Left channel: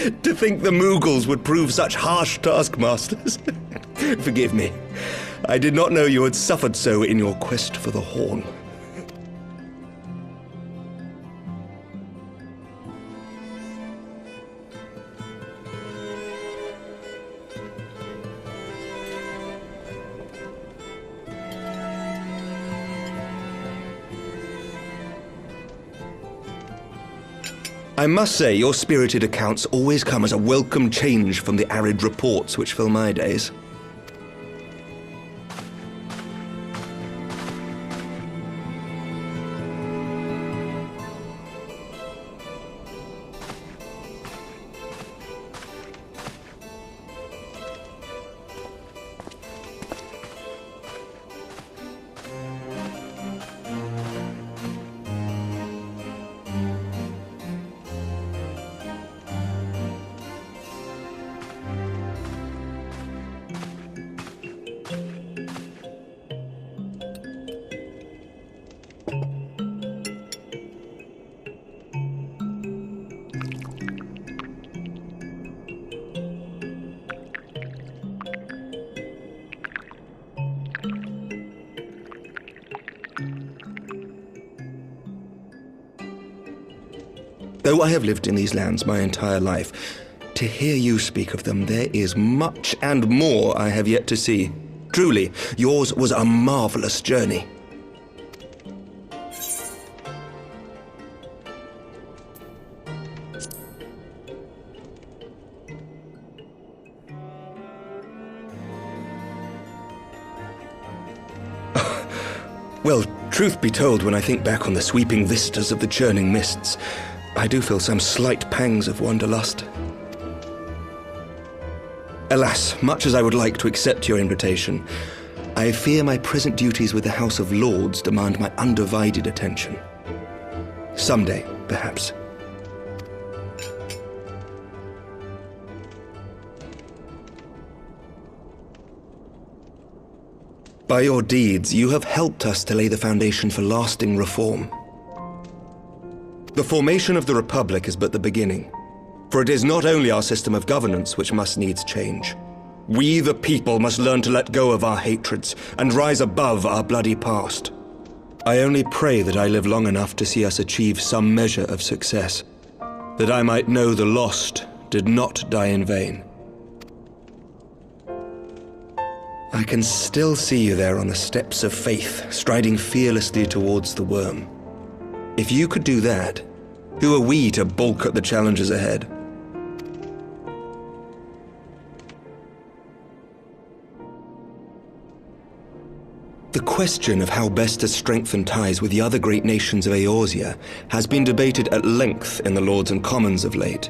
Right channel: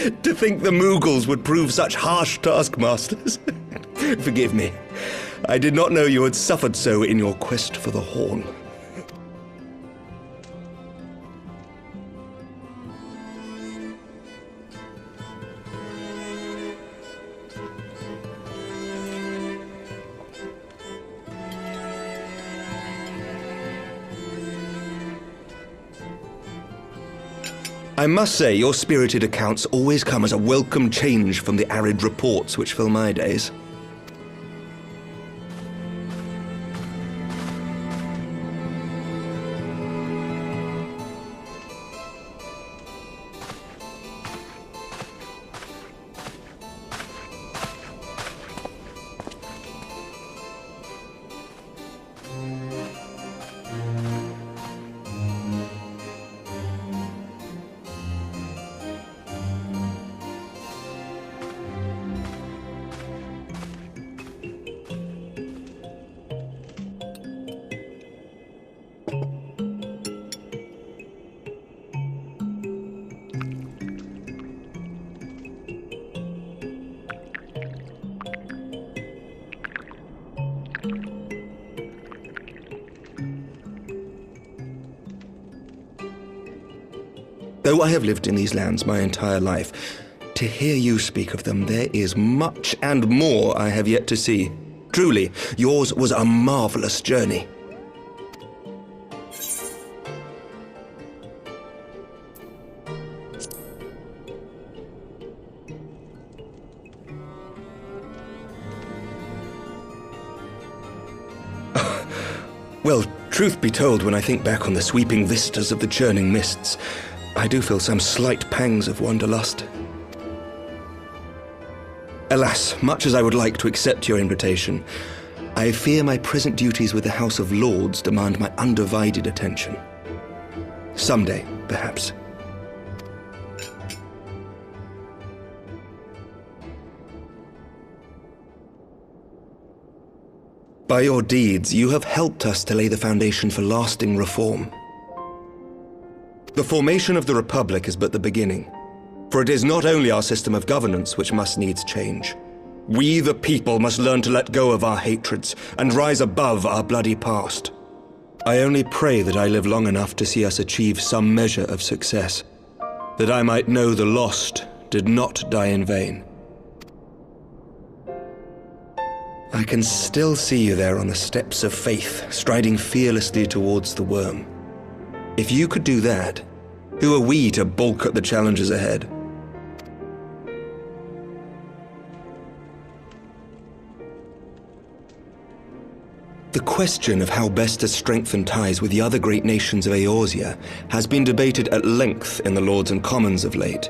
To think the Moogles would prove such harsh taskmasters. Forgive me. I did not know you had suffered so in your quest for the Horn. I must say, your spirited accounts always come as a welcome change from the arid reports which fill my days. Though I have lived in these lands my entire life, to hear you speak of them, there is much and more I have yet to see. Truly, yours was a marvelous journey. Well, truth be told, when I think back on the sweeping vistas of the churning mists, I do feel some slight pangs of wanderlust. Alas, much as I would like to accept your invitation, I fear my present duties with the House of Lords demand my undivided attention. Someday, perhaps. By your deeds, you have helped us to lay the foundation for lasting reform. The formation of the Republic is but the beginning, for it is not only our system of governance which must needs change. We, the people, must learn to let go of our hatreds and rise above our bloody past. I only pray that I live long enough to see us achieve some measure of success, that I might know the lost did not die in vain. I can still see you there on the steps of faith, striding fearlessly towards the worm. If you could do that, who are we to balk at the challenges ahead? The question of how best to strengthen ties with the other great nations of Eorzea has been debated at length in the Lords and Commons of late.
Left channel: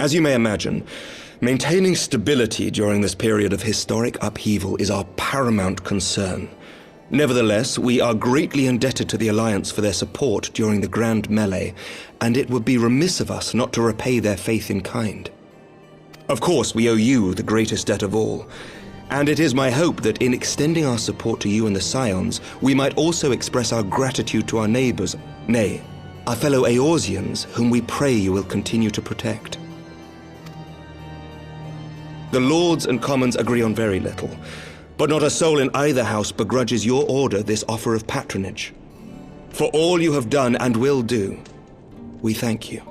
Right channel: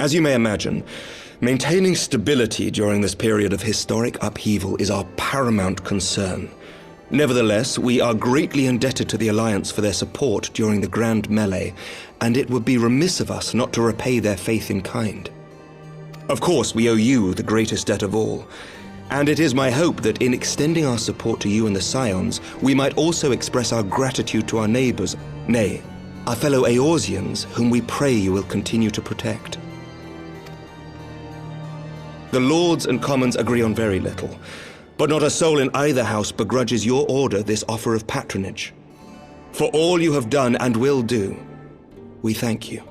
As you may imagine, maintaining stability during this period of historic upheaval is our paramount concern. Nevertheless, we are greatly indebted to the Alliance for their support during the Grand Melee, and it would be remiss of us not to repay their faith in kind. Of course, we owe you the greatest debt of all, and it is my hope that in extending our support to you and the Scions, we might also express our gratitude to our neighbors, nay, our fellow Eorzeans, whom we pray you will continue to protect. The Lords and Commons agree on very little, but not a soul in either house begrudges your order this offer of patronage. For all you have done and will do, we thank you.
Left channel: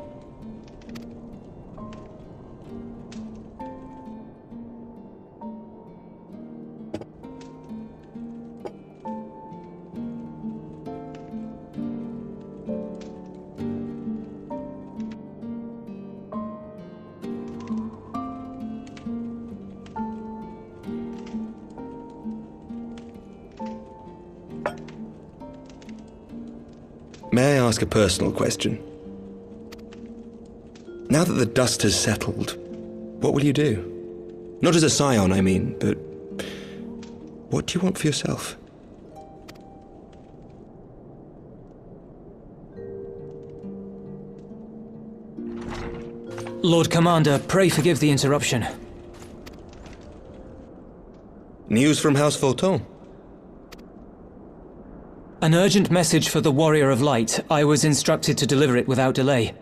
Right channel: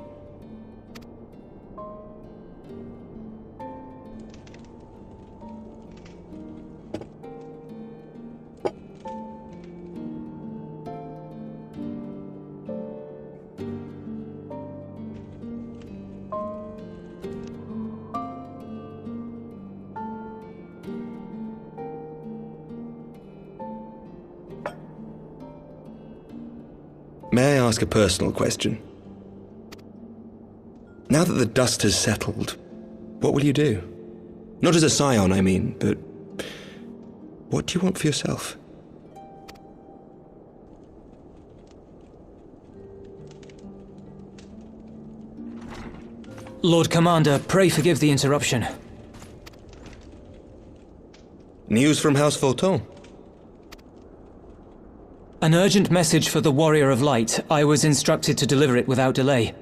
May I ask a personal question? Now that the dust has settled, what will you do? Not as a scion, I mean, but what do you want for yourself? Lord Commander, pray forgive the interruption. News from House Fortemps? An urgent message for the Warrior of Light. I was instructed to deliver it without delay.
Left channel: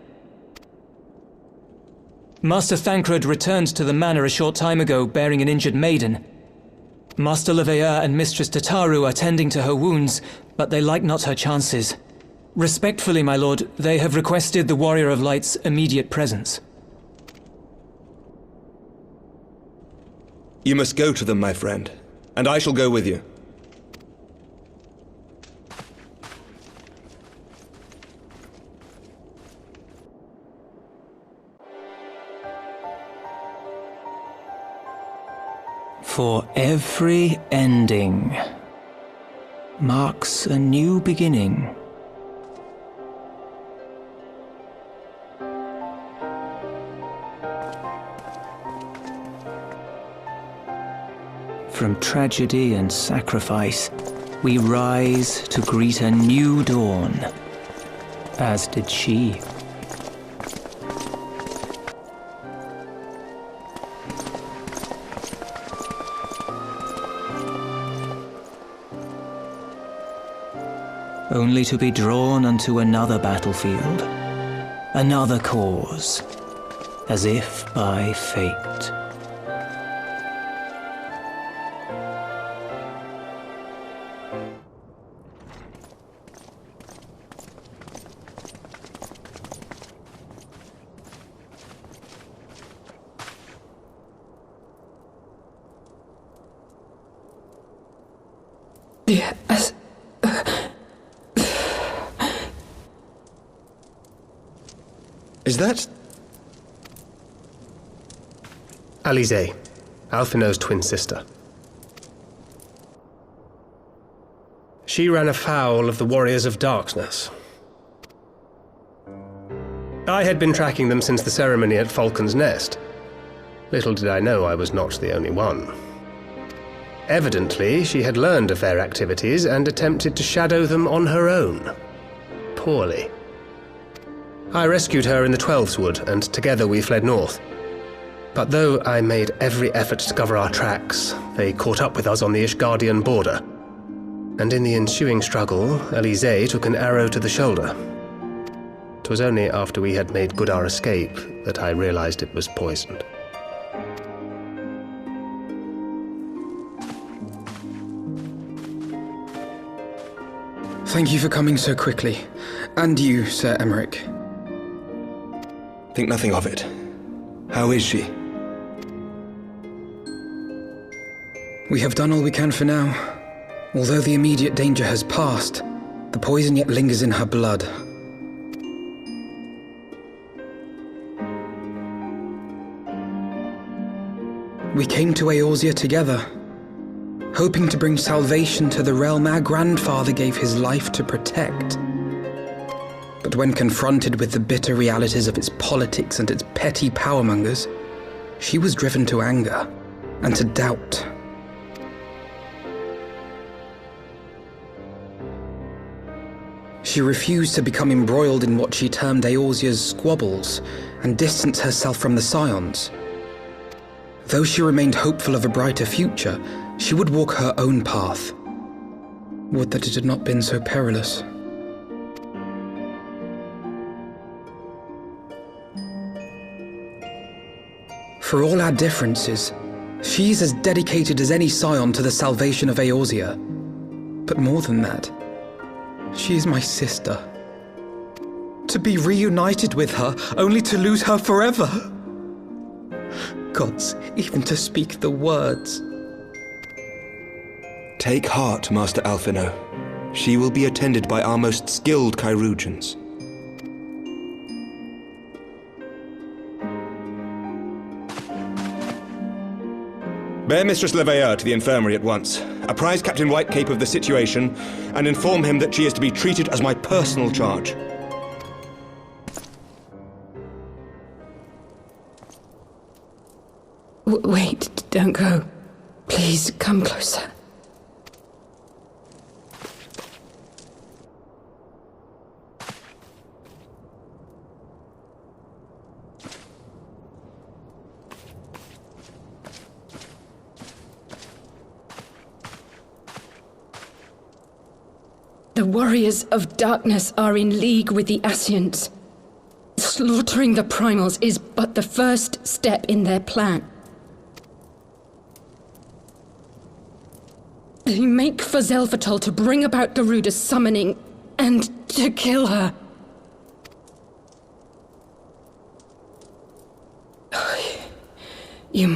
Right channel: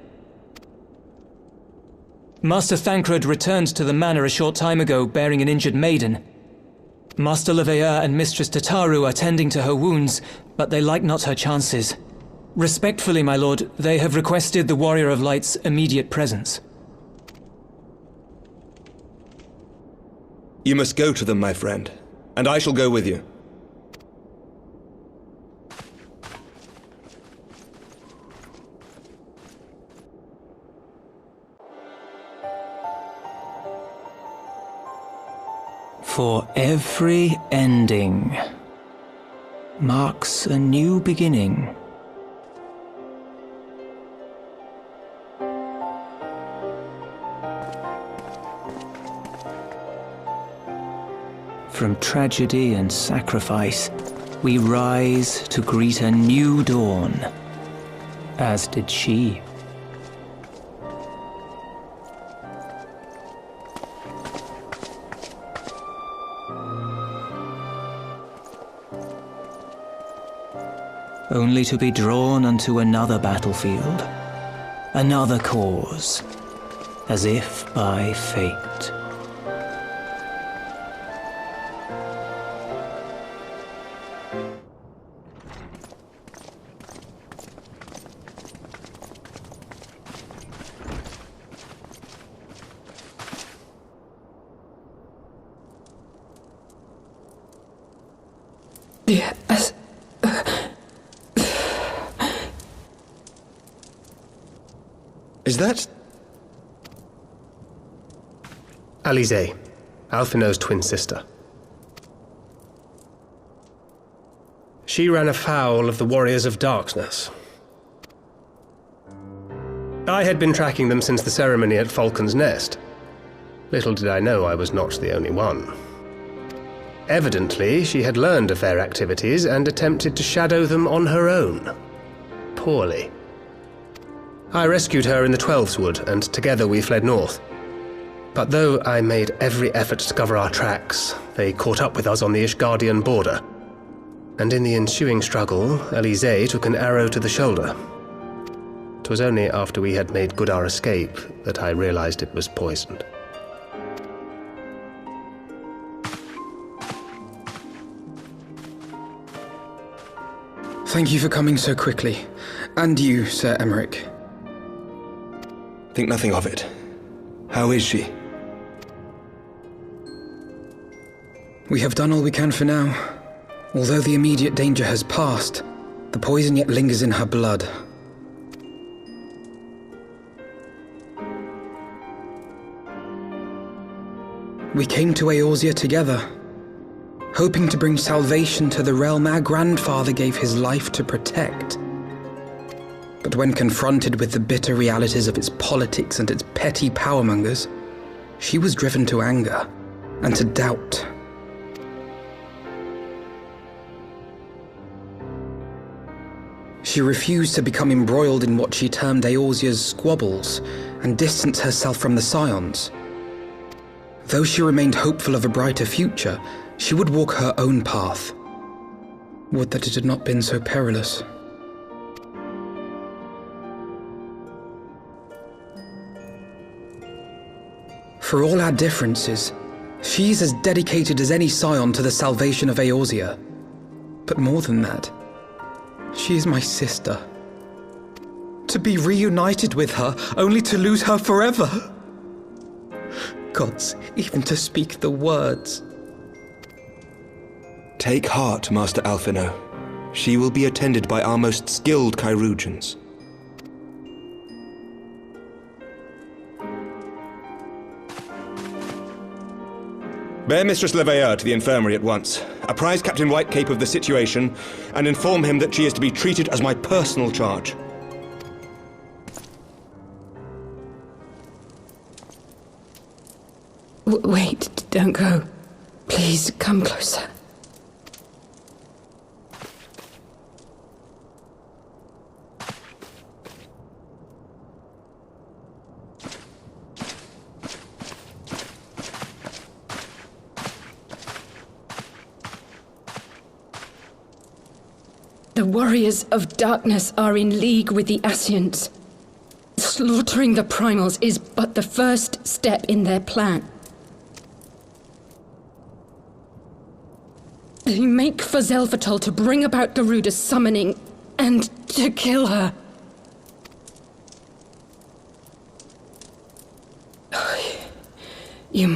Master Thancred returned to the manor a short time ago bearing an injured maiden. Master Leveilleur and Mistress Tataru are tending to her wounds, but they like not her chances. Respectfully, my lord, they have requested the Warrior of Light's immediate presence. You must go to them, my friend, and I shall go with you. For every ending marks a new beginning. From tragedy and sacrifice, we rise to greet a new dawn, as did she. Only to be drawn unto another battlefield, another cause, as if by fate. Yes. Is that... Alisaie, Alphino's twin sister. She ran afoul of the Warriors of Darkness. I had been tracking them since the ceremony at Falcon's Nest. Little did I know I was not the only one. Evidently, she had learned of their activities and attempted to shadow them on her own. Poorly. I rescued her in the Twelveswood, and together we fled north. But though I made every effort to cover our tracks, they caught up with us on the Ishgardian border. And in the ensuing struggle, Alisaie took an arrow to the shoulder. 'Twas only after we had made good our escape that I realized it was poisoned. Thank you for coming so quickly. And you, Ser Aymeric. Think nothing of it. How is she? We have done all we can for now. Although the immediate danger has passed, the poison yet lingers in her blood. We came to Eorzea together, hoping to bring salvation to the realm our grandfather gave his life to protect. But when confronted with the bitter realities of its politics and its petty powermongers, she was driven to anger and to doubt. She refused to become embroiled in what she termed Eorzea's squabbles and distance herself from the Scions. Though she remained hopeful of a brighter future, she would walk her own path. Would that it had not been so perilous. For all our differences, she is as dedicated as any Scion to the salvation of Eorzea. But more than that, she is my sister. To be reunited with her, only to lose her forever. Gods, even to speak the words. Take heart, Master Alphino. She will be attended by our most skilled chirurgeons. Bear Mistress Leveilleur to the infirmary at once. Apprise Captain Whitecape of the situation, and inform him that she is to be treated as my personal charge. Wait, don't go. Please, come closer. The Warriors of Darkness are in league with the Scions. Slaughtering the primals is but the first step in their plan. They make for Zelvatol to bring about Garuda's summoning and to kill her. You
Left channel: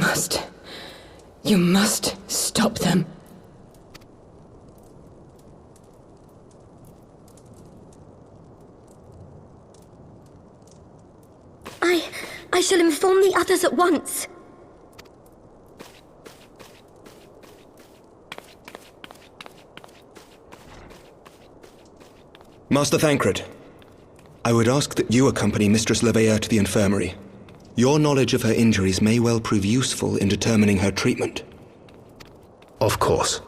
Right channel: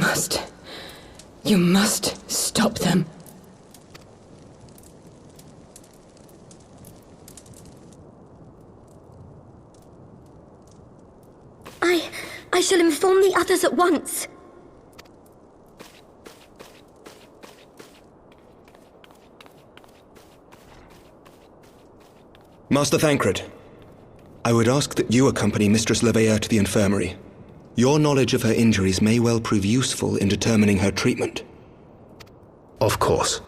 must stop them. I shall inform the others at once. Master Thancred, I would ask that you accompany Mistress Leveilleur to the infirmary. Your knowledge of her injuries may well prove useful in determining her treatment. Of course.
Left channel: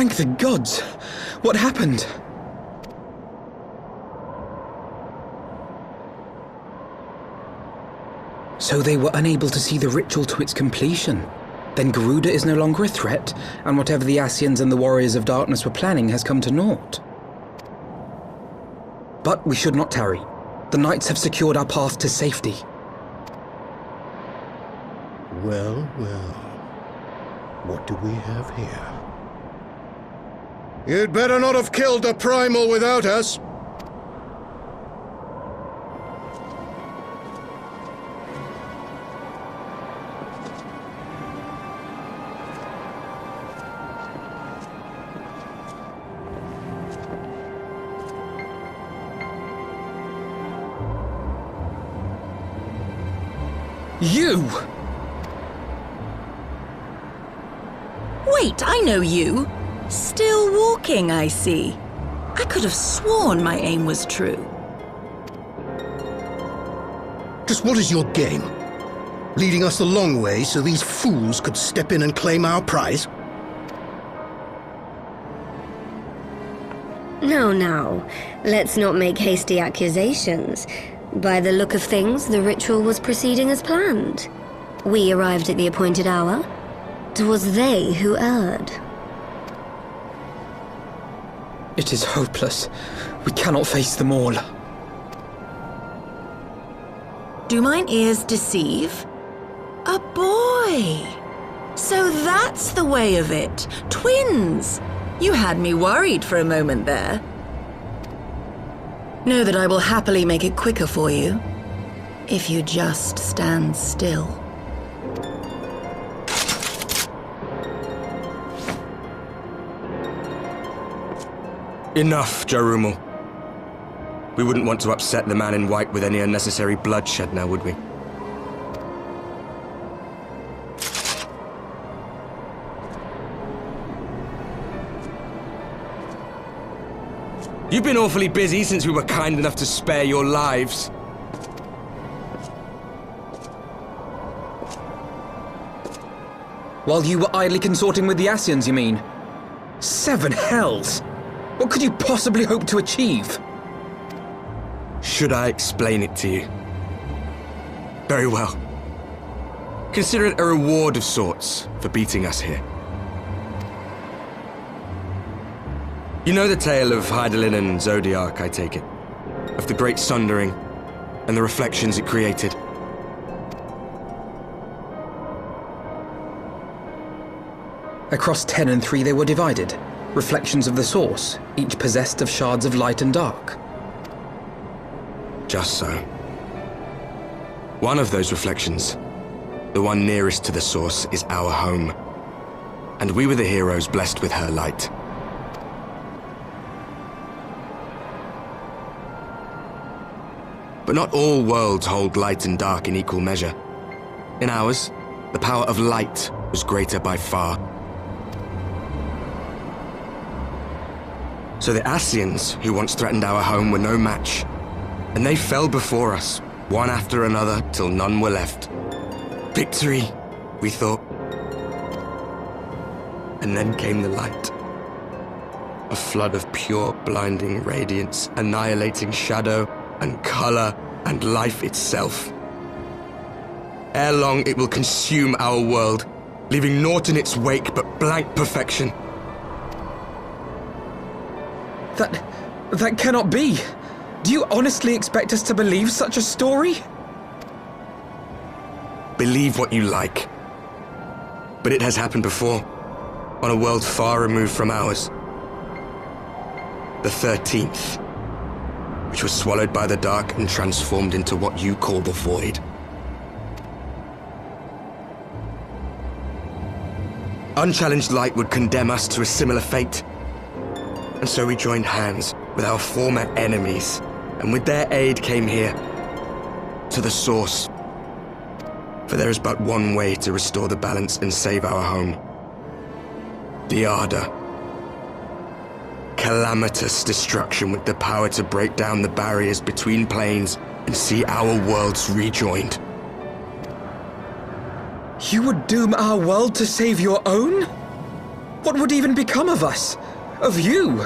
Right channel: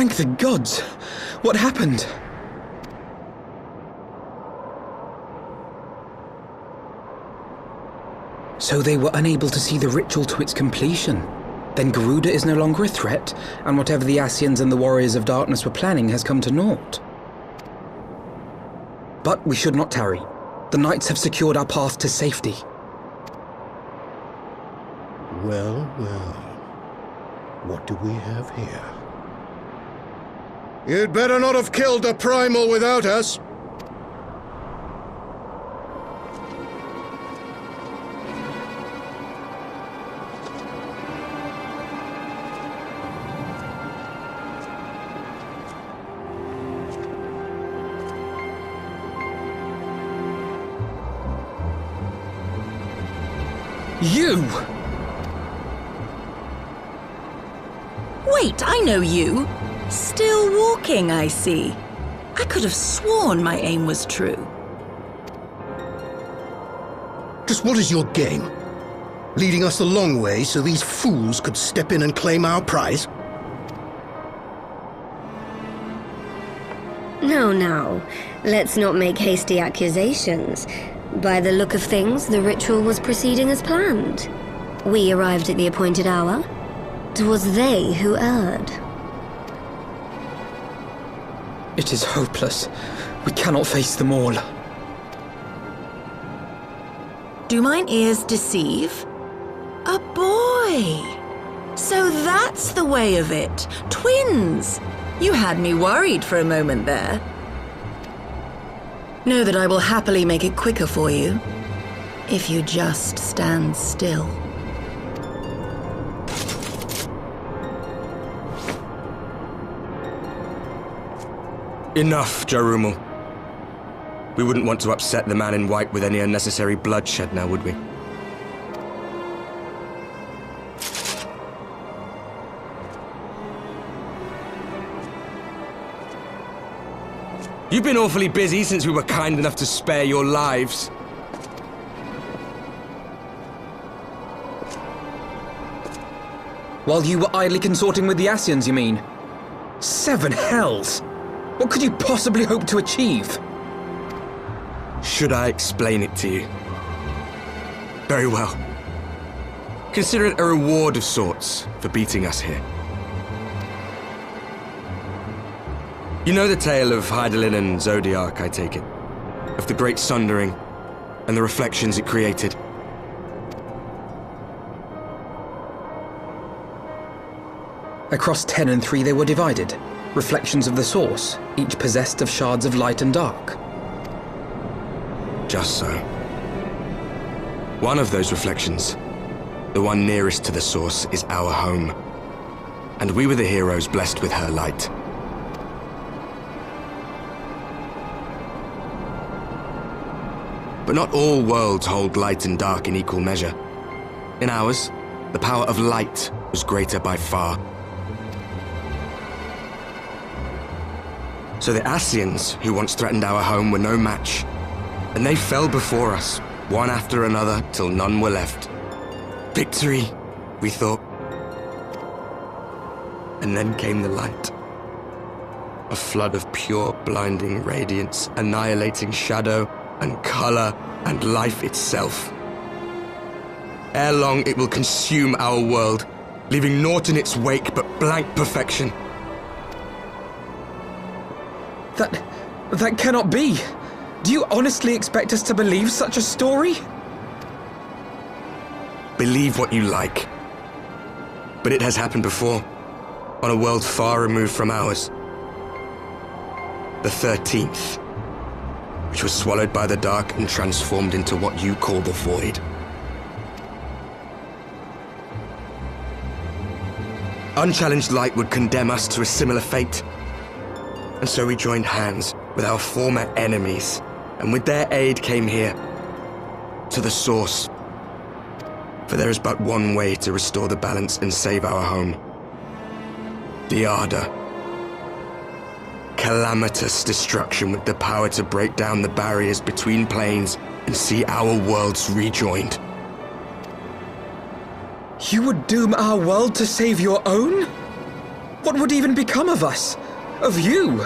Thank the gods! What happened? So they were unable to see the ritual to its completion. Then Garuda is no longer a threat, and whatever the Scions and the Warriors of Darkness were planning has come to naught. But we should not tarry. The knights have secured our path to safety. Well, well. What do we have here? You'd better not have killed the primal without us. You! Wait, I know you. Still walking, I see. I could have sworn my aim was true. Just what is your game? Leading us the long way so these fools could step in and claim our prize? No. Let's not make hasty accusations. By the look of things, the ritual was proceeding as planned. We arrived at the appointed hour. 'Twas they who erred. It is hopeless. We cannot face them all. Do mine ears deceive? A boy! So that's the way of it. Twins! You had me worried for a moment there. Know that I will happily make it quicker for you, if you just stand still. Enough, Jarumul. We wouldn't want to upset the man in white with any unnecessary bloodshed now, would we? You've been awfully busy since we were kind enough to spare your lives. While you were idly consorting with the Scions, you mean? 7 hells! What could you possibly hope to achieve? Should I explain it to you? Very well. Consider it a reward of sorts for beating us here. You know the tale of Hydaelyn and Zodiac, I take it? Of the Great Sundering and the reflections it created? Across 10 and 3 they were divided. Reflections of the source, each possessed of shards of light and dark. Just so. One of those reflections, the one nearest to the source, is our home. And we were the heroes blessed with her light. But not all worlds hold light and dark in equal measure. In ours, the power of light was greater by far. So the Scions, who once threatened our home, were no match. And they fell before us, one after another, till none were left. Victory, we thought. And then came the light. A flood of pure, blinding radiance, annihilating shadow and color and life itself. Ere long, it will consume our world, leaving naught in its wake but blank perfection. That cannot be. Do you honestly expect us to believe such a story? Believe what you like. But it has happened before, on a world far removed from ours. The 13th, which was swallowed by the dark and transformed into what you call the Void. Unchallenged light would condemn us to a similar fate. And so we joined hands with our former enemies, and with their aid came here, to the source. For there is but one way to restore the balance and save our home. The Ardor. Calamitous destruction with the power to break down the barriers between planes and see our worlds rejoined. You would doom our world to save your own? What would even become of us? Of you?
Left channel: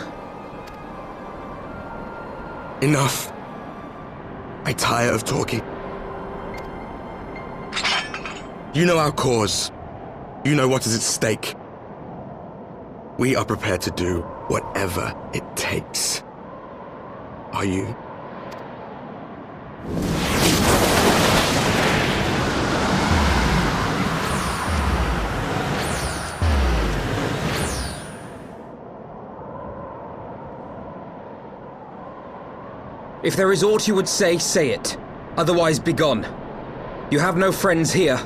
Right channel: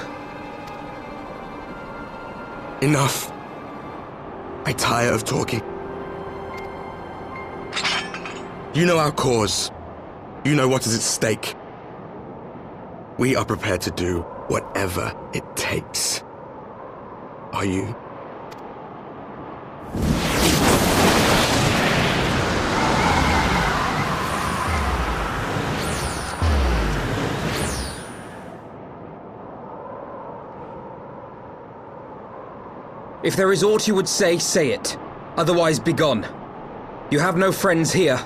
Enough. I tire of talking. You know our cause. You know what is at stake. We are prepared to do whatever it takes. Are you? If there is aught you would say, say it. Otherwise, begone. You have no friends here.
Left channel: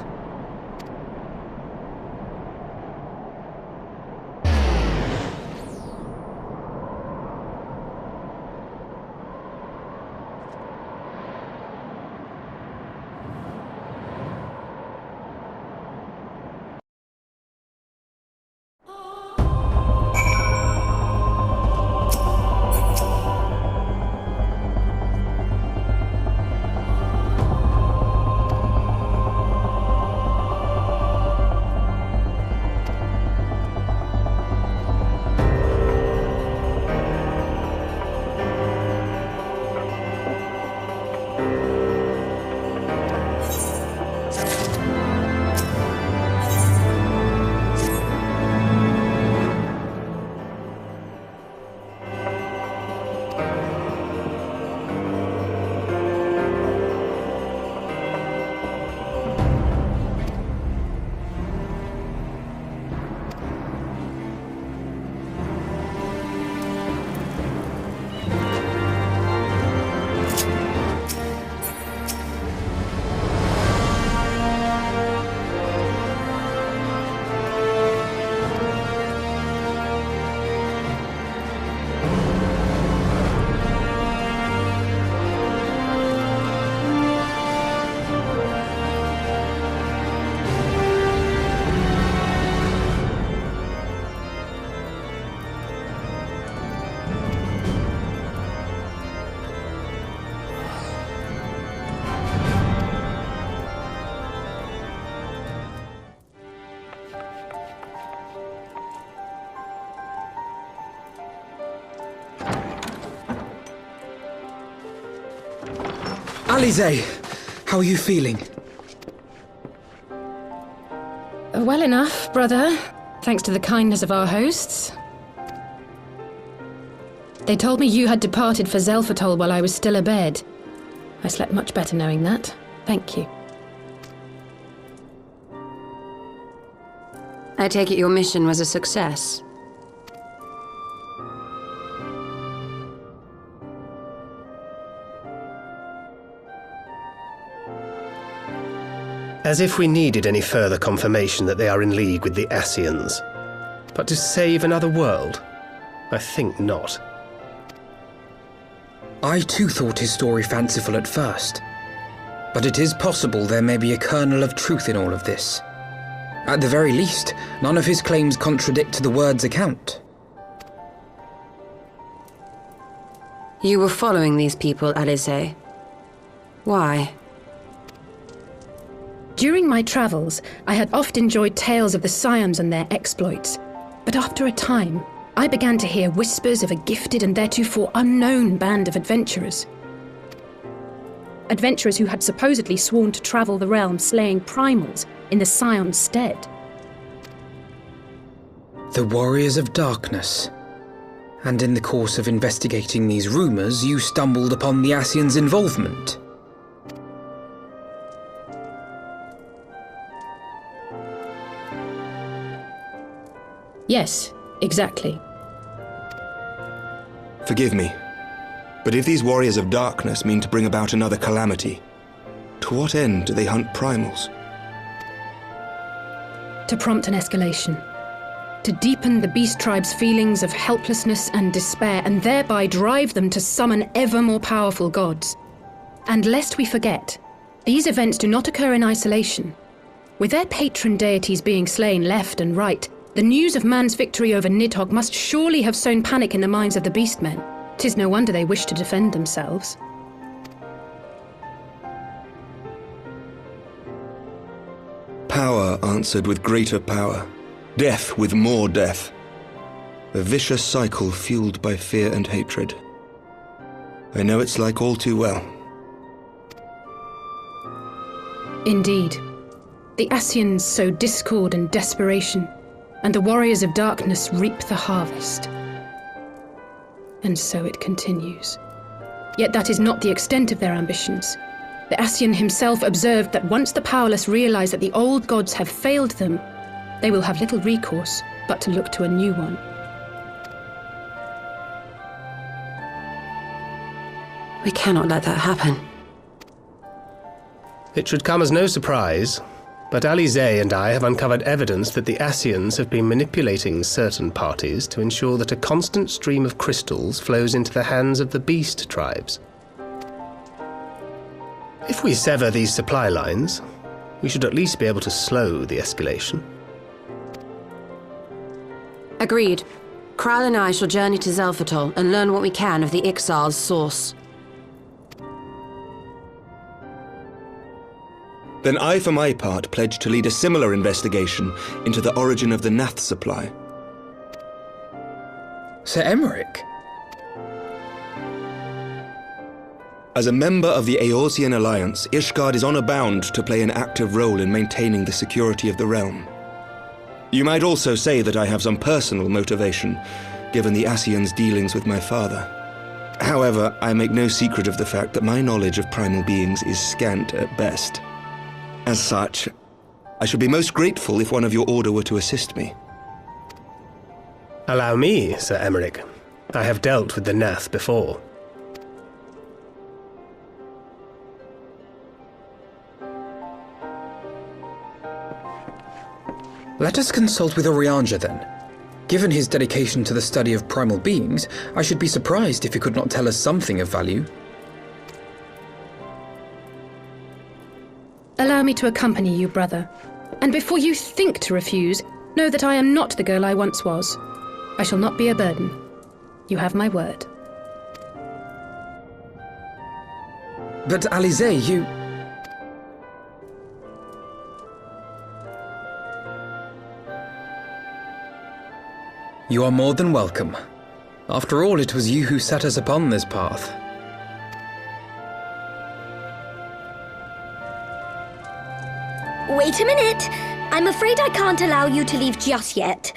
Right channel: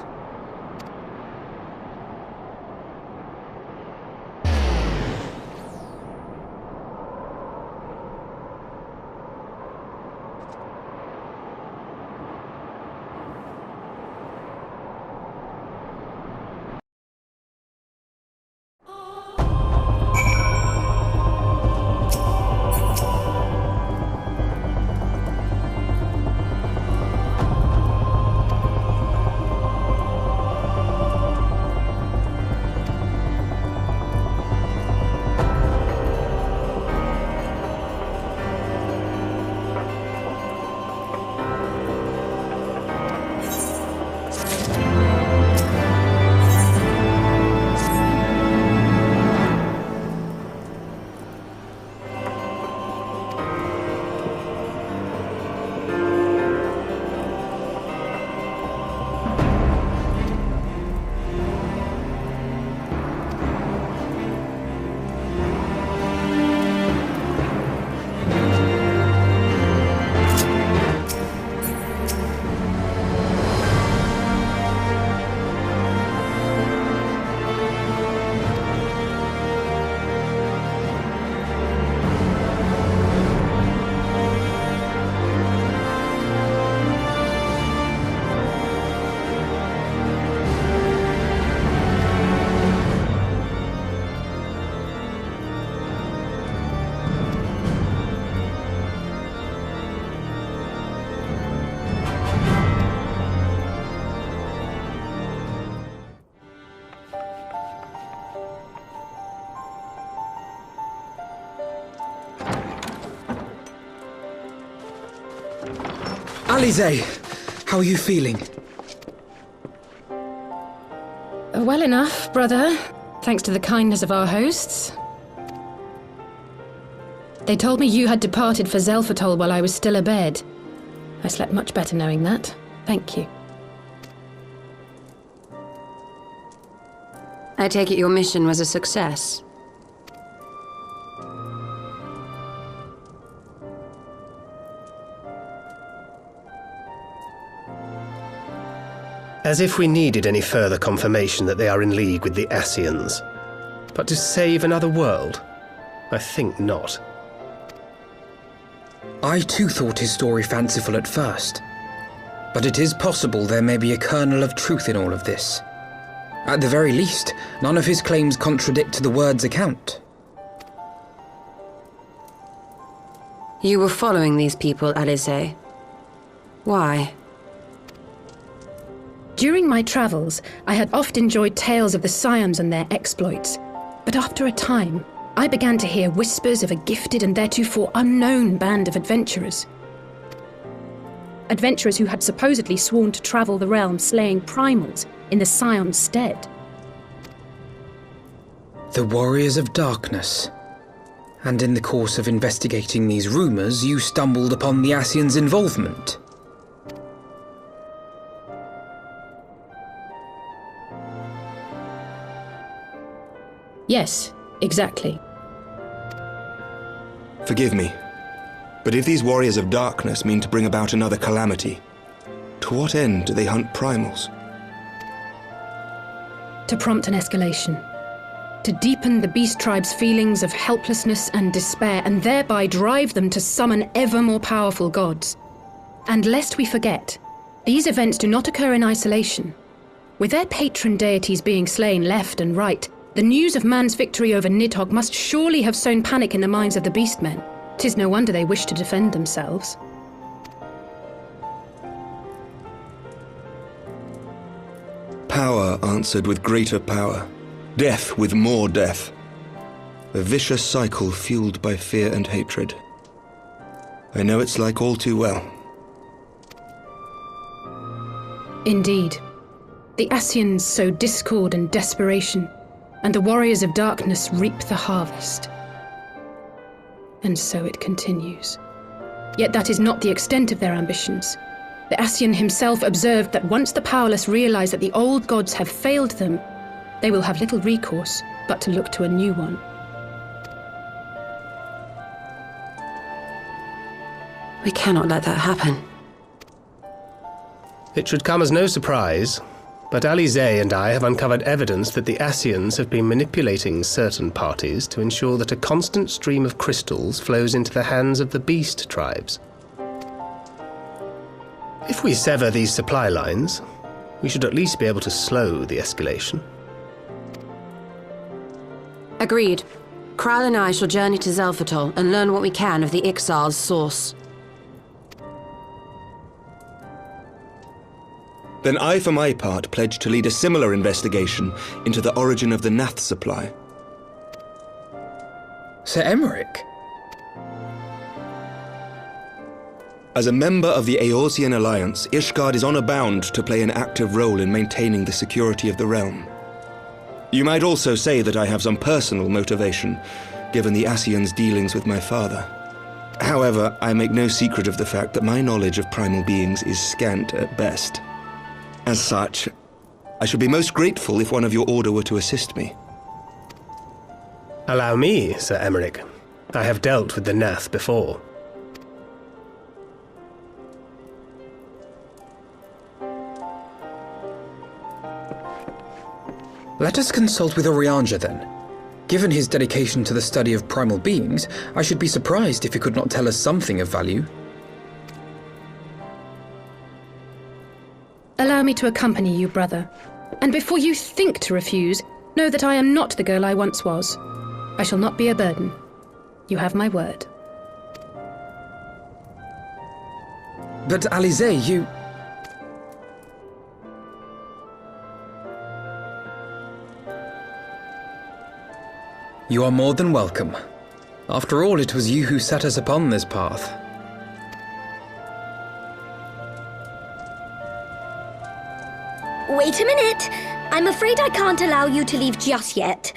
Alisaie, how are you feeling? Well enough, brother. Thanks to the kindness of our hosts. They told me you had departed for Xelphatol while I was still abed. I slept much better knowing that. Thank you. I take it your mission was a success. As if we needed any further confirmation that they are in league with the Scions. But to save another world? I think not. I too thought his story fanciful at first. But it is possible there may be a kernel of truth in all of this. At the very least, none of his claims contradict the word's account. You were following these people, Alisaie. Why? During my travels, I had oft enjoyed tales of the Scions and their exploits. But after a time, I began to hear whispers of a gifted and theretofore unknown band of adventurers. Adventurers who had supposedly sworn to travel the realm slaying primals in the Scions' stead. The Warriors of Darkness. And in the course of investigating these rumors, you stumbled upon the Scions' involvement. Yes, exactly. Forgive me, but if these Warriors of Darkness mean to bring about another calamity, to what end do they hunt primals? To prompt an escalation. To deepen the beast tribe's feelings of helplessness and despair, and thereby drive them to summon ever more powerful gods. And lest we forget, these events do not occur in isolation. With their patron deities being slain left and right, the news of man's victory over Nidhogg must surely have sown panic in the minds of the beastmen. 'Tis no wonder they wish to defend themselves. Power answered with greater power. Death with more death. A vicious cycle fueled by fear and hatred. I know it's like all too well. Indeed. The Scions sow discord and desperation, and the warriors of darkness reap the harvest. And so it continues. Yet that is not the extent of their ambitions. The Scion himself observed that once the powerless realize that the old gods have failed them, they will have little recourse but to look to a new one. We cannot let that happen. It should come as no surprise, but Alisaie and I have uncovered evidence that the Scions have been manipulating certain parties to ensure that a constant stream of crystals flows into the hands of the beast tribes. If we sever these supply lines, we should at least be able to slow the escalation. Agreed. Kral and I shall journey to Zelphatol and learn what we can of the Ixal's source. Then I, for my part, pledge to lead a similar investigation into the origin of the Gnath supply. Ser Aymeric? As a member of the Eorzean Alliance, Ishgard is honor bound to play an active role in maintaining the security of the realm. You might also say that I have some personal motivation, given the Scion's dealings with my father. However, I make no secret of the fact that my knowledge of primal beings is scant at best. As such, I should be most grateful if one of your order were to assist me. Allow me, Ser Aymeric. I have dealt with the Gnath before. Let us consult with Urianger then. Given his dedication to the study of primal beings, I should be surprised if he could not tell us something of value. Allow me to accompany you, brother. And before you think to refuse, know that I am not the girl I once was. I shall not be a burden. You have my word. But Alisaie, you... You are more than welcome. After all, it was you who set us upon this path. Wait a minute! I'm afraid I can't allow you to leave just yet.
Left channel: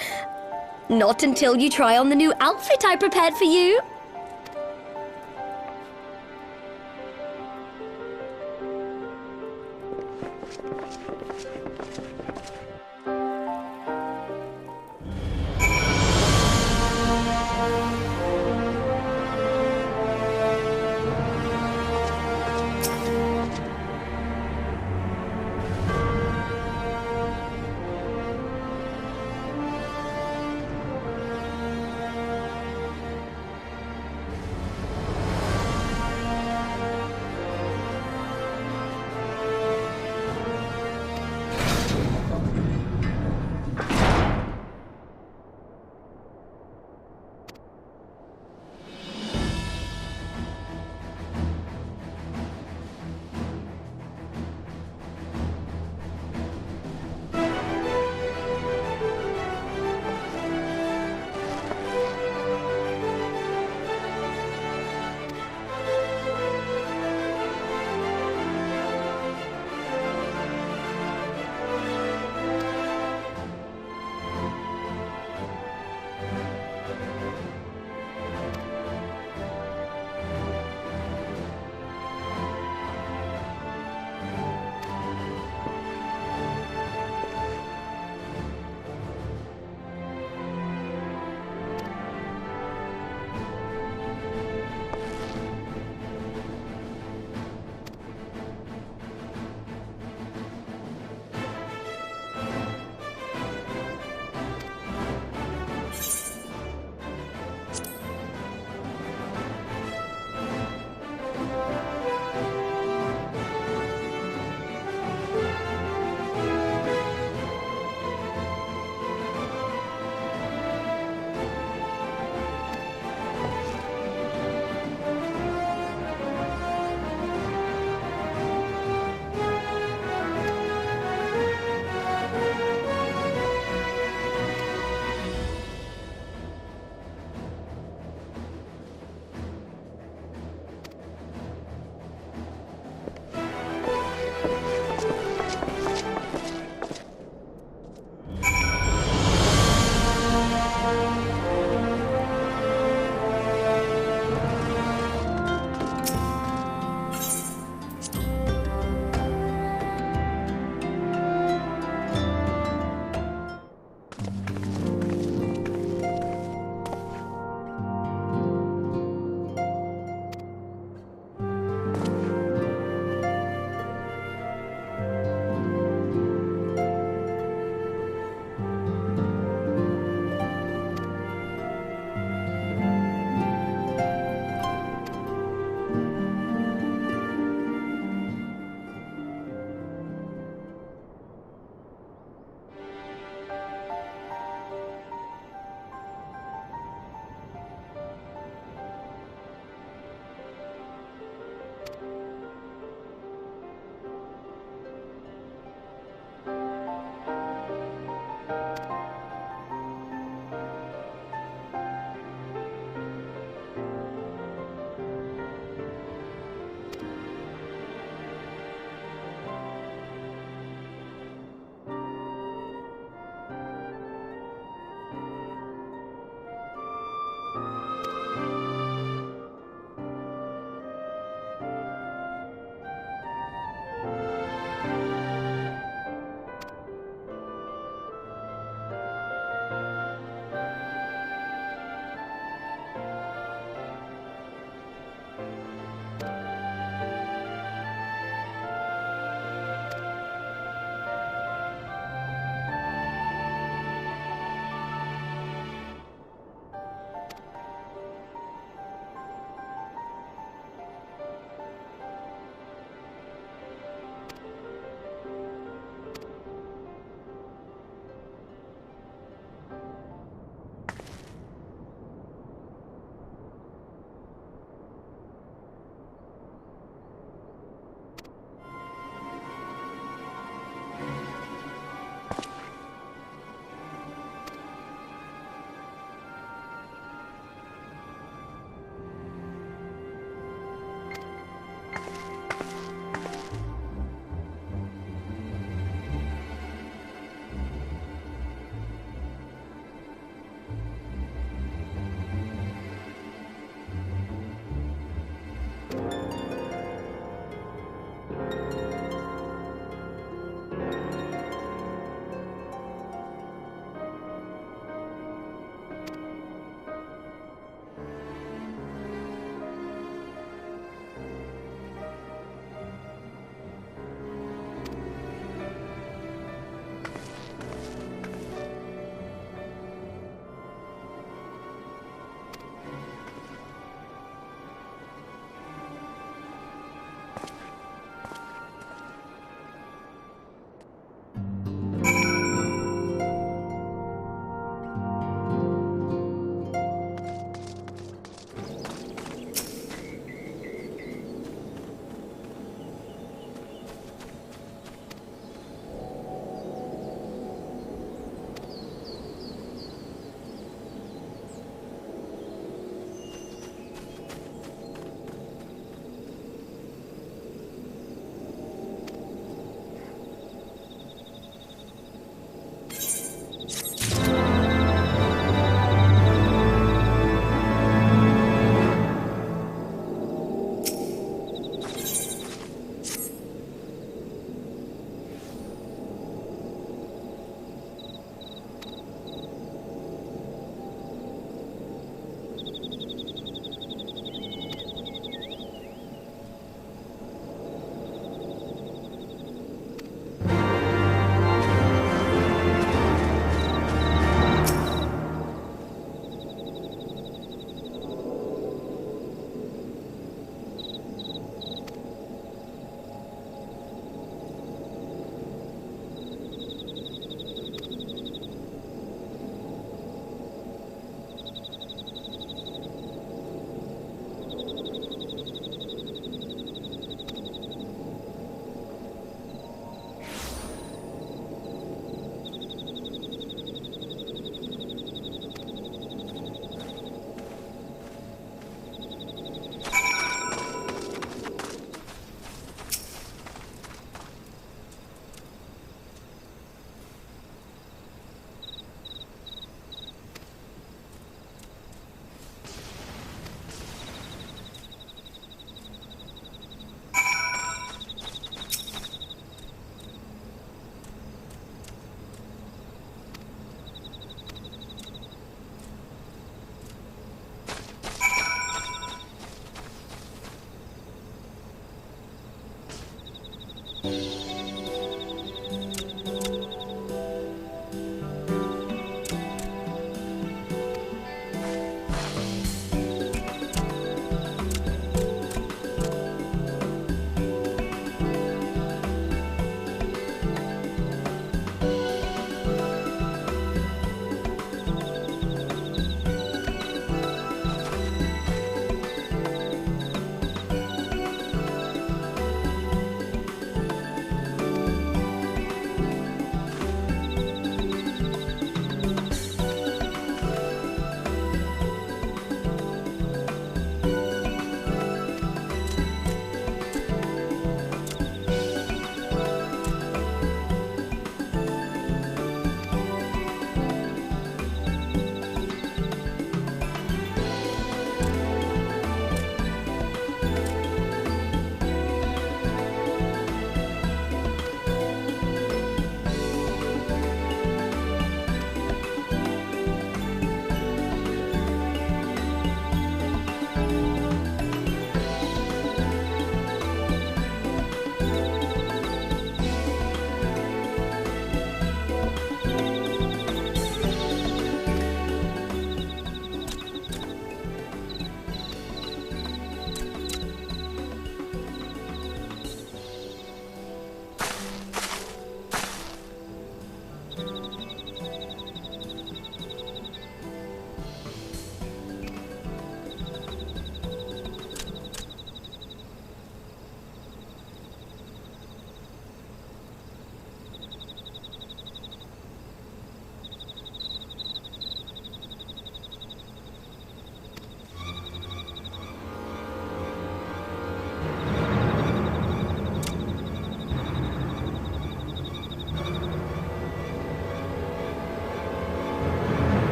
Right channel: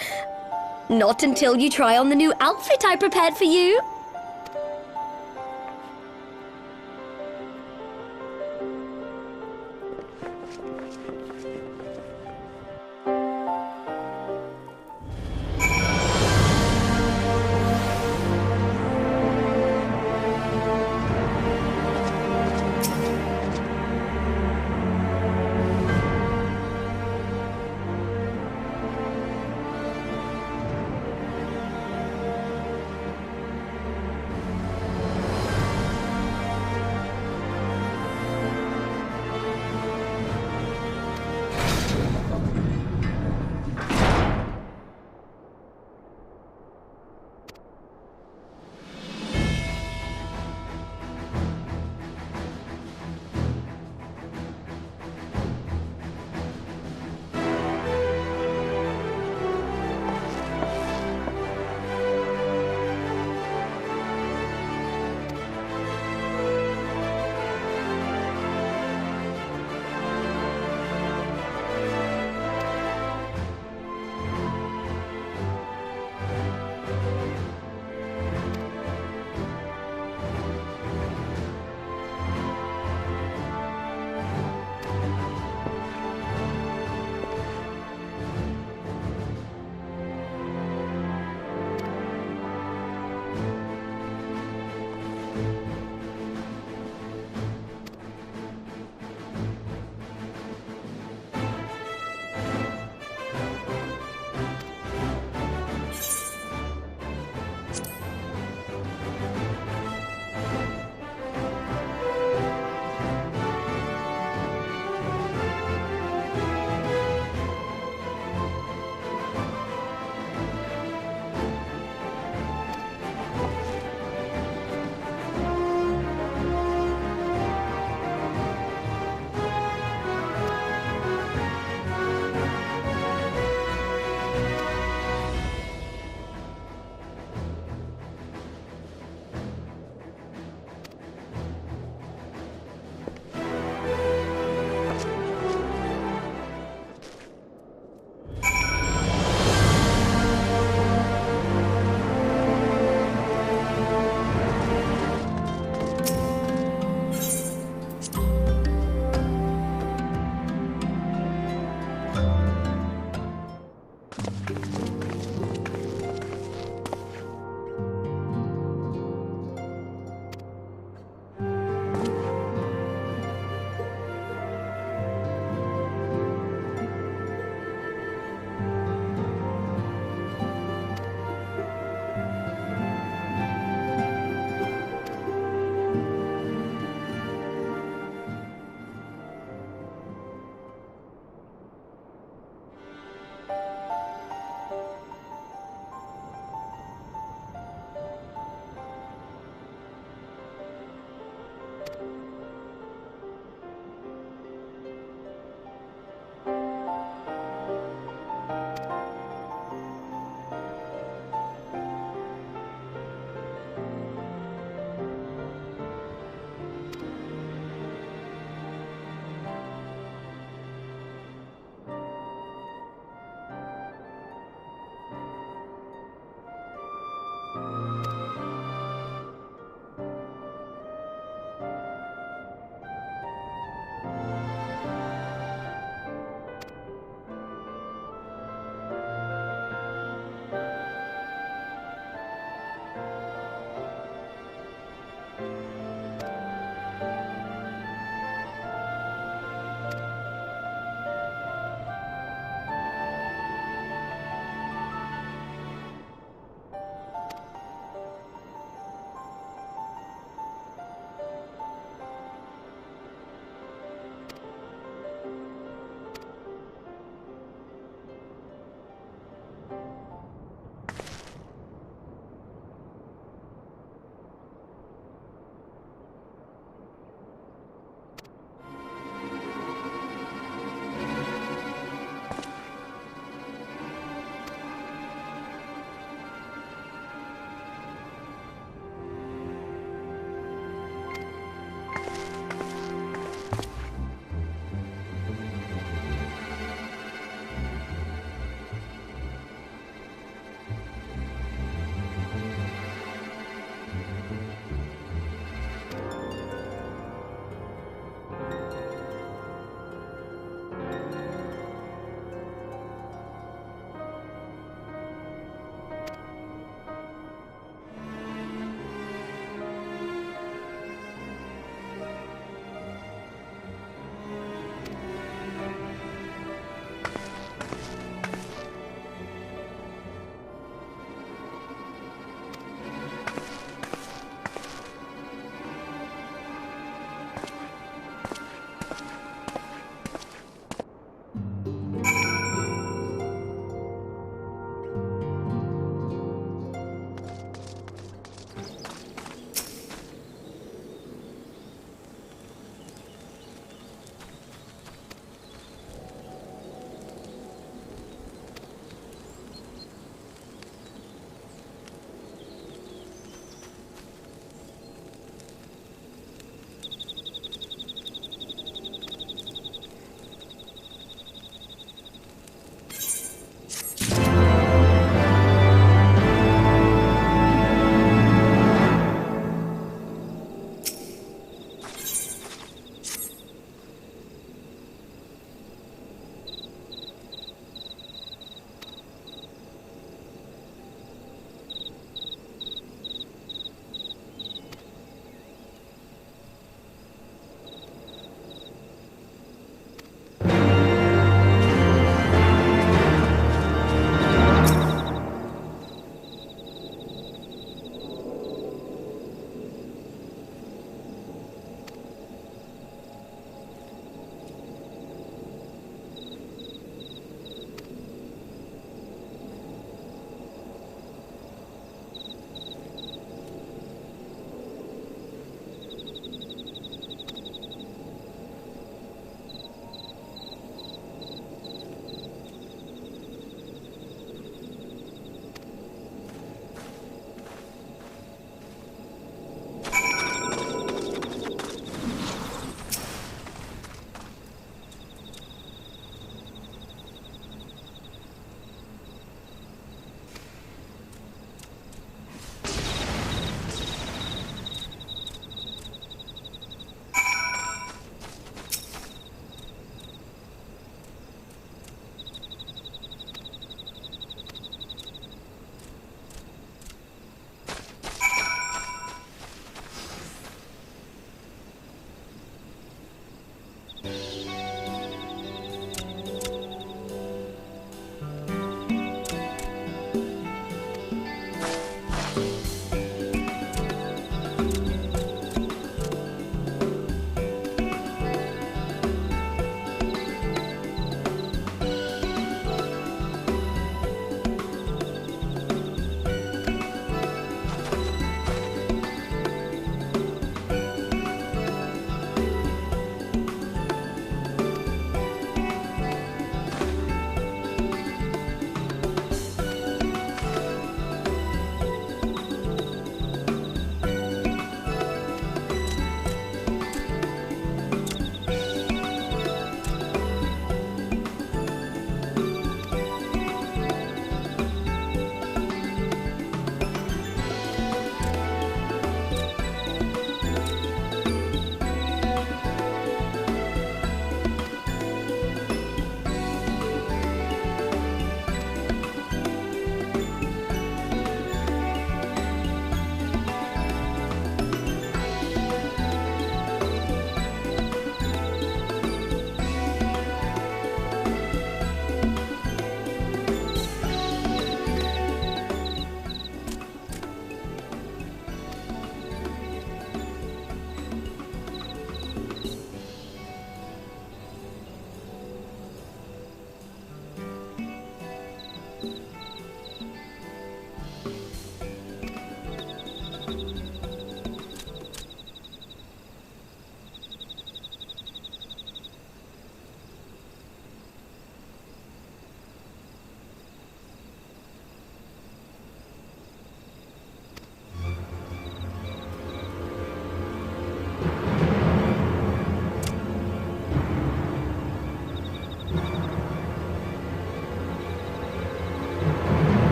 Not until you try on the new outfit I prepared for you.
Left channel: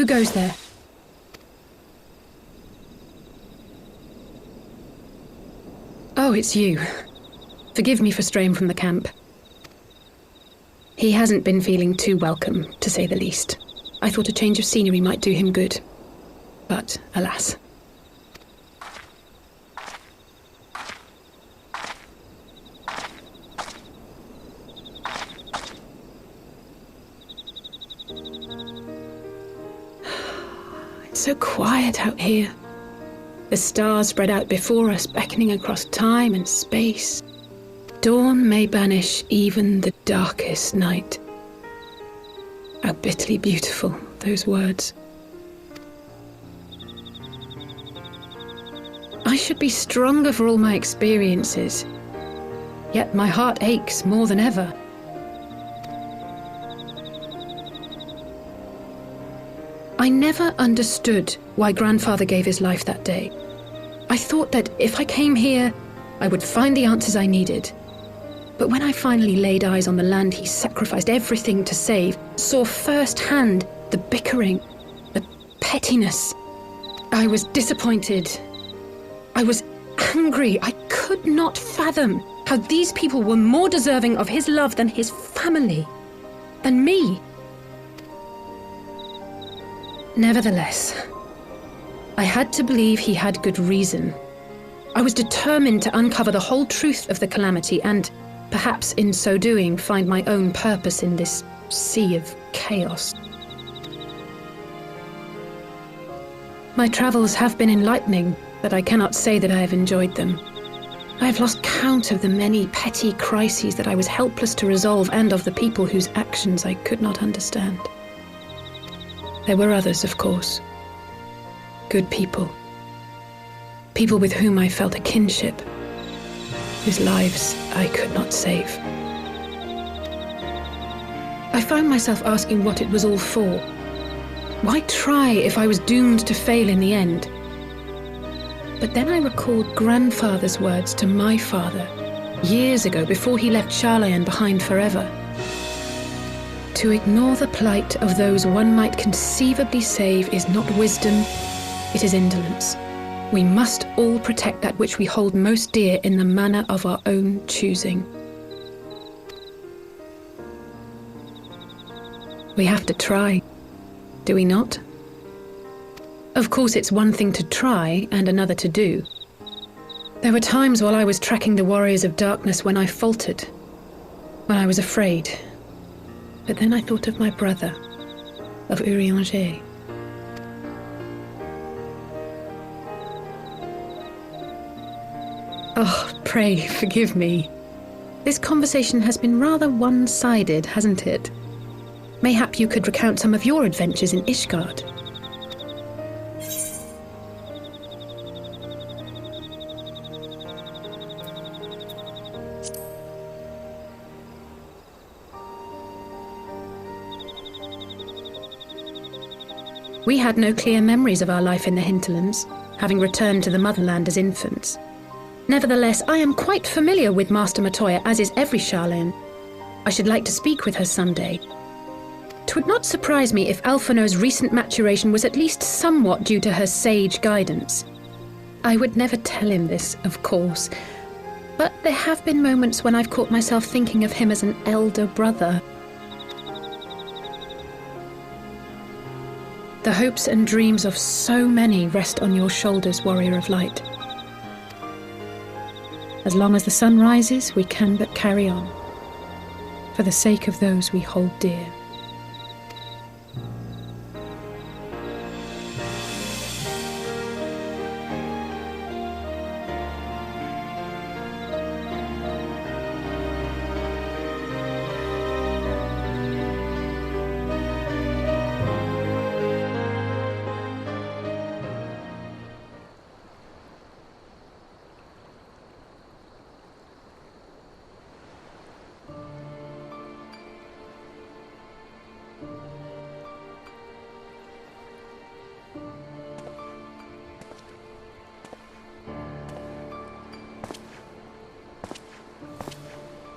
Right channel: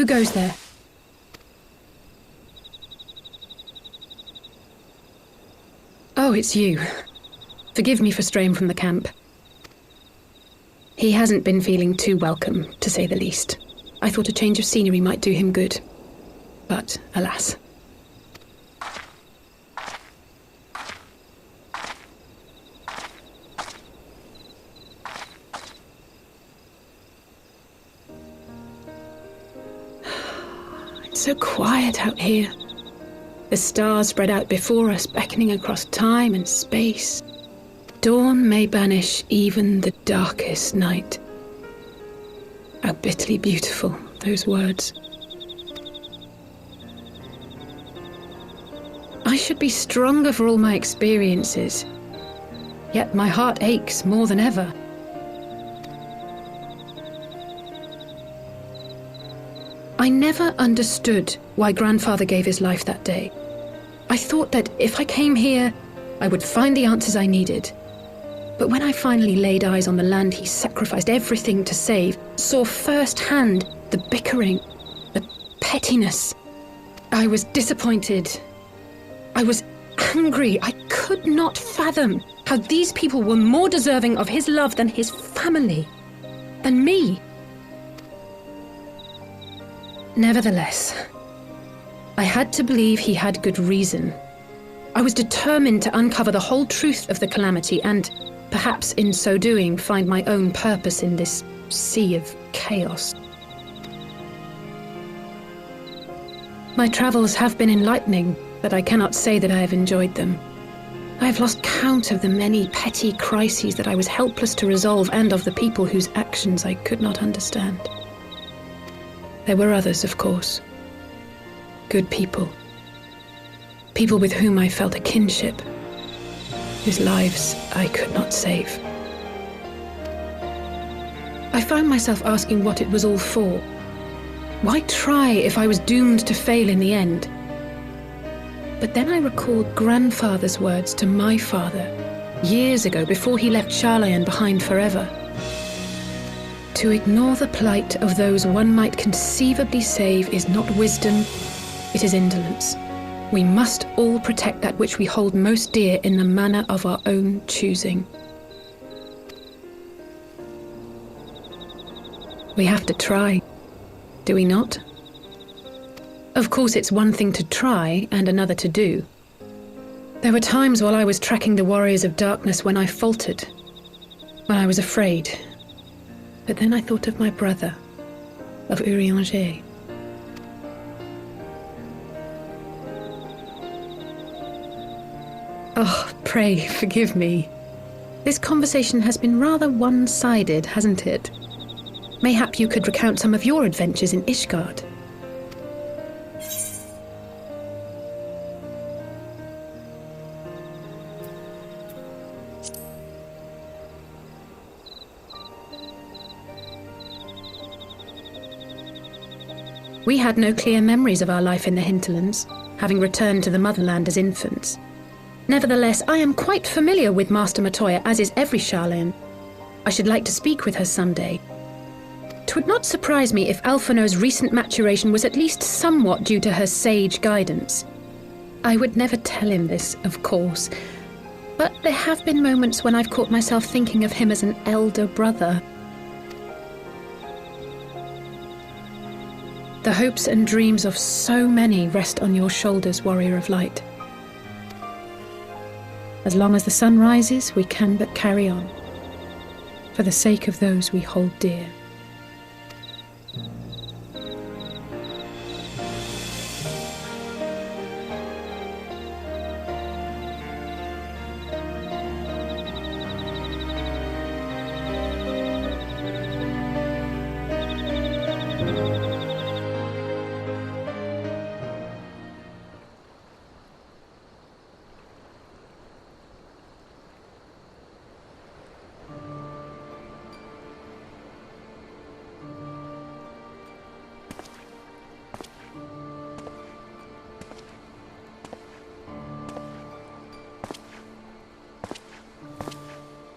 Who goes there? Oh, it's you. Forgive me for straying from the camp. He hasn't been feeling too welcome, to say the least. I thought a change of scenery might do him good. But, alas. It's so quiet out here. The stars spread out before us, beckoning across time and space. Dawn may banish even the darkest night. How bitterly beautiful, those words. I should be stronger for all my experiences, yet my heart aches more than ever. I never understood why Grandfather gave his life that day. I thought that if I came here, I would find the answers I needed. But when I finally laid eyes on the land he sacrificed everything to save, saw firsthand the bickering, the pettiness, I was disappointed. I was angry. I could not fathom how these people were more deserving of his love than his family, than me. Nevertheless, I had to believe he had good reason. I was determined to uncover the whole truth of the calamity and, perhaps in so doing, find my own purpose in this sea of chaos. My travels have been enlightening, but I cannot say that I have enjoyed them. I have lost count of the many petty crises that I was helpless to resolve and of the people whose actions I could not understand. There were others, of course. Good people. People with whom I felt a kinship, whose lives I could not save. I found myself asking what it was all for. Why try if I was doomed to fail in the end? But then I recalled Grandfather's words to my father, years ago, before he left Charlayan behind forever. To ignore the plight of those one might conceivably save is not wisdom, it is indolence. We must all protect that which we hold most dear in the manner of our own choosing. We have to try, do we not? Of course, it's one thing to try and another to do. There were times while I was tracking the warriors of darkness when I faltered, when I was afraid. But then I thought of my brother, of Urianger. Oh, pray forgive me. This conversation has been rather one-sided, hasn't it? Mayhap you could recount some of your adventures in Ishgard. We had no clear memories of our life in the hinterlands, having returned to the motherland as infants. Nevertheless, I am quite familiar with Master Matoya, as is every Charlayan. I should like to speak with her someday. 'Twould not surprise me if Alphino's recent maturation was at least somewhat due to her sage guidance. I would never tell him this, of course, but there have been moments when I've caught myself thinking of him as an elder brother. The hopes and dreams of so many rest on your shoulders, Warrior of Light. As long as the sun rises, we can but carry on, for the sake of those we hold dear.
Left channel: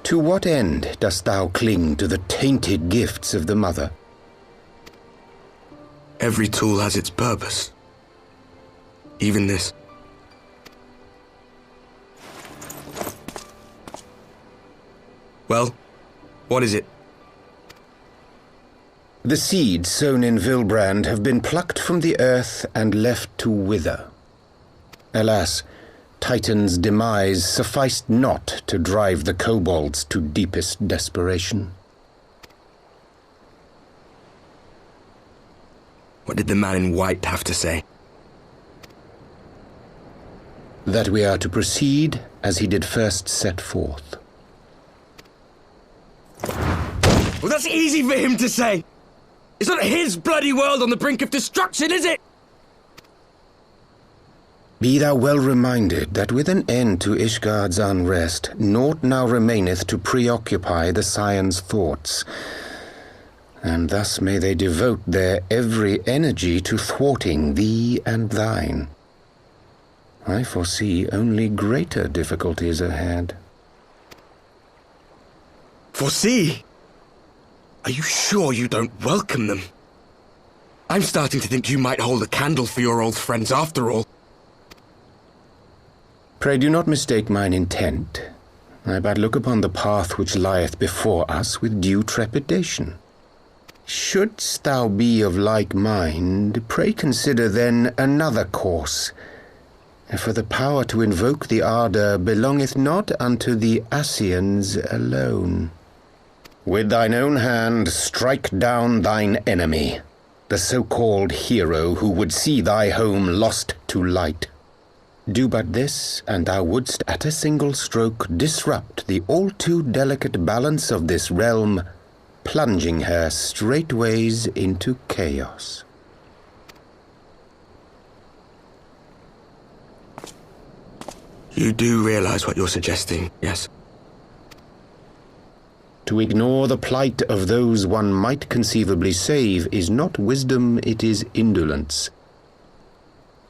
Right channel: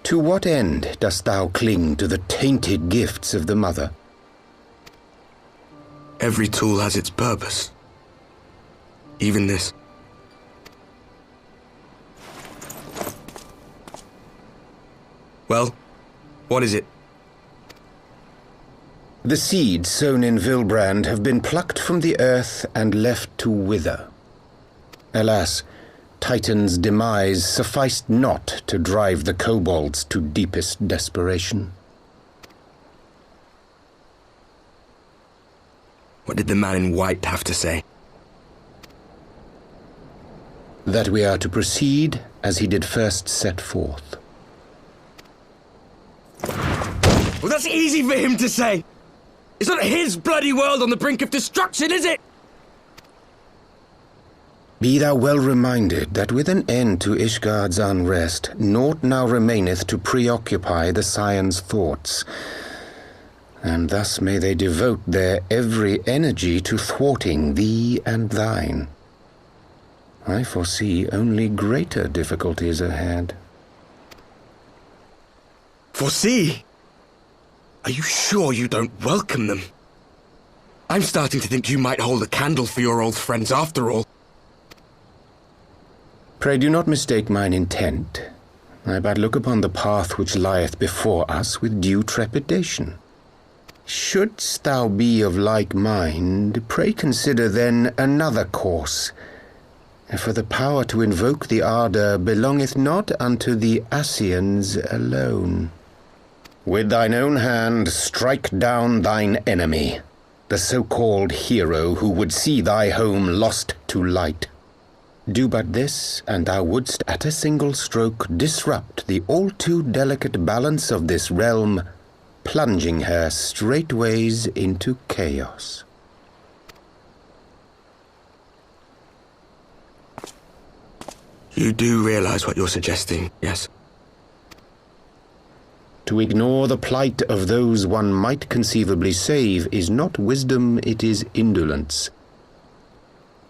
To what end dost thou cling to the tainted gifts of the Mother? Every tool has its purpose. Even this. Well, what is it? The seeds sown in Vilbrand have been plucked from the earth and left to wither. Alas, Titan's demise sufficed not to drive the kobolds to deepest desperation. What did the man in white have to say? That we are to proceed as he did first set forth. Well, that's easy for him to say! It's not his bloody world on the brink of destruction, is it? Be thou well reminded that with an end to Ishgard's unrest, naught now remaineth to preoccupy the Scions' thoughts, and thus may they devote their every energy to thwarting thee and thine. I foresee only greater difficulties ahead. Foresee? Are you sure you don't welcome them? I'm starting to think you might hold a candle for your old friends after all. Pray do not mistake mine intent. I but look upon the path which lieth before us with due trepidation. Shouldst thou be of like mind, pray consider then another course. For the power to invoke the ardour belongeth not unto the Ascians alone. With thine own hand strike down thine enemy, the so-called hero who would see thy home lost to light. Do but this, and thou wouldst at a single stroke disrupt the all-too-delicate balance of this realm, plunging her straightways into chaos. You do realize what you're suggesting, yes? To ignore the plight of those one might conceivably save is not wisdom, it is indolence.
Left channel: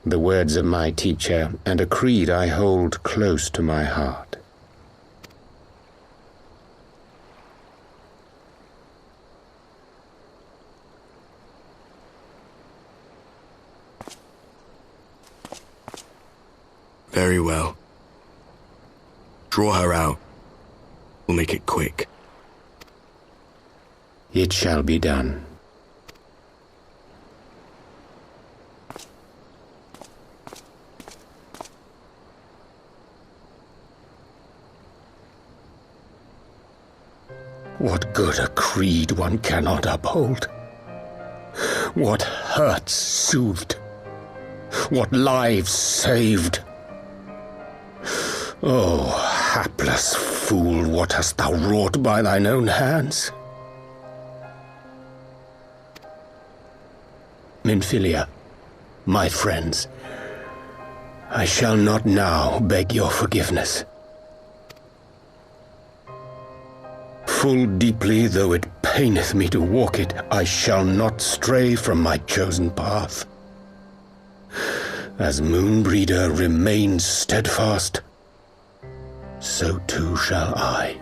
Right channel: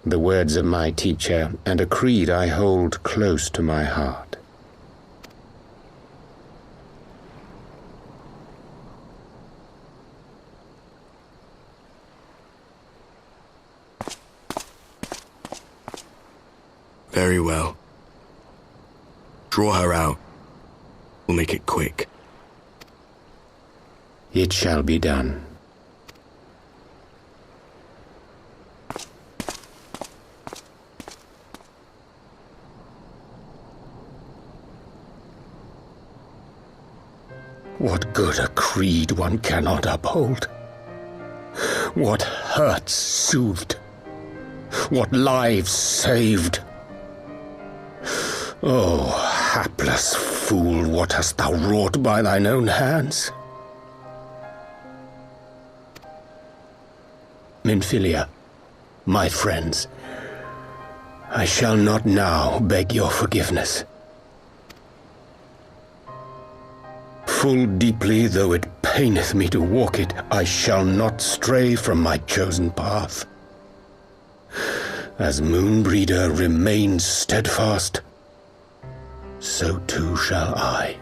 The words of my teacher, and a creed I hold close to my heart. Very well. Draw her out. We'll make it quick. It shall be done. What good a creed one cannot uphold? What hurts soothed? What lives saved? Oh, hapless fool, what hast thou wrought by thine own hands? Minfilia, my friends, I shall not now beg your forgiveness. Full deeply though it paineth me to walk it, I shall not stray from my chosen path. As Moonbreeder remains steadfast, so too shall I.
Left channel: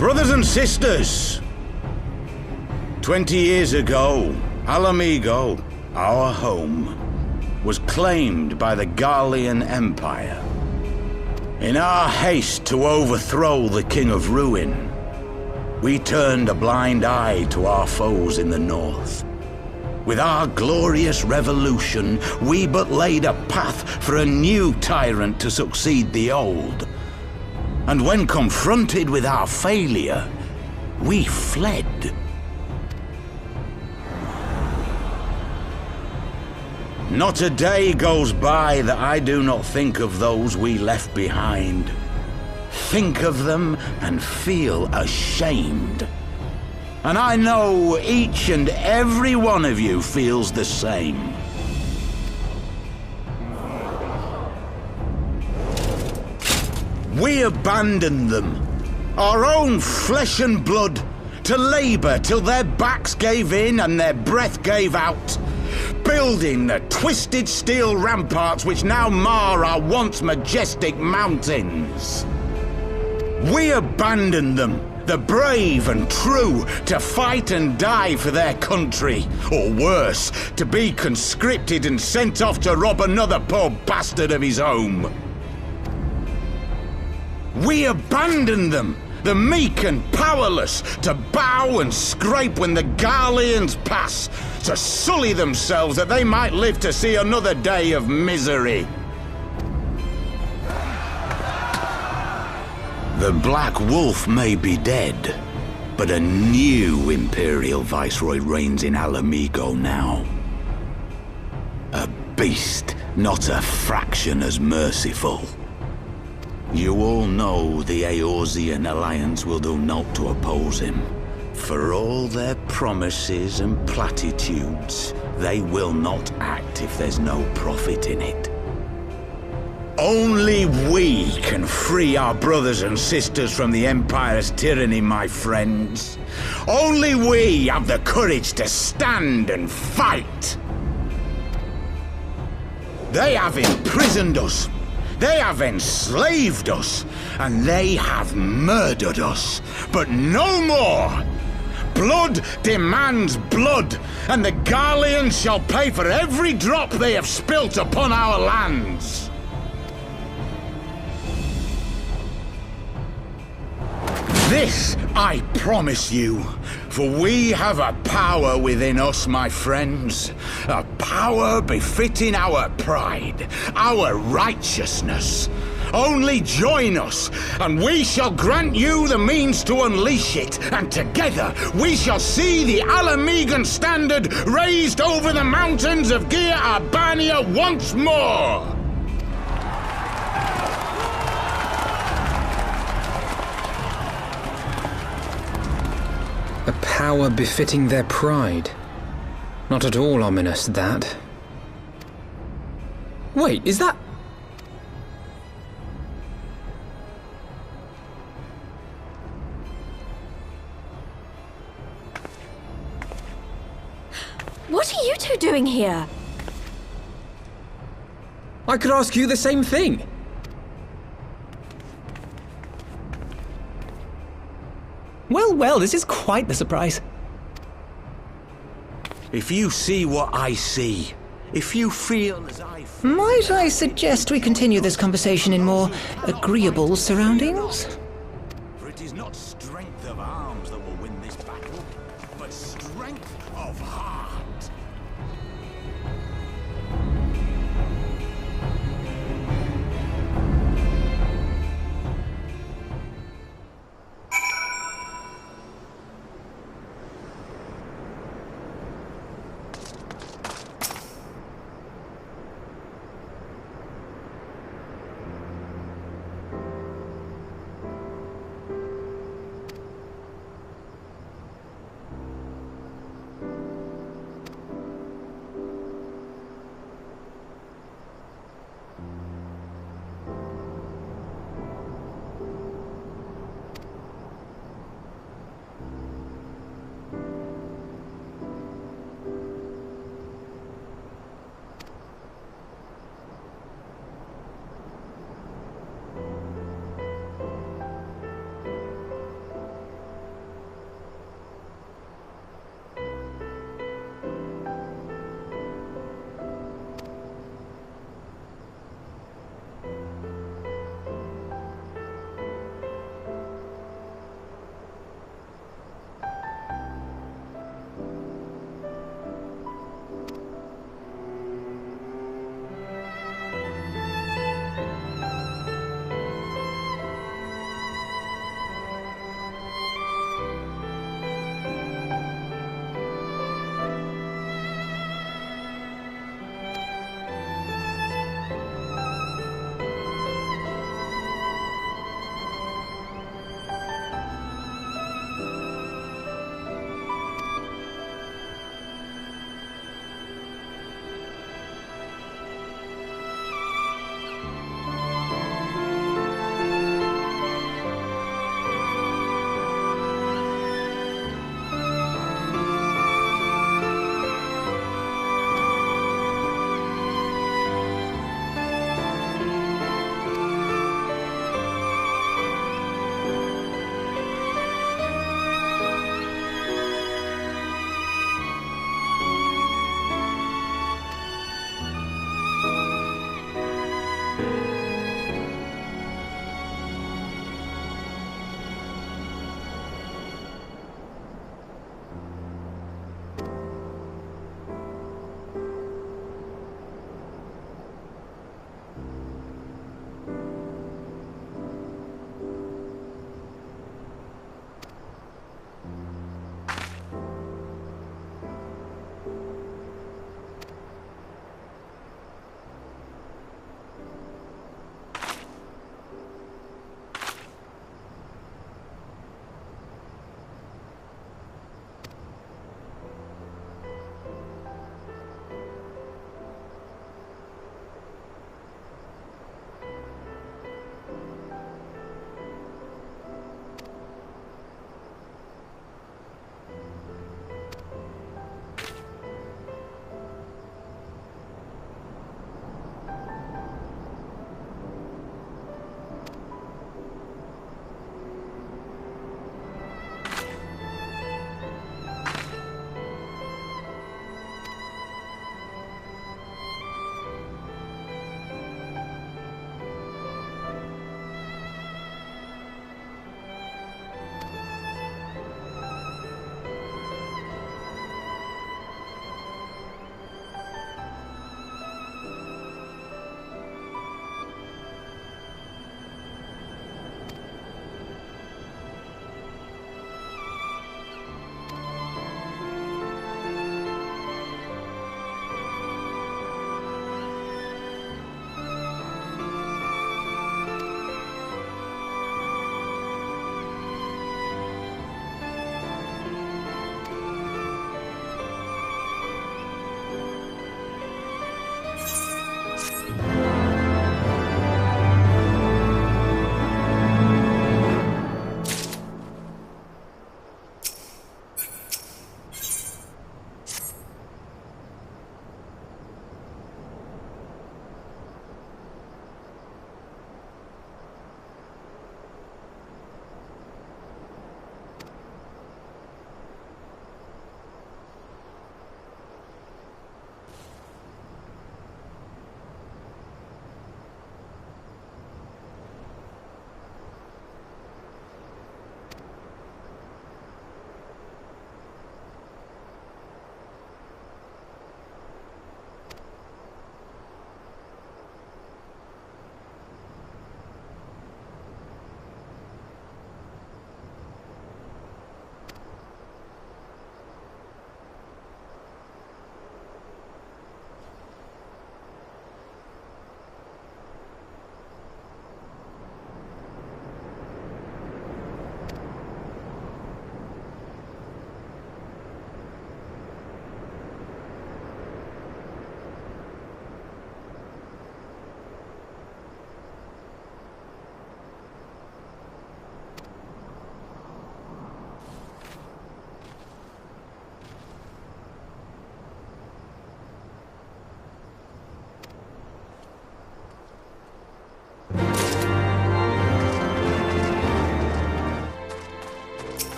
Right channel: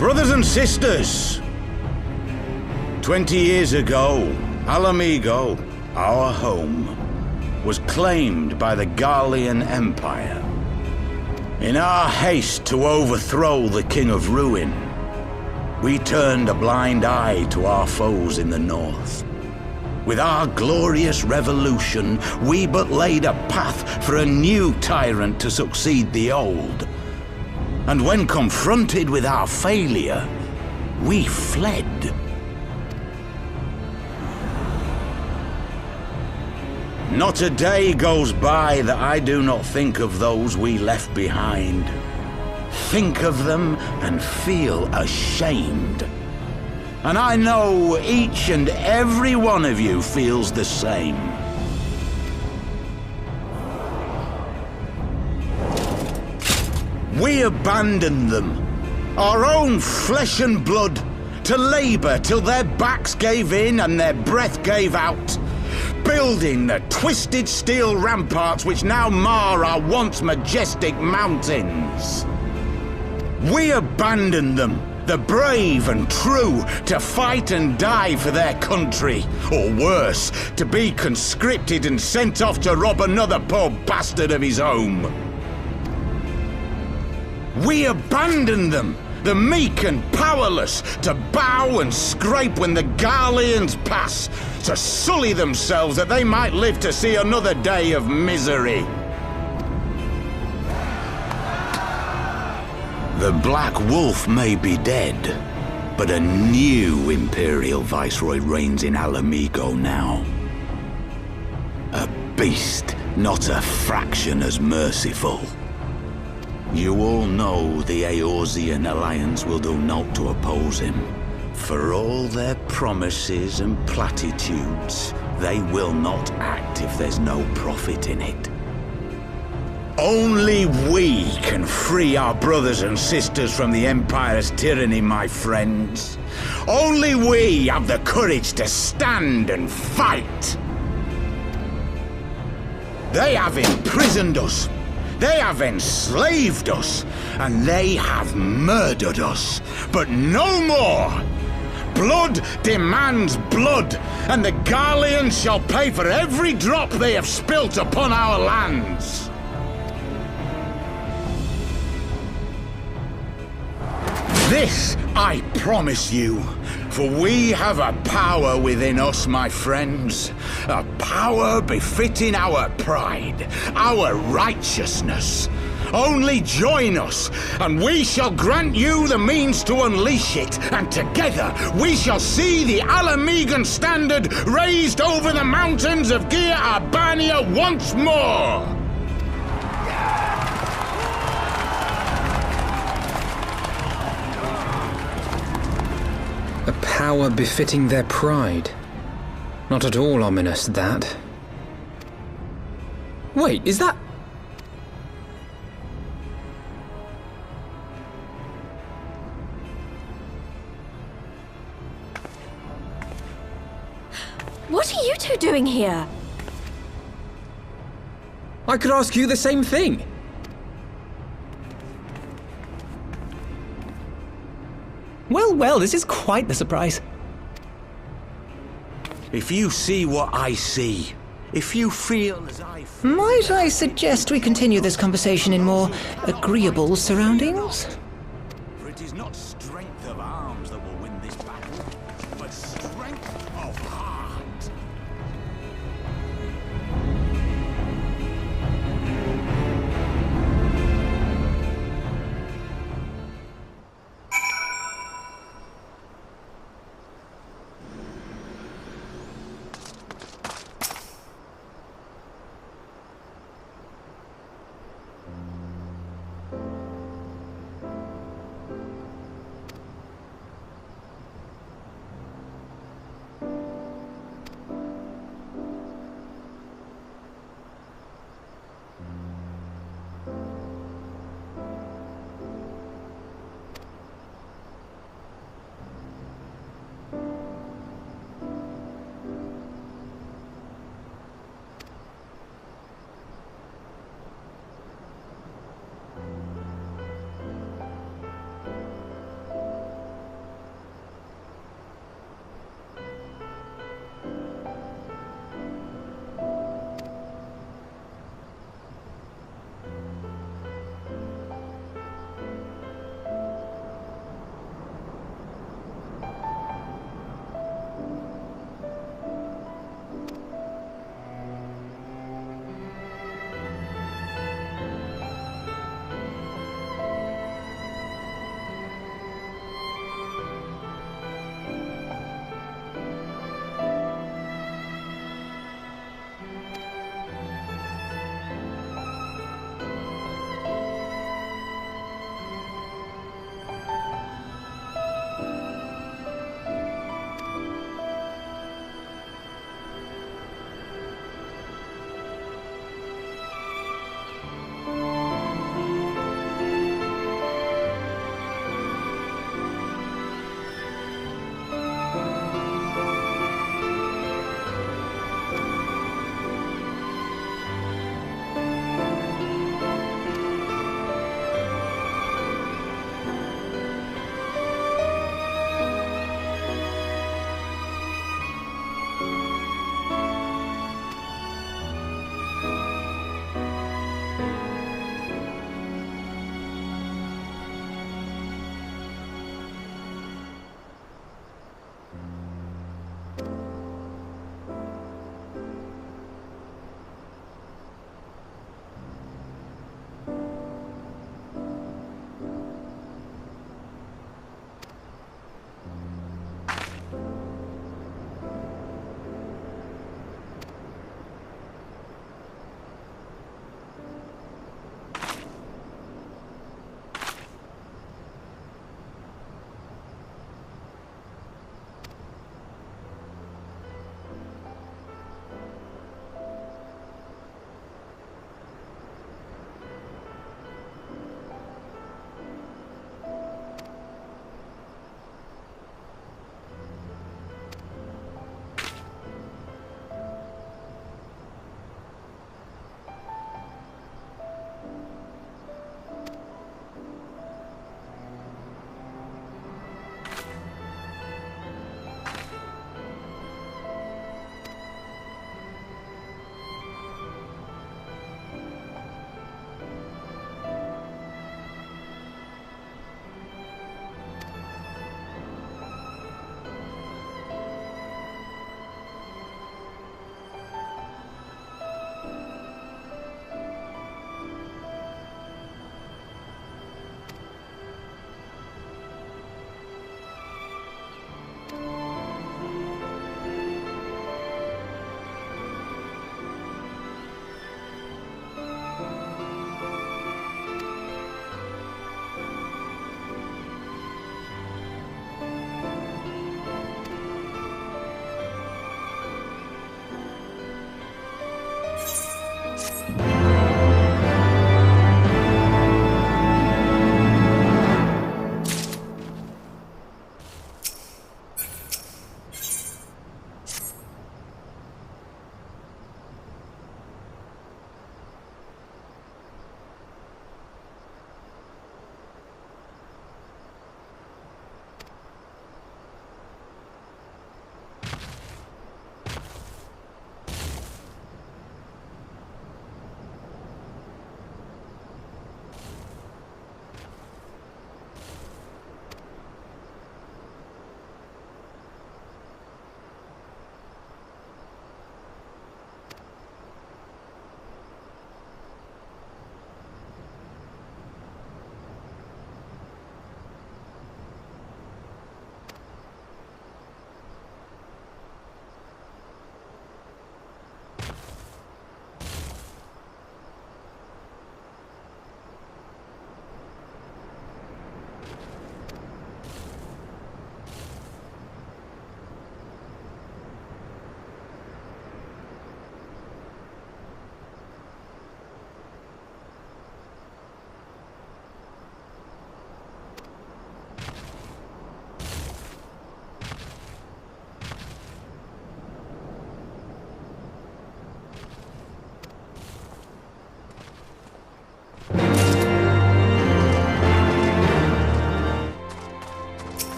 Brothers and sisters, 20 years ago, Alamigo, our home, was claimed by the Garlean Empire. In our haste to overthrow the King of Ruin, we turned a blind eye to our foes in the north. With our glorious revolution, we but laid a path for a new tyrant to succeed the old. And when confronted with our failure, we fled. Not a day goes by that I do not think of those we left behind. Think of them and feel ashamed. And I know each and every one of you feels the same. We abandoned them, our own flesh and blood, to labor till their backs gave in and their breath gave out, building the twisted steel ramparts which now mar our once majestic mountains. We abandoned them, the brave and true, to fight and die for their country, or worse, to be conscripted and sent off to rob another poor bastard of his home. We abandoned them, the meek and powerless, to bow and scrape when the Garleans pass, to sully themselves that they might live to see another day of misery. The Black Wolf may be dead, but a new Imperial Viceroy reigns in Alamigo now. A beast, not a fraction as merciful. You all know the Eorzean Alliance will do naught to oppose him. For all their promises and platitudes, they will not act if there's no profit in it. Only we can free our brothers and sisters from the Empire's tyranny, my friends. Only we have the courage to stand and fight. They have imprisoned us. They have enslaved us, and they have murdered us, but no more! Blood demands blood, and the Garleans shall pay for every drop they have spilt upon our lands! This I promise you, for we have a power within us, my friends. A power befitting our pride, our righteousness. Only join us, and we shall grant you the means to unleash it, and together we shall see the Alamigan standard raised over the mountains of Gia Arbania once more! A power befitting their pride. Not at all ominous, that. Wait, is that... What are you two doing here? I could ask you the same thing. Well, this is quite the surprise. If you see what I see, if you feel as I feel... Might I suggest we continue this conversation in more agreeable surroundings? For it is not strength of arms that will win this battle, but strength of heart.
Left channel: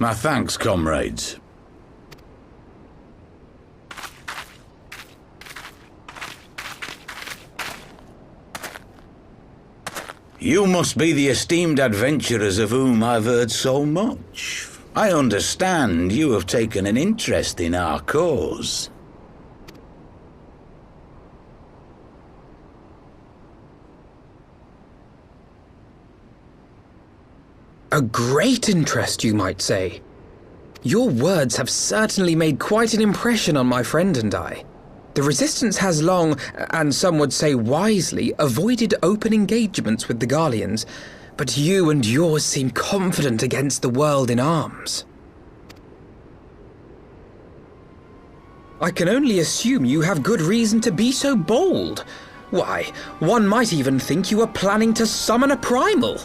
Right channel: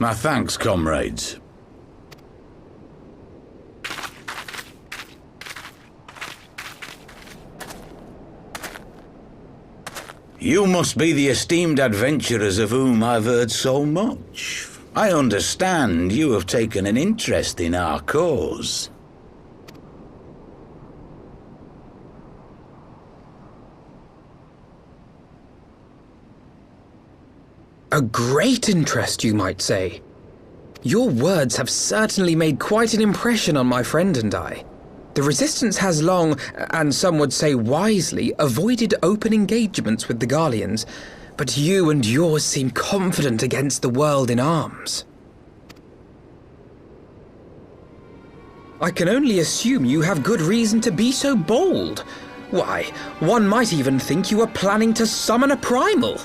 My thanks, comrades. You must be the esteemed adventurers of whom I've heard so much. I understand you have taken an interest in our cause. A great interest, you might say. Your words have certainly made quite an impression on my friend and I. The Resistance has long, and some would say wisely, avoided open engagements with the Garleans, but you and yours seem confident against the world in arms. I can only assume you have good reason to be so bold. Why, one might even think you are planning to summon a primal.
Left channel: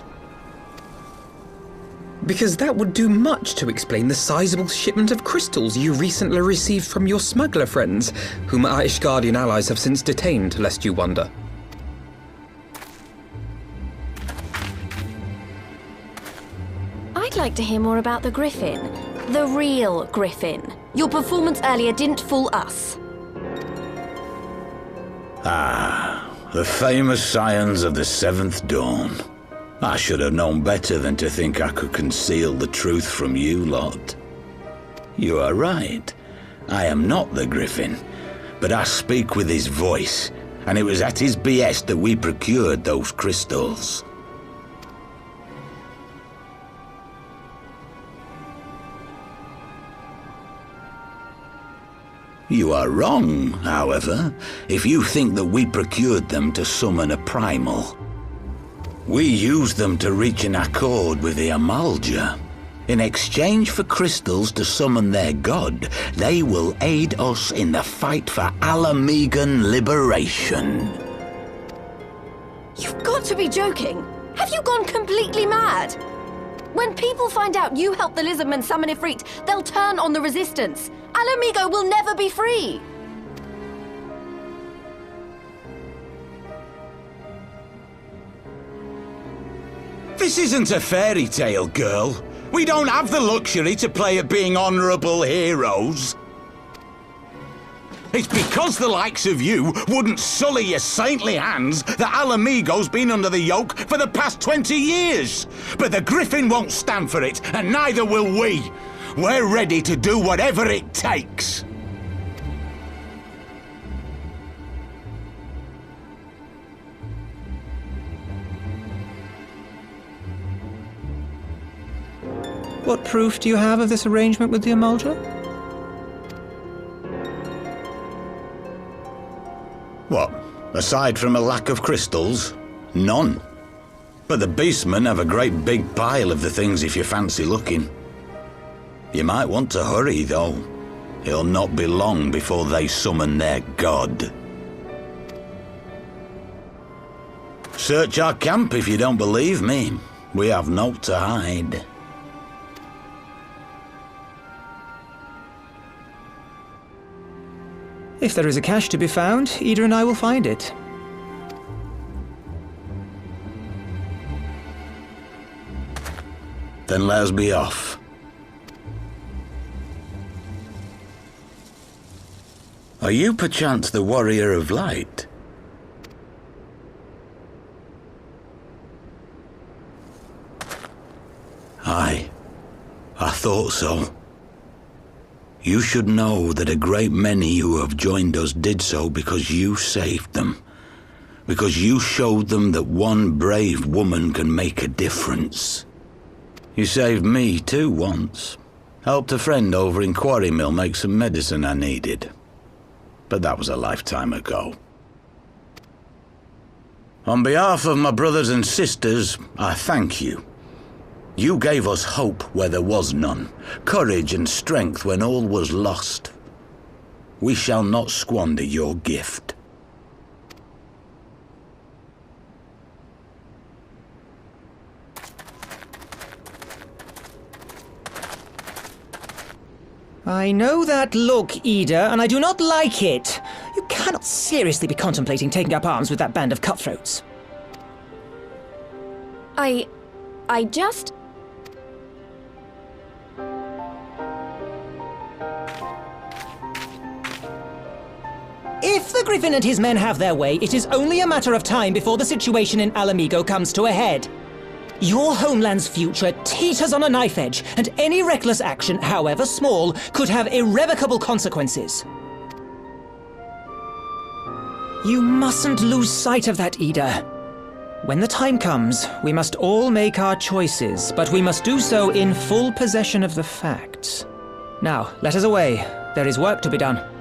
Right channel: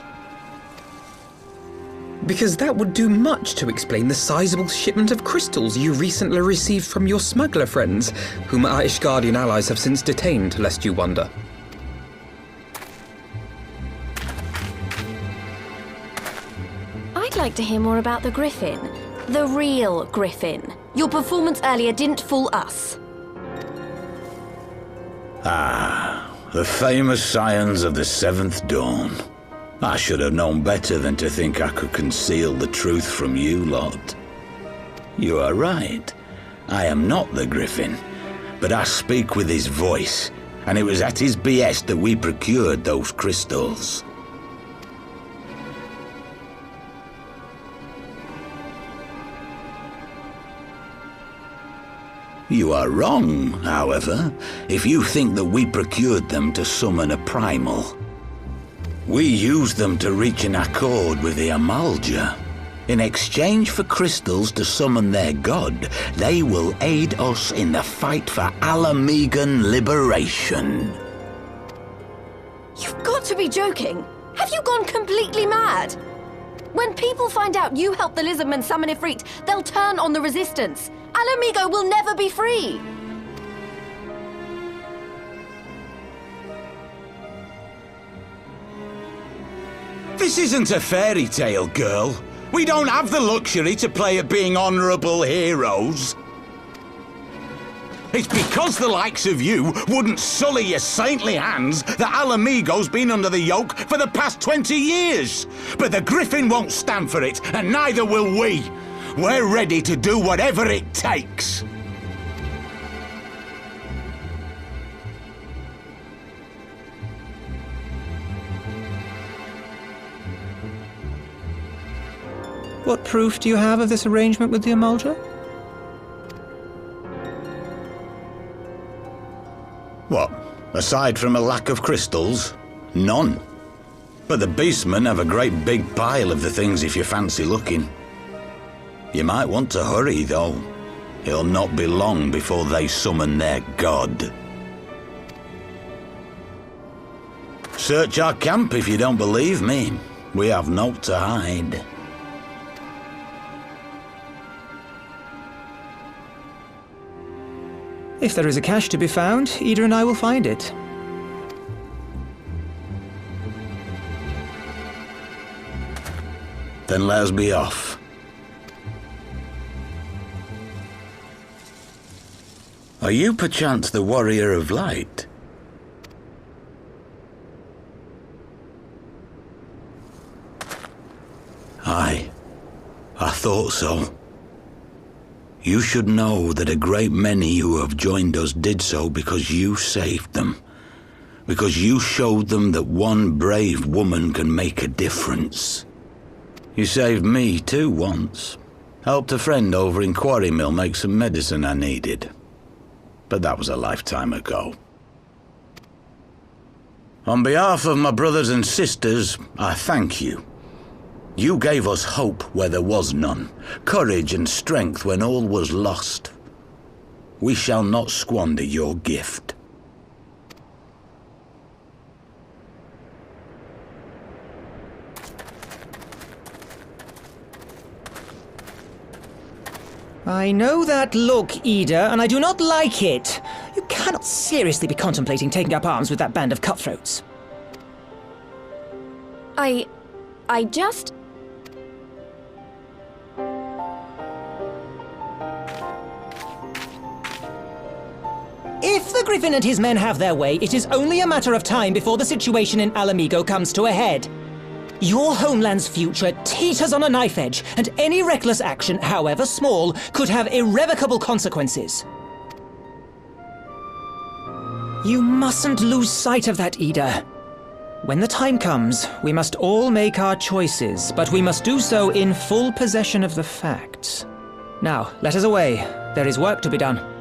Because that would do much to explain the sizable shipment of crystals you recently received from your smuggler friends, whom our Ishgardian allies have since detained, lest you wonder. I'd like to hear more about the Griffin. The real Griffin. Your performance earlier didn't fool us. Ah, the famous scions of the Seventh Dawn. I should have known better than to think I could conceal the truth from you lot. You are right. I am not the Griffin, but I speak with his voice, and it was at his behest that we procured those crystals. You are wrong, however, if you think that we procured them to summon a primal. We used them to reach an accord with the Amalja. In exchange for crystals to summon their god, they will aid us in the fight for Alamegan liberation. You've got to be joking! Have you gone completely mad? When people find out you helped the Lizardmen summon Ifrit, they'll turn on the Resistance. Alamigo will never be free! This isn't a fairy tale, girl. We don't have the luxury to play at being honourable heroes. It's because the likes of you wouldn't sully your saintly hands that Alamigo's been under the yoke for the past 20 years. But the Griffin won't stand for it, and neither will we. We're ready to do whatever it takes. What proof do you have of this arrangement with the Amalja? What? Aside from a lack of crystals? None. But the beastmen have a great big pile of the things if you fancy looking. You might want to hurry, though. It'll not be long before they summon their god. Search our camp if you don't believe me. We have naught to hide. If there is a cache to be found, Ida and I will find it. Then let us be off. Are you perchance the Warrior of Light? Aye, I thought so. You should know that a great many who have joined us did so because you saved them. Because you showed them that one brave woman can make a difference. You saved me too once. Helped a friend over in Quarry Mill make some medicine I needed. But that was a lifetime ago. On behalf of my brothers and sisters, I thank you. You gave us hope where there was none, courage and strength when all was lost. We shall not squander your gift. I know that look, Ida, and I do not like it. You cannot seriously be contemplating taking up arms with that band of cutthroats. If the Griffin and his men have their way, it is only a matter of time before the situation in Alamigo comes to a head. Your homeland's future teeters on a knife edge, and any reckless action, however small, could have irrevocable consequences. You mustn't lose sight of that, Ida. When the time comes, we must all make our choices, but we must do so in full possession of the facts. Now, let us away. There is work to be done.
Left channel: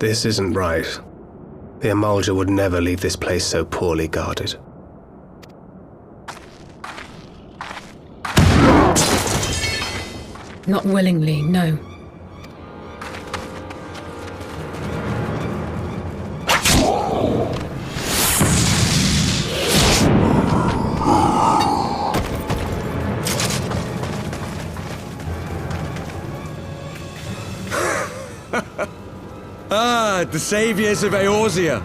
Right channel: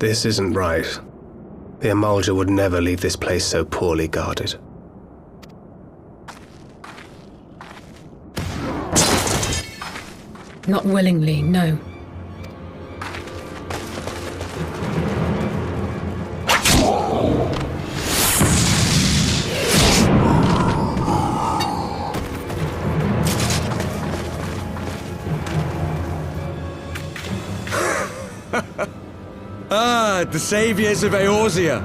This isn't right. The Emulger would never leave this place so poorly guarded. Not willingly, no. The saviors of Eorzea.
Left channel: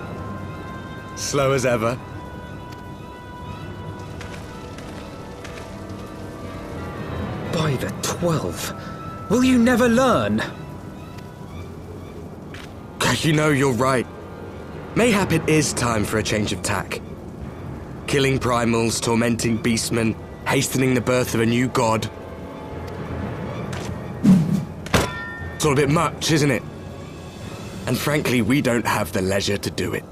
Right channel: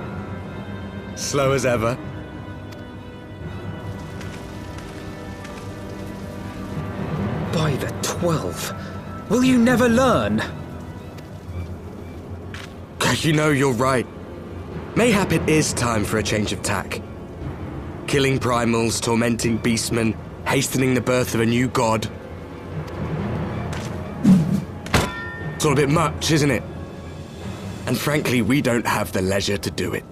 Slow as ever. By the 12, will you never learn? You know, you're right. Mayhap it is time for a change of tack. Killing primals, tormenting beastmen, hastening the birth of a new god. It's all a bit much, isn't it? And frankly, we don't have the leisure to do it.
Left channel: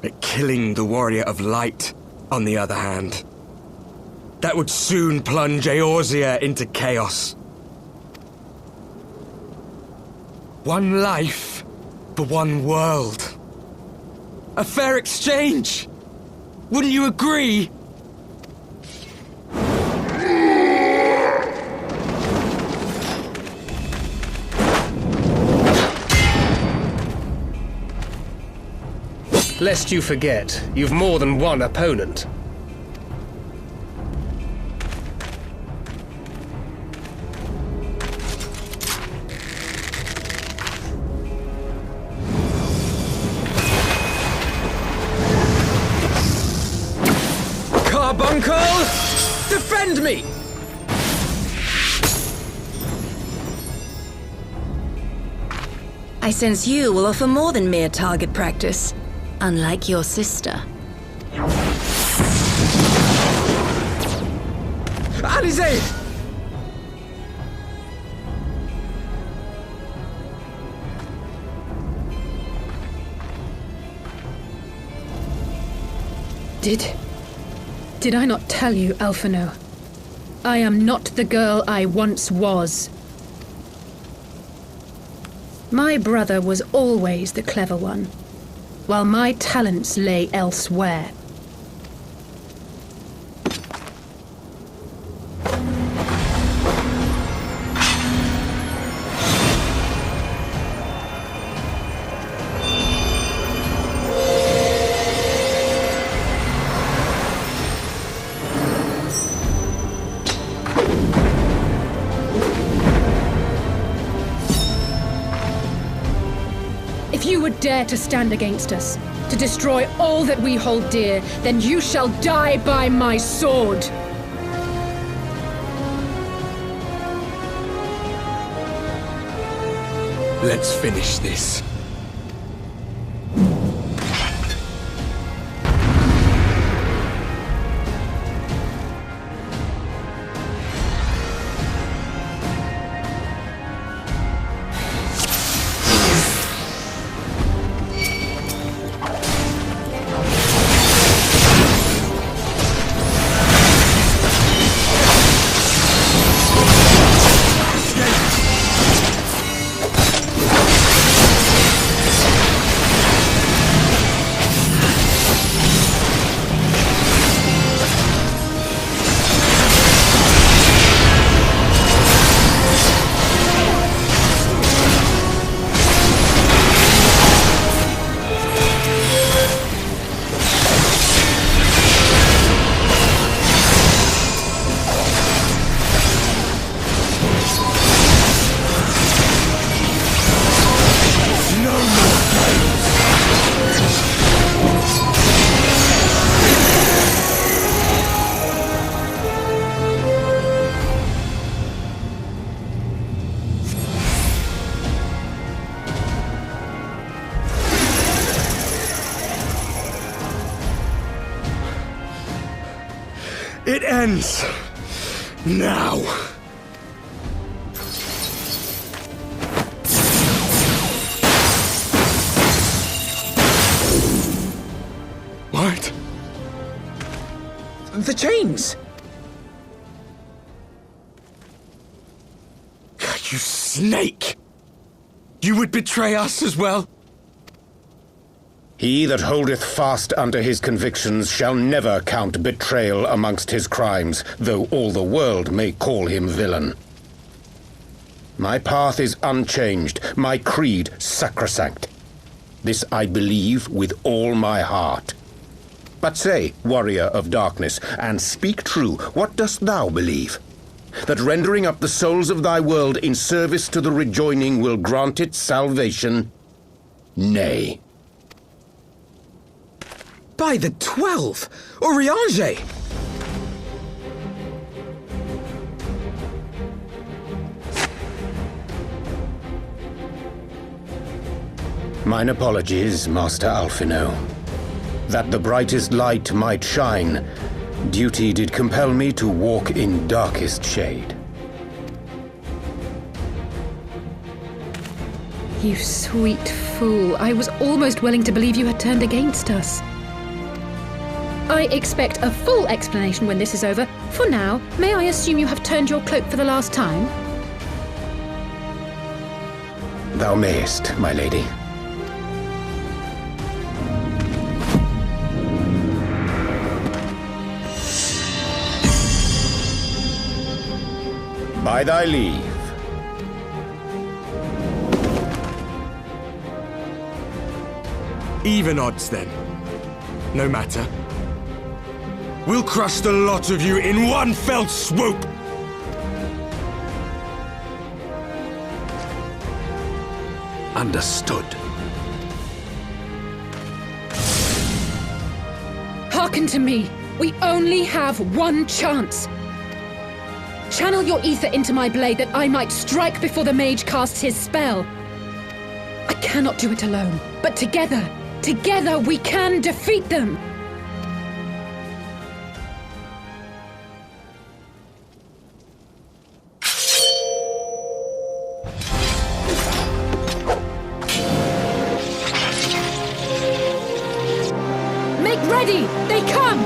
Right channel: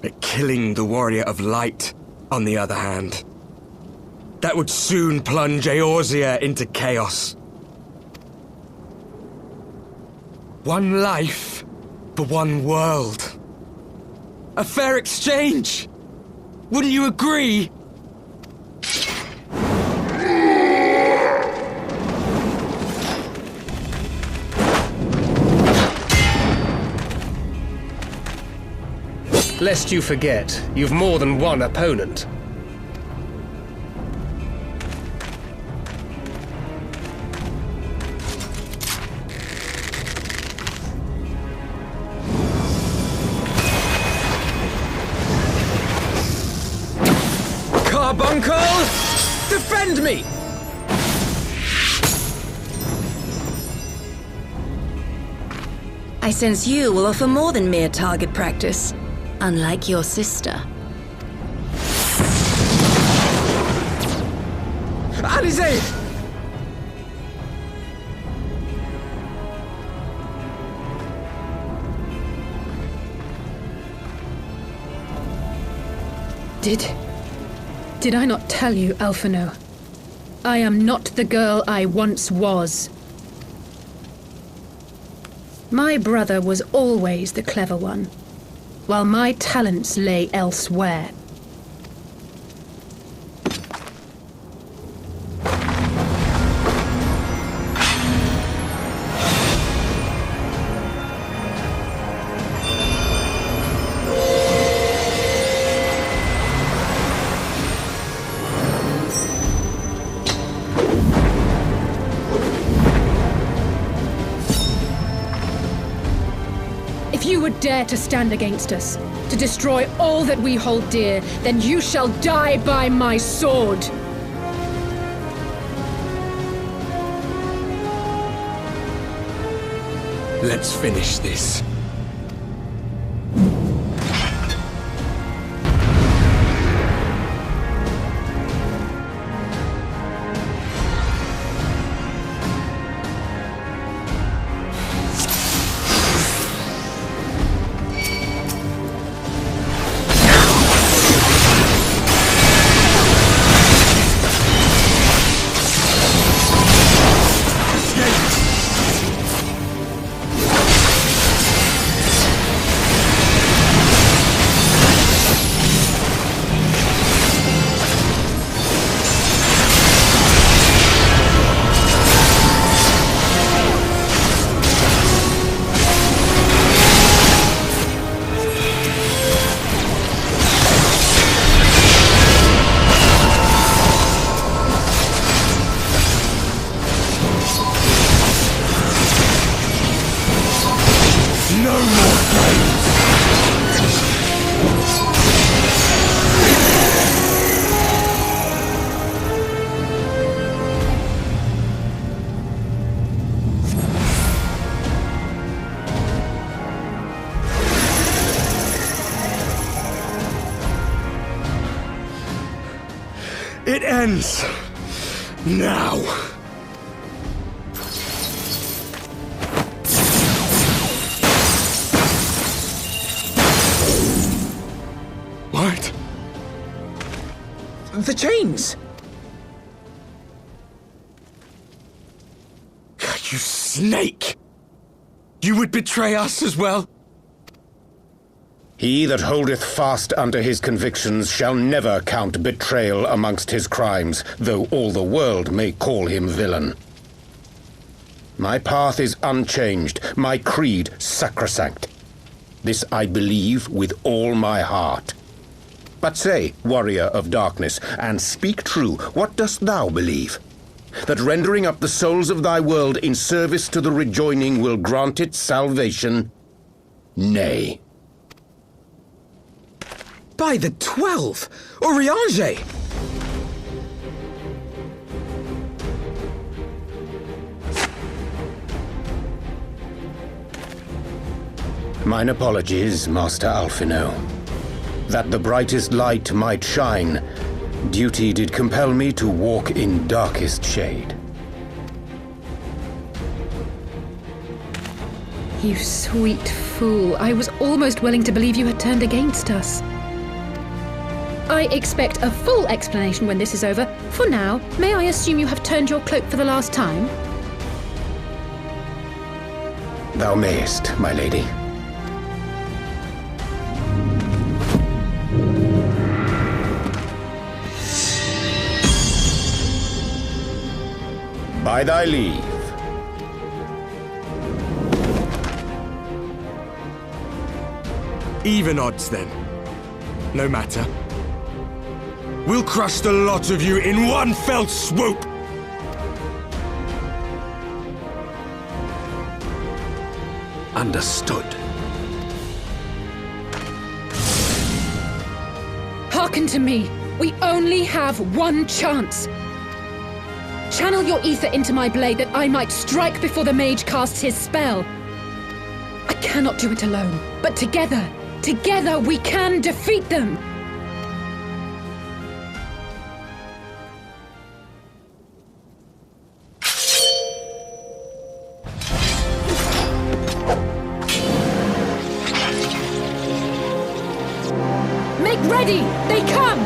But killing the Warrior of Light, on the other hand, that would soon plunge Eorzea into chaos. One life for one world. A fair exchange! Wouldn't you agree? Lest you forget, you've more than one opponent. Carbuncle! Defend me! I sense you will offer more than mere target practice, unlike your sister. Alisaie! Did I not tell you, Alphino? I am not the girl I once was. My brother was always the clever one, while my talents lay elsewhere. If you would dare to stand against us, to destroy all that we hold dear, then you shall die by my sword! Let's finish this. It ends now. What? The chains! You snake! You would betray us as well? He that holdeth fast unto his convictions shall never count betrayal amongst his crimes, though all the world may call him villain. My path is unchanged, my creed sacrosanct. This I believe with all my heart. But say, warrior of darkness, and speak true, what dost thou believe? That rendering up the souls of thy world in service to the rejoining will grant it salvation? Nay. By the 12! Urianger! Mine apologies, Master Alphino. That the brightest light might shine, duty did compel me to walk in darkest shade. You sweet fool. I was almost willing to believe you had turned against us. I expect a full explanation when this is over. For now, may I assume you have turned your cloak for the last time? Thou mayest, my lady. By thy leave. Even odds, then. No matter. We'll crush the lot of you in one fell swoop! Understood. Hearken to me. We only have one chance. Channel your ether into my blade that I might strike before the mage casts his spell. I cannot do it alone, but together we can defeat them! Make ready! They come!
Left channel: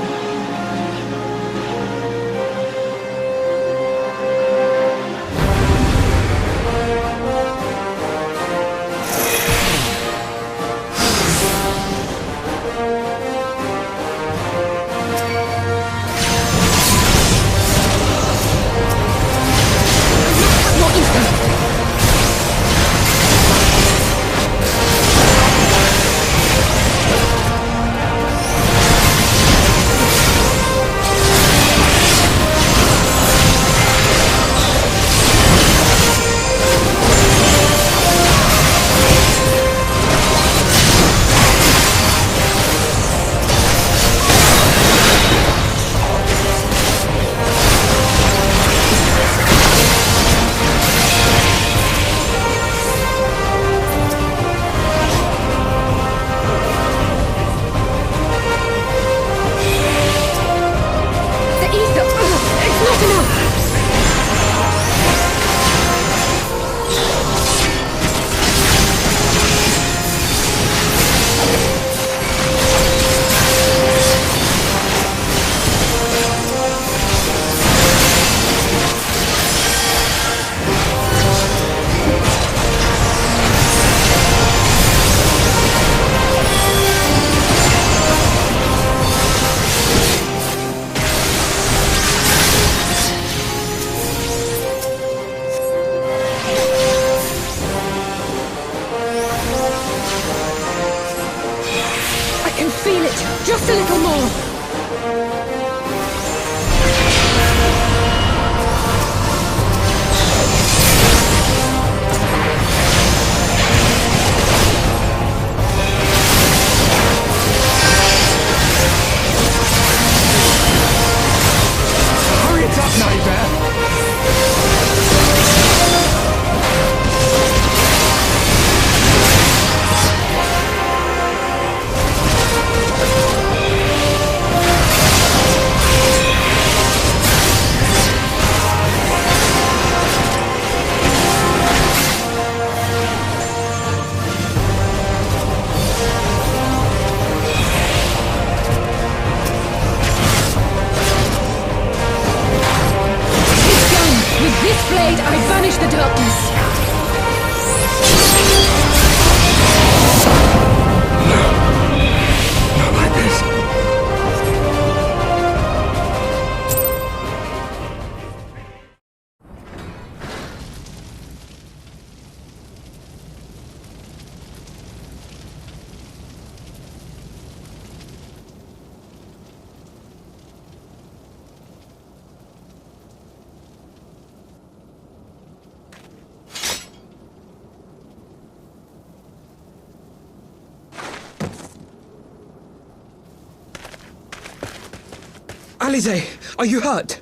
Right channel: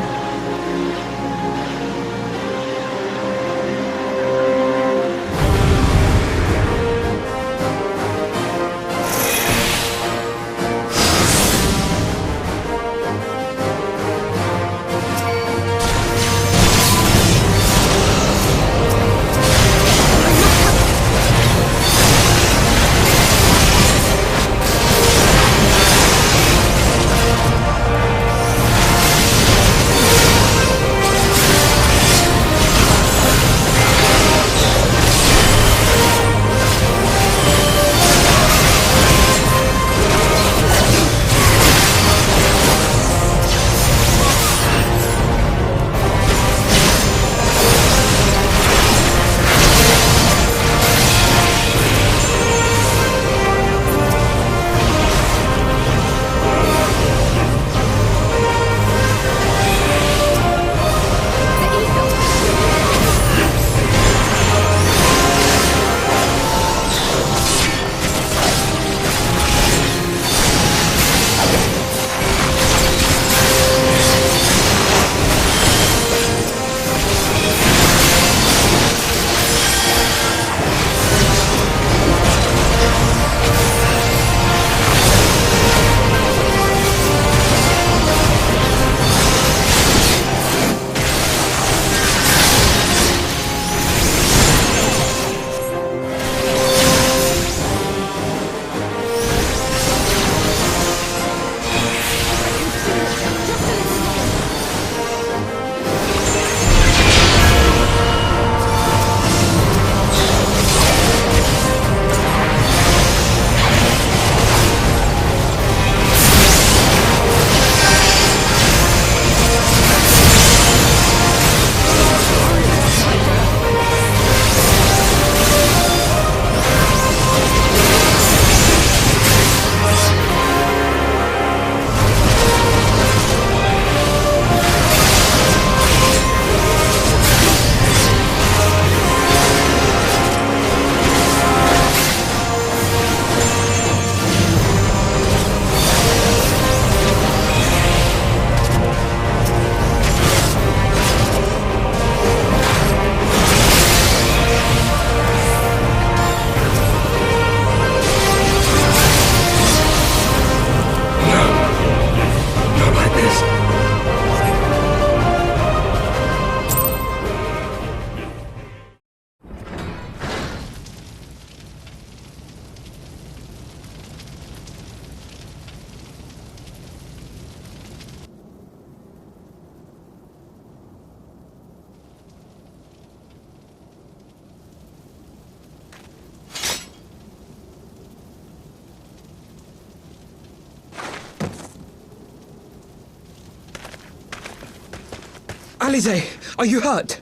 Alisaie, are you hurt?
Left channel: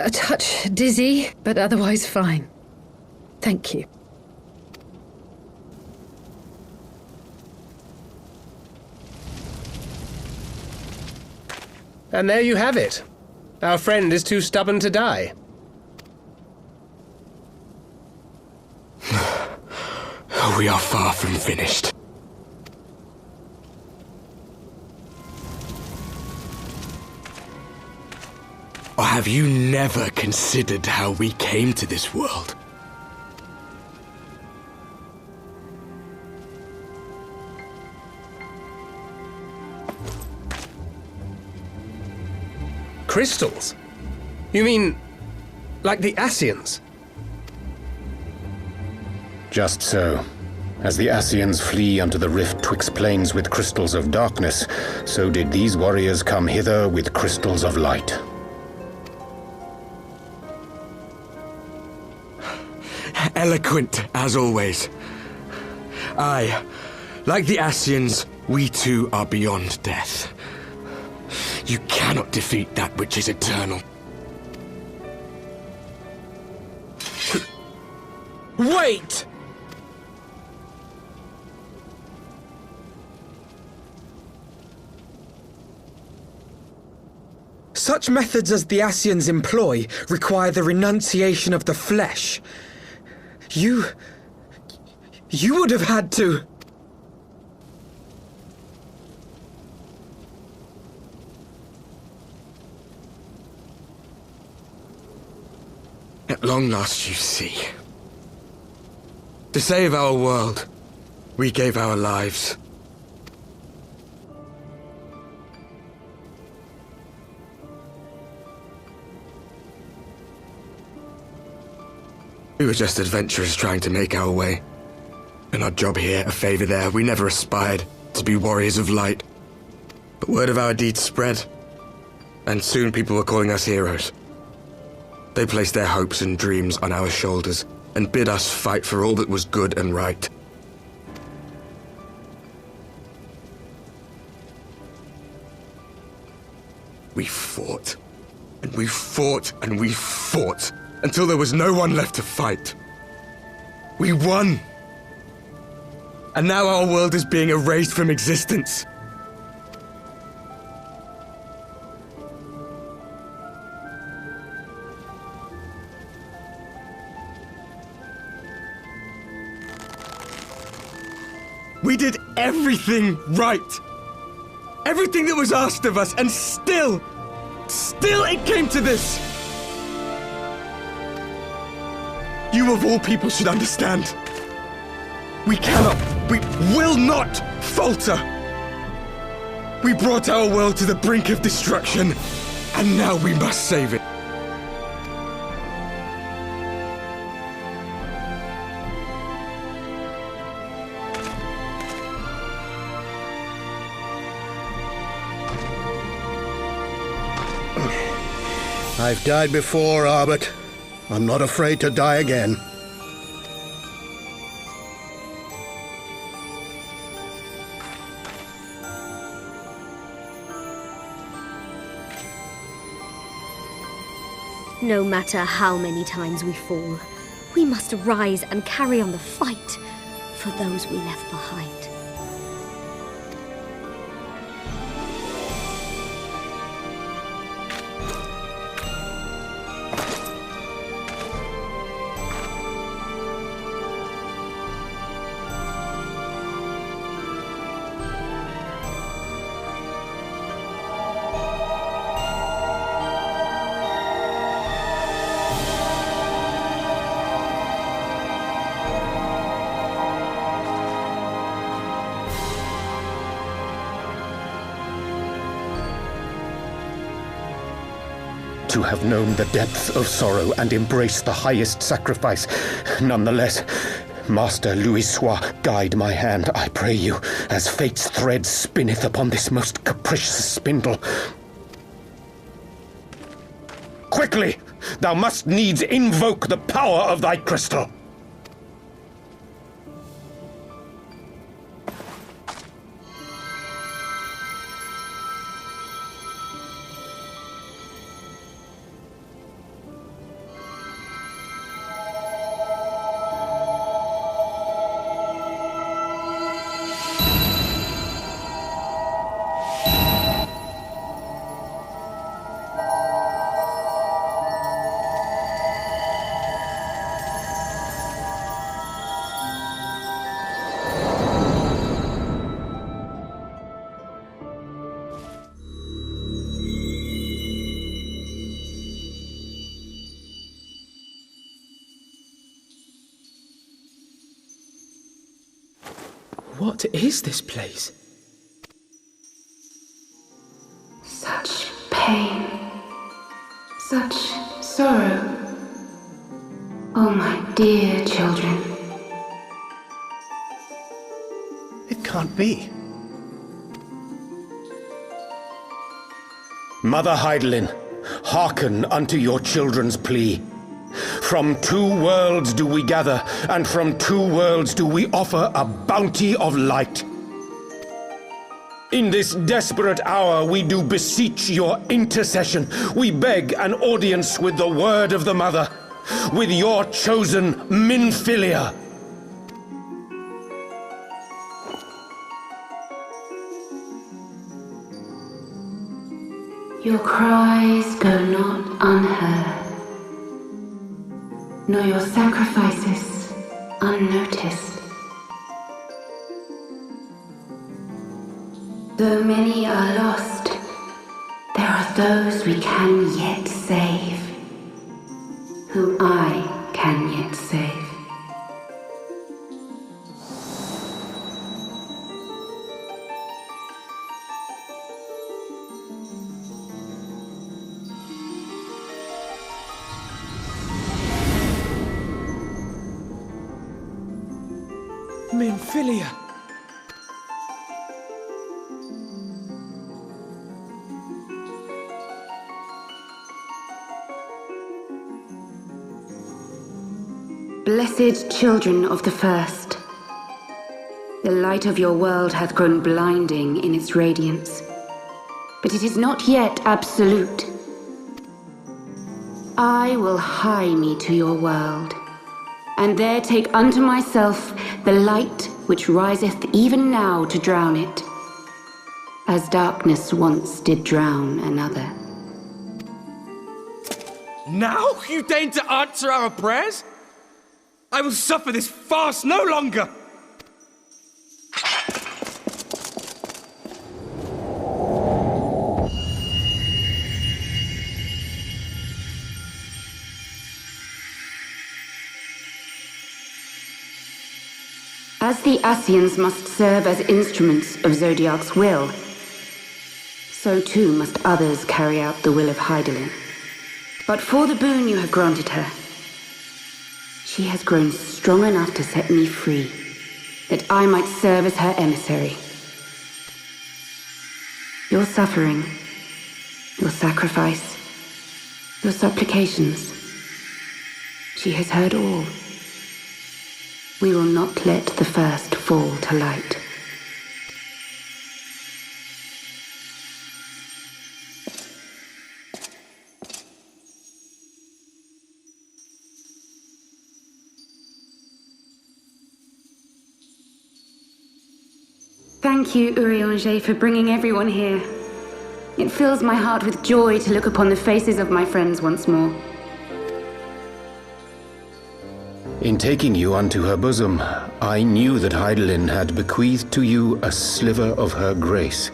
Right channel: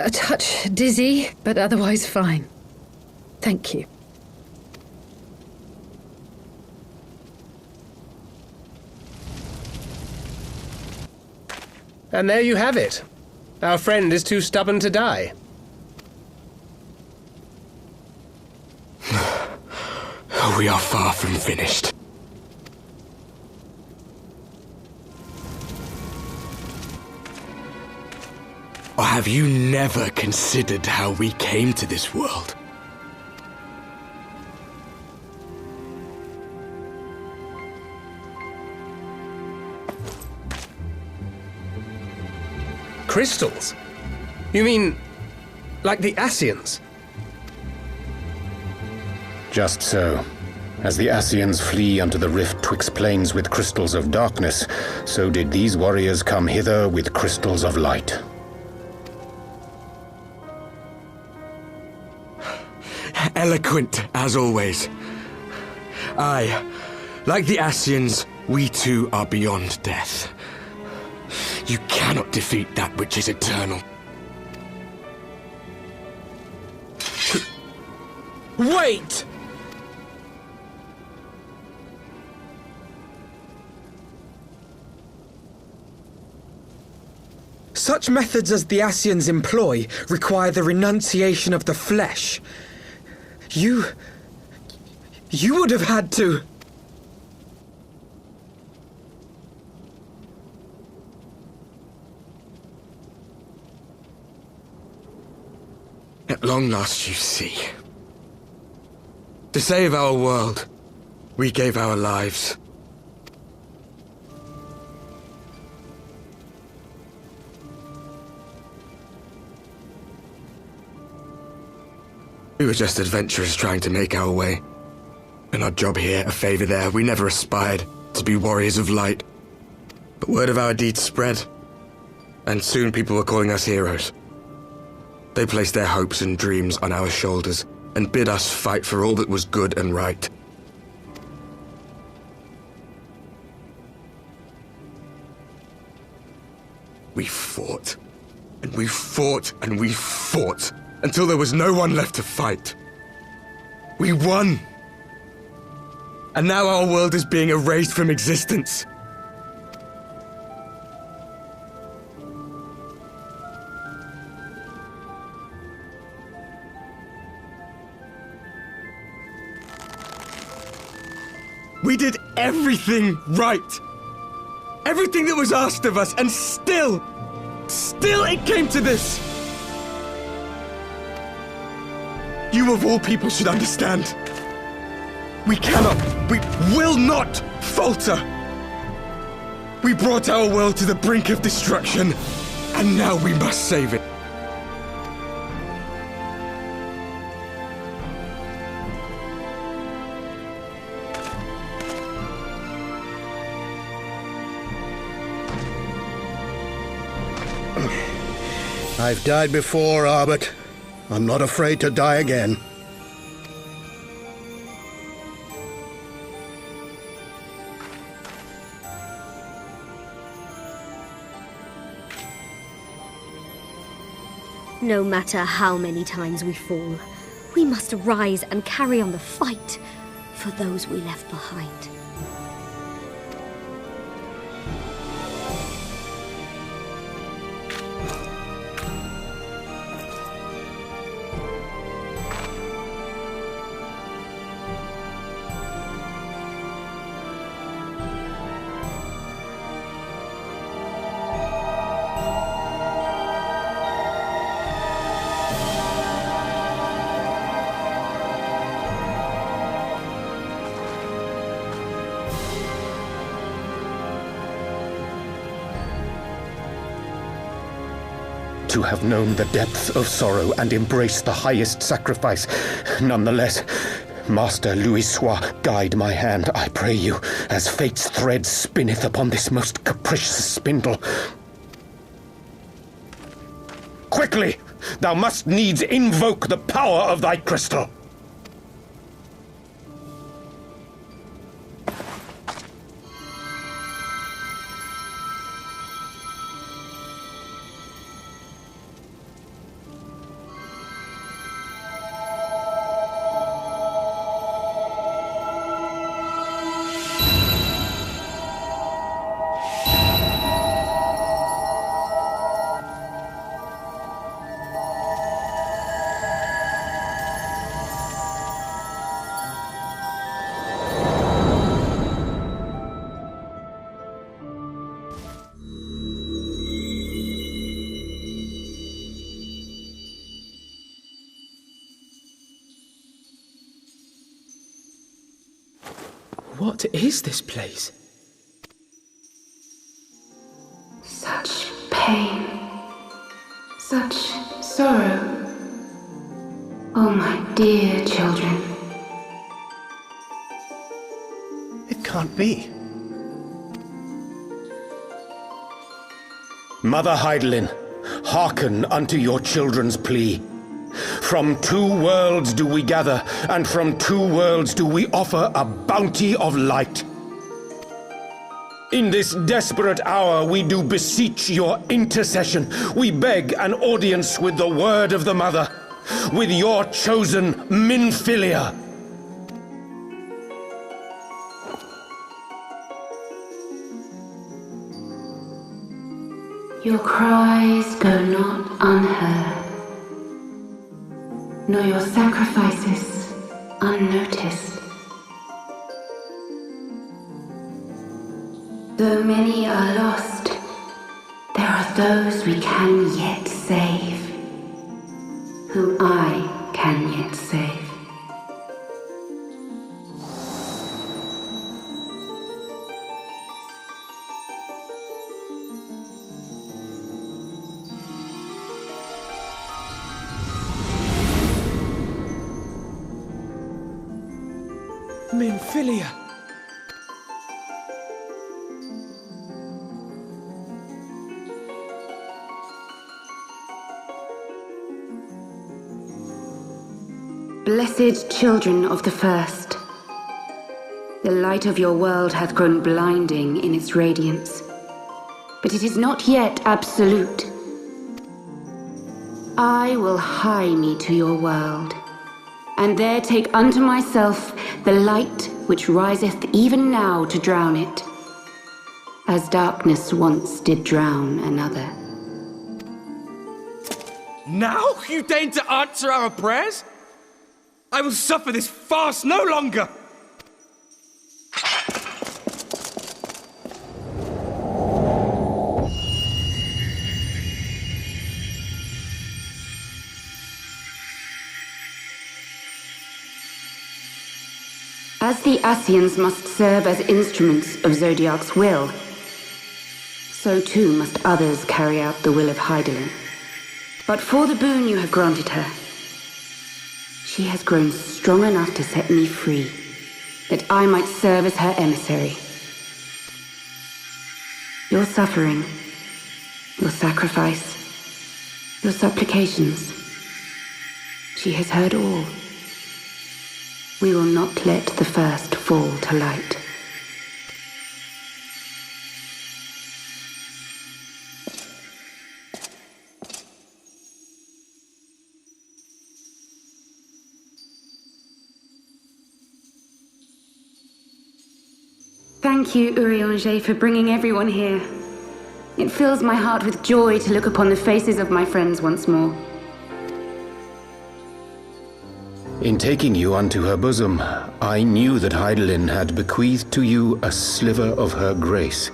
A touch dizzy, but otherwise fine. Thank you. And there you have it. Our friend is too stubborn to die. We are far from finished. Have you never considered how we came to this world? Crystals? You mean, like the Scions? Just so. As the Scions flee unto the rift twixt plains with crystals of darkness, so did these warriors come hither with crystals of light. Eloquent, as always. Aye, like the Scions, we too are beyond death. You cannot defeat that which is eternal. Wait! Such methods as the Scions employ require the renunciation of the flesh. You would have had to... At long last, you see. To save our world, we gave our lives. We were just adventurers trying to make our way. An odd job here, a favor there. We never aspired to be warriors of light. But word of our deeds spread, and soon people were calling us heroes. They placed their hopes and dreams on our shoulders and bid us fight for all that was good and right. We fought, and we fought, and we fought, until there was no one left to fight. We won! And now our world is being erased from existence. We did everything right. Everything that was asked of us, and still it came to this. You of all people should understand. We will not falter. We brought our world to the brink of destruction, and now we must save it. I've died before, Arbet. I'm not afraid to die again. No matter how many times we fall, we must rise and carry on the fight for those we left behind. To have known the depths of sorrow and embraced the highest sacrifice. Nonetheless, Master Louisoix, guide my hand, I pray you, as fate's thread spinneth upon this most capricious spindle. Quickly! Thou must needs invoke the power of thy crystal! What is this place? Such pain. Such sorrow. Oh, my dear children. It can't be. Mother Heidelin, hearken unto your children's plea. From two worlds do we gather, and from two worlds do we offer a bounty of light. In this desperate hour we do beseech your intercession. We beg an audience with the word of the Mother, with your chosen Minfilia. Your cries go not unheard, nor your sacrifices unnoticed. Though many are lost, there are those we can yet save, whom I can yet save. Minfilia! Blessed children of the First, the light of your world hath grown blinding in its radiance, but it is not yet absolute. I will hie me to your world, and there take unto myself the light which riseth even now to drown it, as darkness once did drown another. Now you deign to answer our prayers? I will suffer this farce no longer! As the Scions must serve as instruments of Zodiark's will, so too must others carry out the will of Heidelin. But for the boon you have granted her, she has grown strong enough to set me free, that I might serve as her emissary. Your suffering, your sacrifice, your supplications, she has heard all. We will not let the first fall to light. Thank you, Urianger, for bringing everyone here. It fills my heart with joy to look upon the faces of my friends once more. In taking you unto her bosom, I knew that Heidelin had bequeathed to you a sliver of her grace,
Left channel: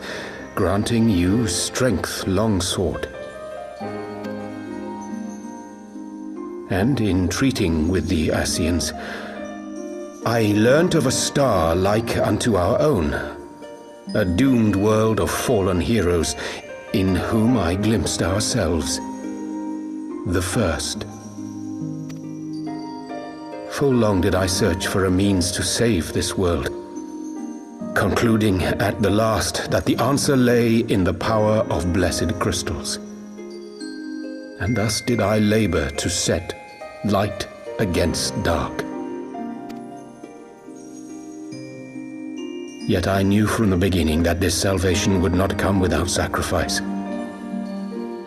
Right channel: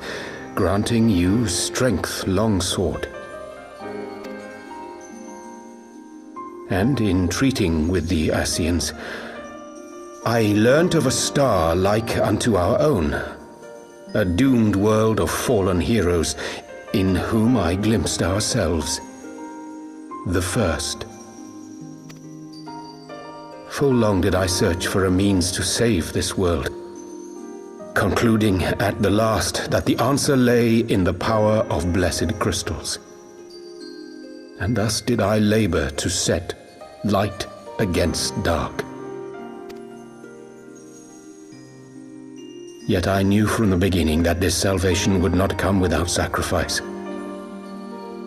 granting you strength long sought. And in treating with the Scions, I learnt of a star like unto our own, a doomed world of fallen heroes, in whom I glimpsed ourselves, the first. Full long did I search for a means to save this world, concluding at the last that the answer lay in the power of blessed crystals. And thus did I labor to set light against dark. Yet I knew from the beginning that this salvation would not come without sacrifice.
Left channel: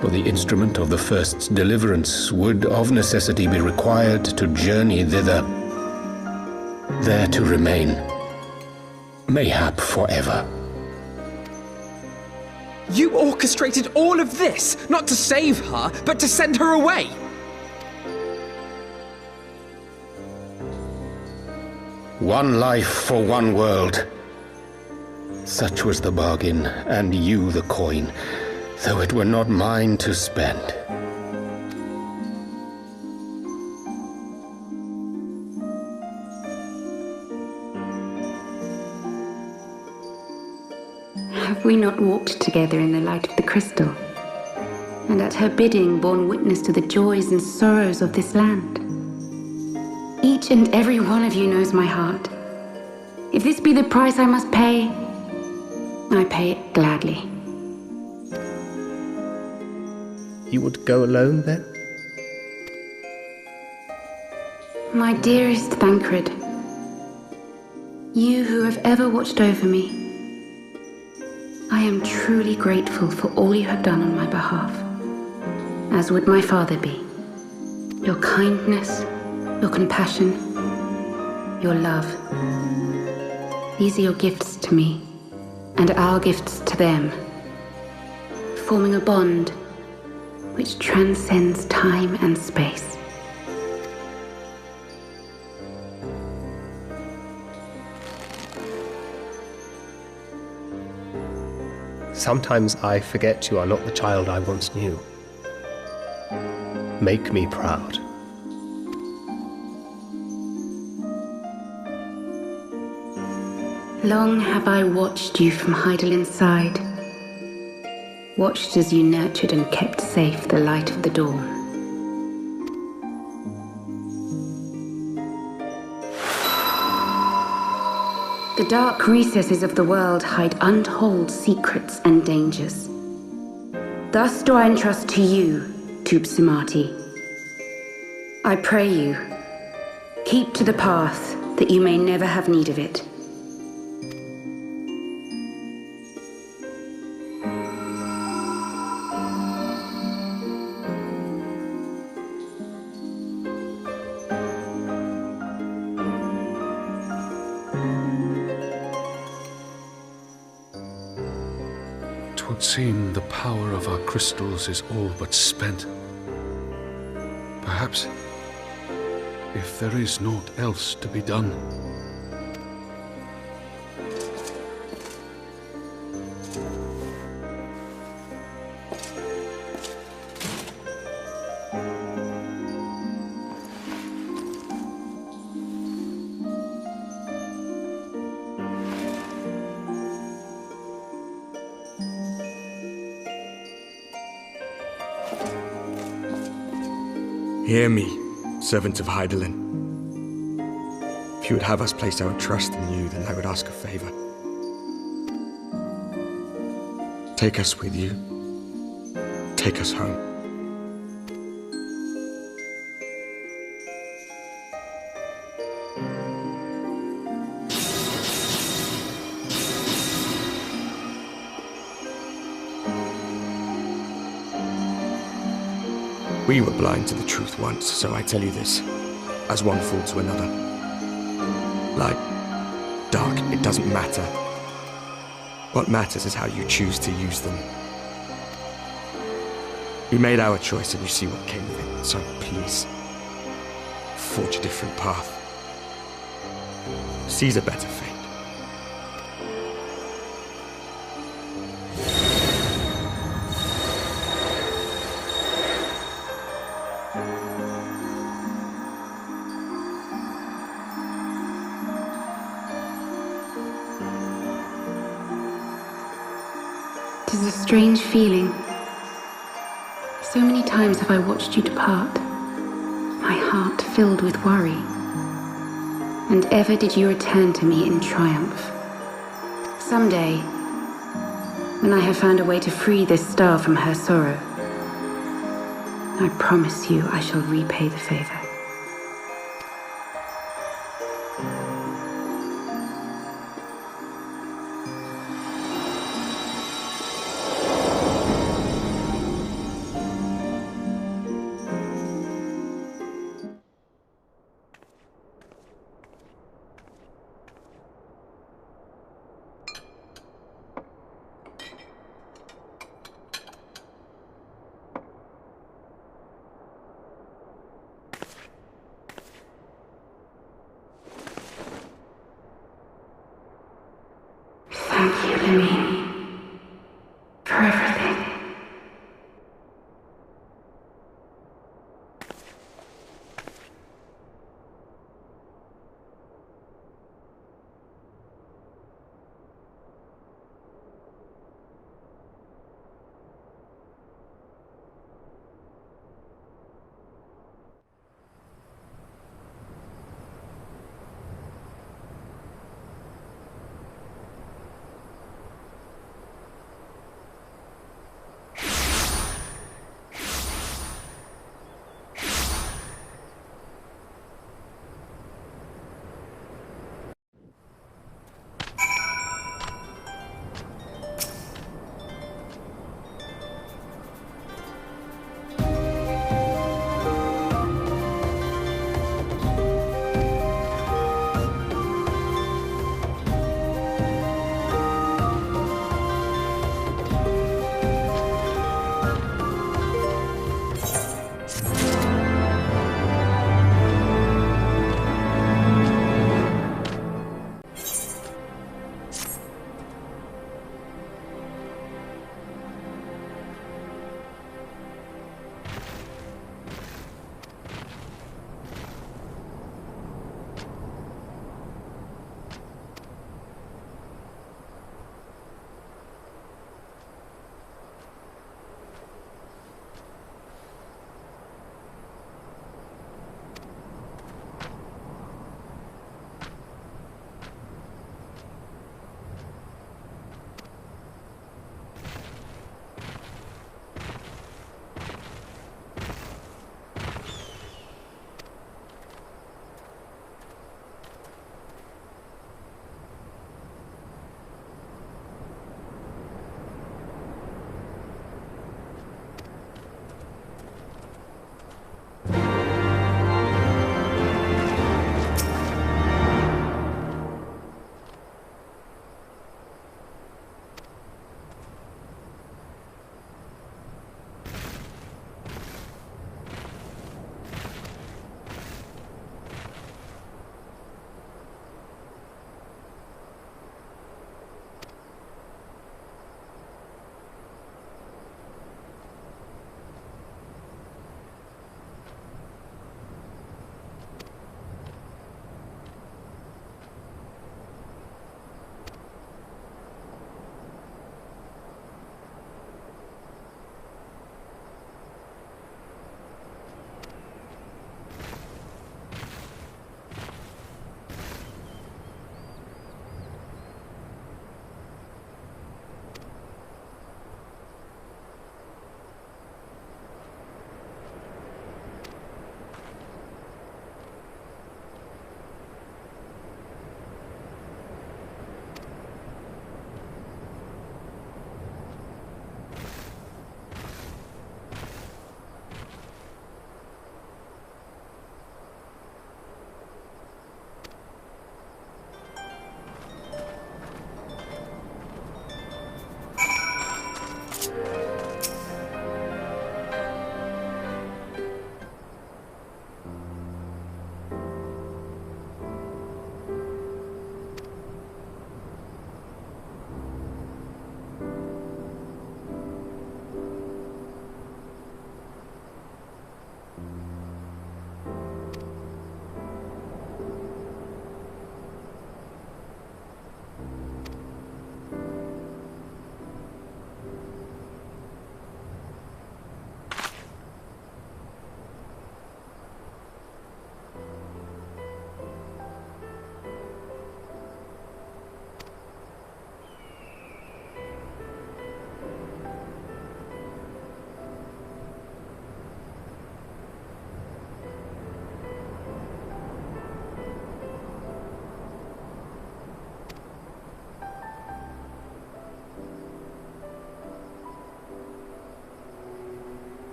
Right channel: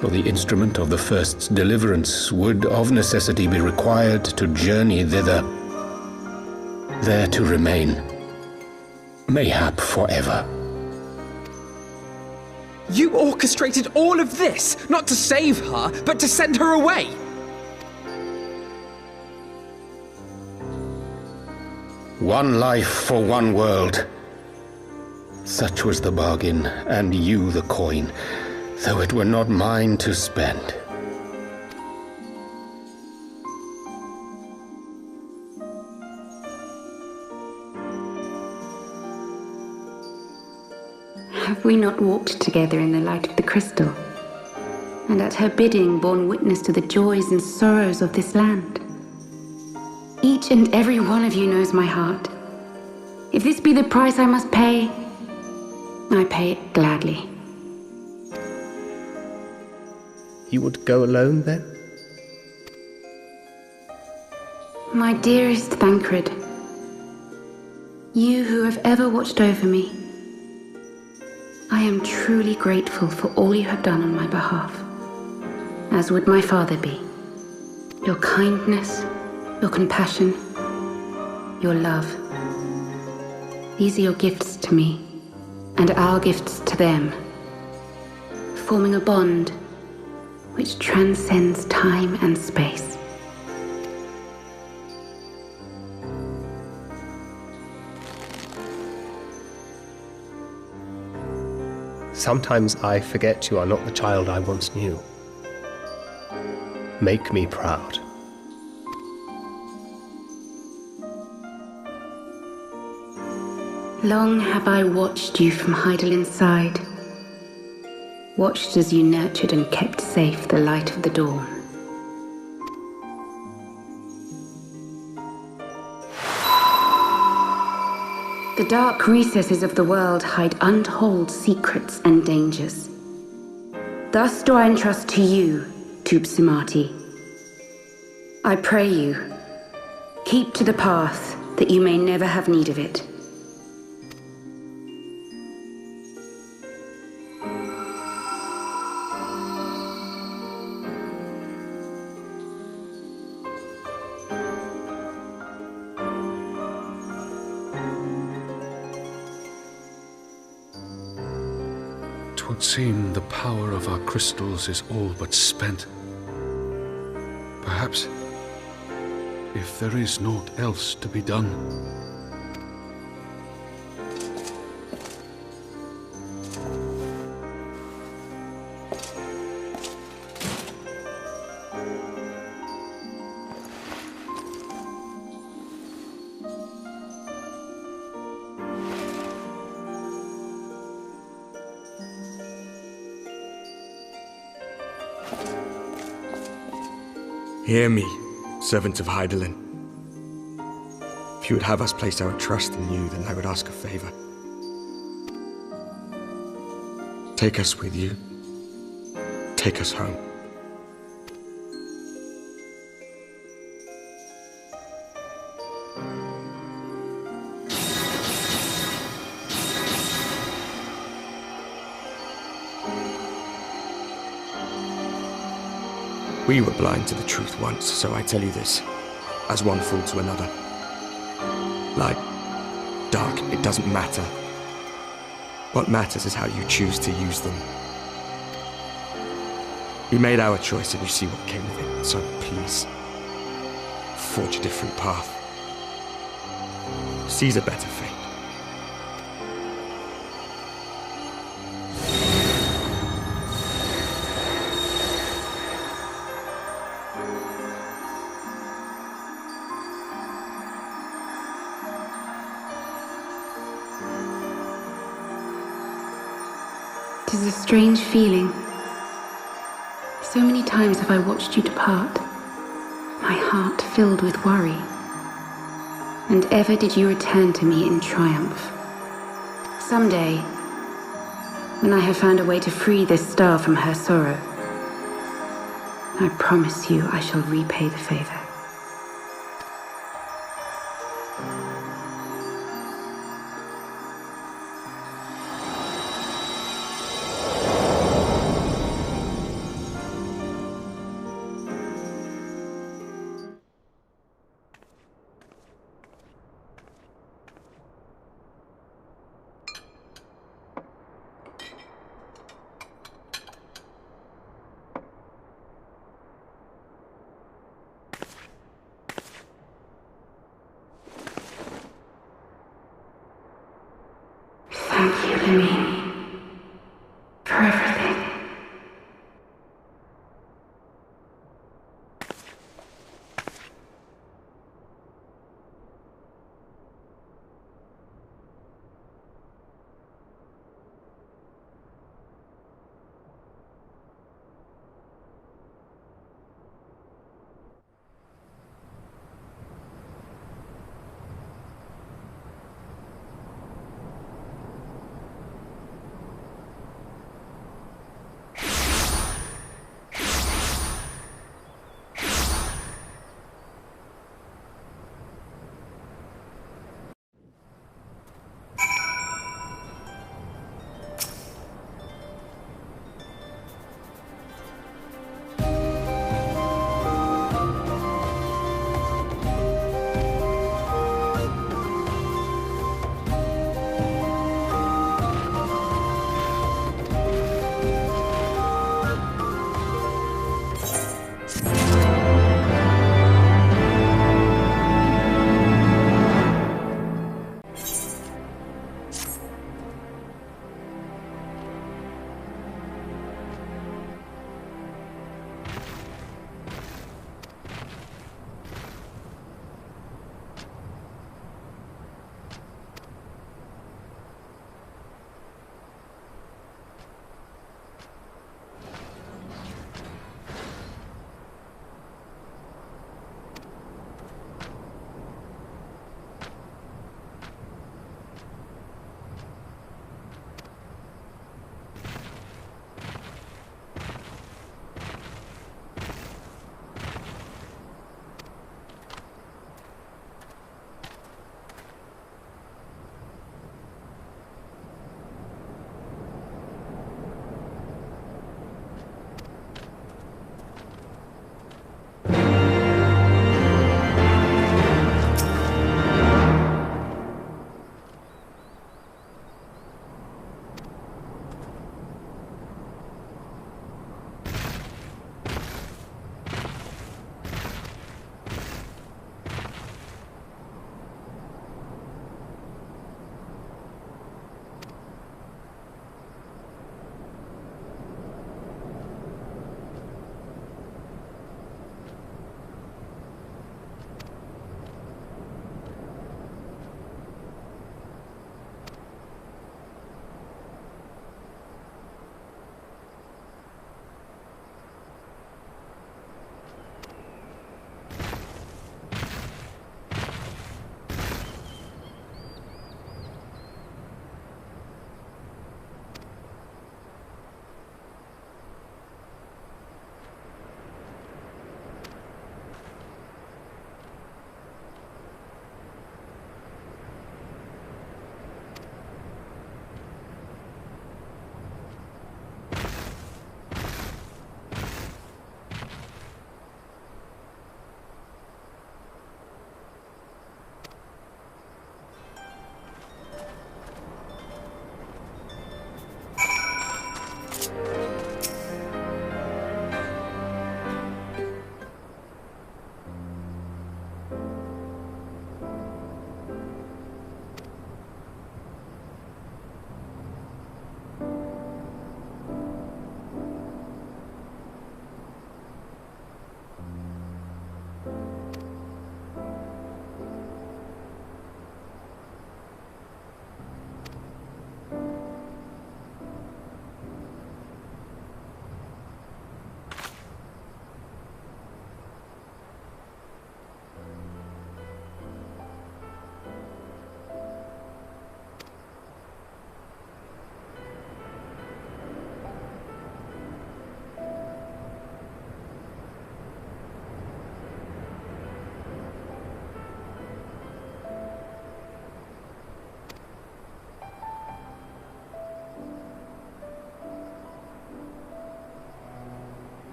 For the instrument of the first's deliverance would of necessity be required to journey thither, there to remain, mayhap forever. You orchestrated all of this, not to save her, but to send her away! One life for one world. Such was the bargain, and you the coin, though it were not mine to spend. Have we not walked together in the light of the crystal? And at her bidding borne witness to the joys and sorrows of this land? Each and every one of you knows my heart. If this be the price I must pay, I pay it gladly. You would go alone, then? My dearest Thancred, you who have ever watched over me, I am truly grateful for all you have done on my behalf, as would my father be. Your kindness, your compassion, your love. These are your gifts to me, and our gifts to them, forming a bond which transcends time and space. Sometimes I forget you are not the child I once knew. Make me proud. Long have I watched you from Hydalin's side, watched as you nurtured and kept safe the light of the dawn. The dark recesses of the world hide untold secrets and dangers. Thus do I entrust to you, Tupsimati. I pray you, keep to the path that you may never have need of it. Would seem the power of our crystals is all but spent. Perhaps, if there is naught else to be done. Hear me, servant of Hydaelyn. If you would have us place our trust in you, then I would ask a favor. Take us with you. Take us home. We were blind to the truth once, so I tell you this, as one fool to another. Light, dark, it doesn't matter. What matters is how you choose to use them. We made our choice and you see what came of it, so please, forge a different path. Seize a better fate. It is a strange feeling. So many times have I watched you depart, my heart filled with worry. And ever did you return to me in triumph. Someday, when I have found a way to free this star from her sorrow, I promise you I shall repay the favor. Thank you, Lemmy, for everything.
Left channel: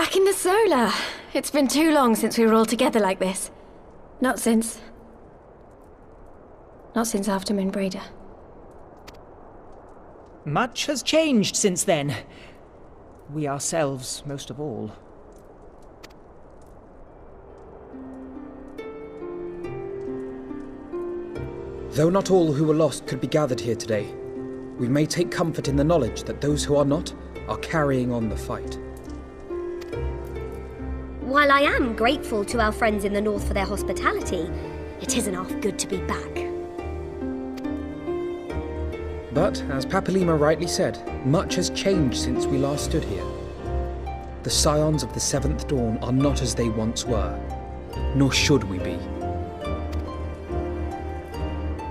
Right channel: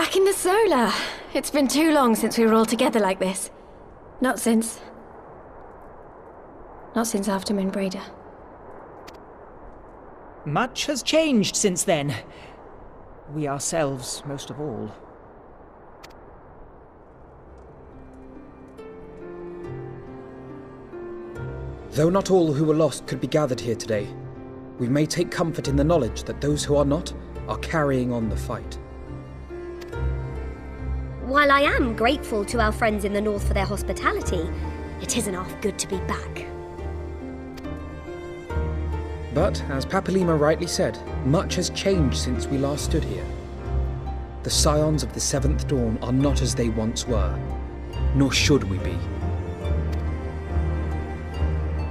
Back in the solar. It's been too long since we were all together like this. Not since after Moonbreeder. Much has changed since then. We ourselves, most of all. Though not all who were lost could be gathered here today, we may take comfort in the knowledge that those who are not are carrying on the fight. While I am grateful to our friends in the north for their hospitality, it isn't half good to be back. But, as Papalima rightly said, much has changed since we last stood here. The Scions of the Seventh Dawn are not as they once were, nor should we be.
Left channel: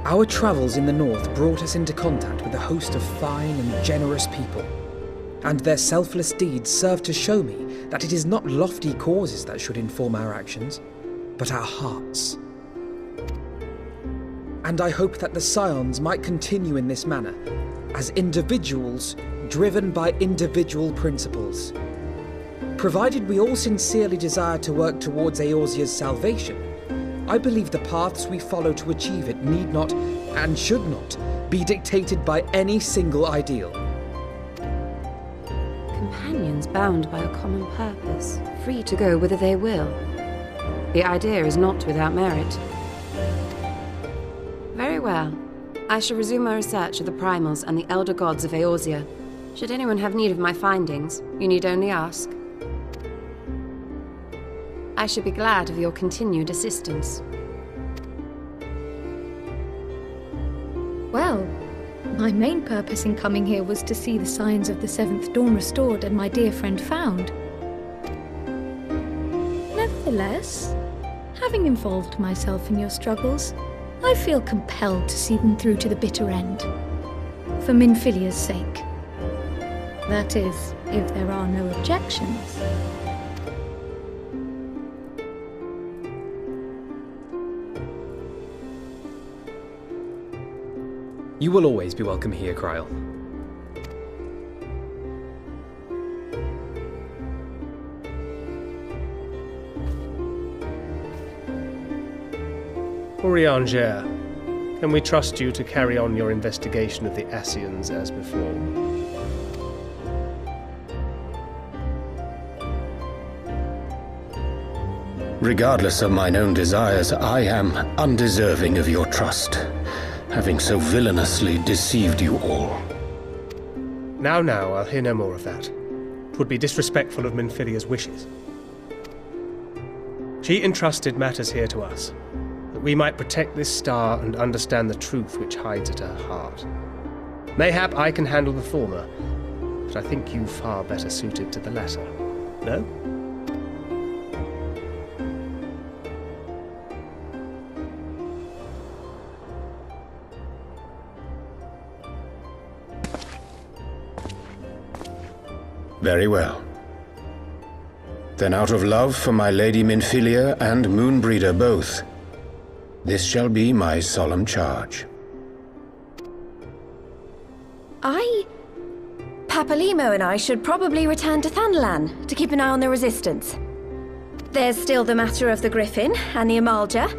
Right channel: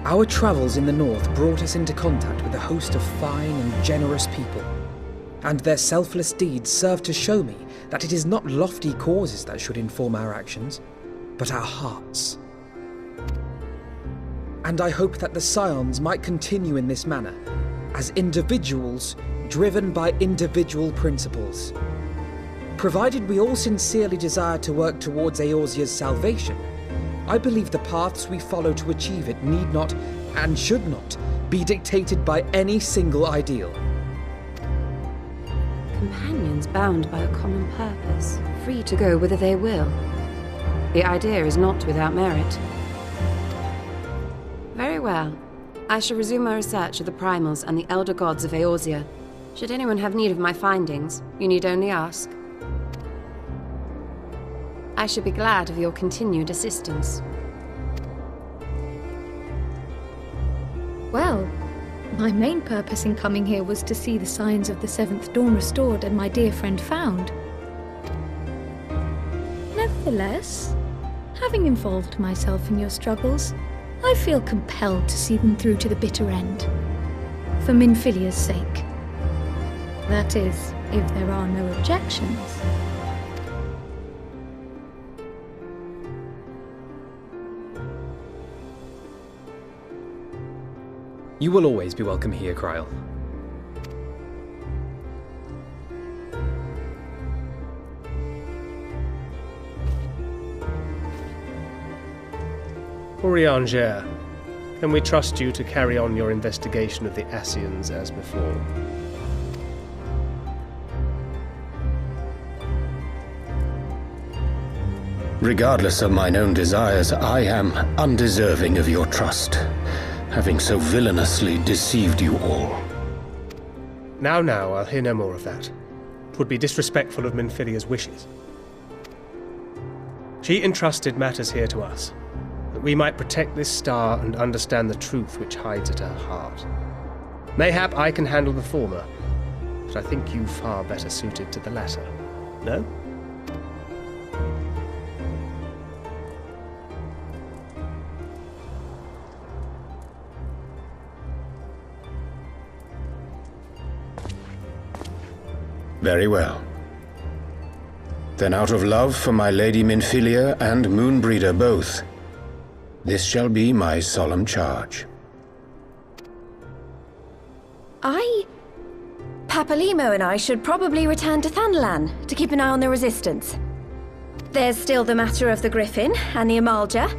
Our travels in the north brought us into contact with a host of fine and generous people, and their selfless deeds serve to show me that it is not lofty causes that should inform our actions, but our hearts. And I hope that the Scions might continue in this manner, as individuals driven by individual principles. Provided we all sincerely desire to work towards Eorzea's salvation, I believe the paths we follow to achieve it need not, and should not, be dictated by any single ideal. Companions bound by a common purpose, free to go whither they will. The idea is not without merit. Very well. I shall resume my research of the primals and the elder gods of Eorzea. Should anyone have need of my findings, you need only ask. I should be glad of your continued assistance. Well, my main purpose in coming here was to see the signs of the Seventh Dawn restored and my dear friend found. Nevertheless, having involved myself in your struggles, I feel compelled to see them through to the bitter end. For Minfilia's sake. That is, if there are no objections. You will always be welcome here, Kryl. Urianger, can we trust you to carry on your investigation of the Ascians as before? Regardless of mine own desires, I am undeserving of your trust, having so villainously deceived you all. Now, I'll hear no more of that. 'Twould be disrespectful of Minfilia's wishes. She entrusted matters here to us, that we might protect this star and understand the truth which hides at her heart. Mayhap I can handle the former, but I think you far better suited to the latter. No? Very well. Then out of love for my Lady Minfilia and Moonbreeder both, this shall be my solemn charge. Papalimo and I should probably return to Thanalan to keep an eye on the Resistance. There's still the matter of the Griffin and the Amalja,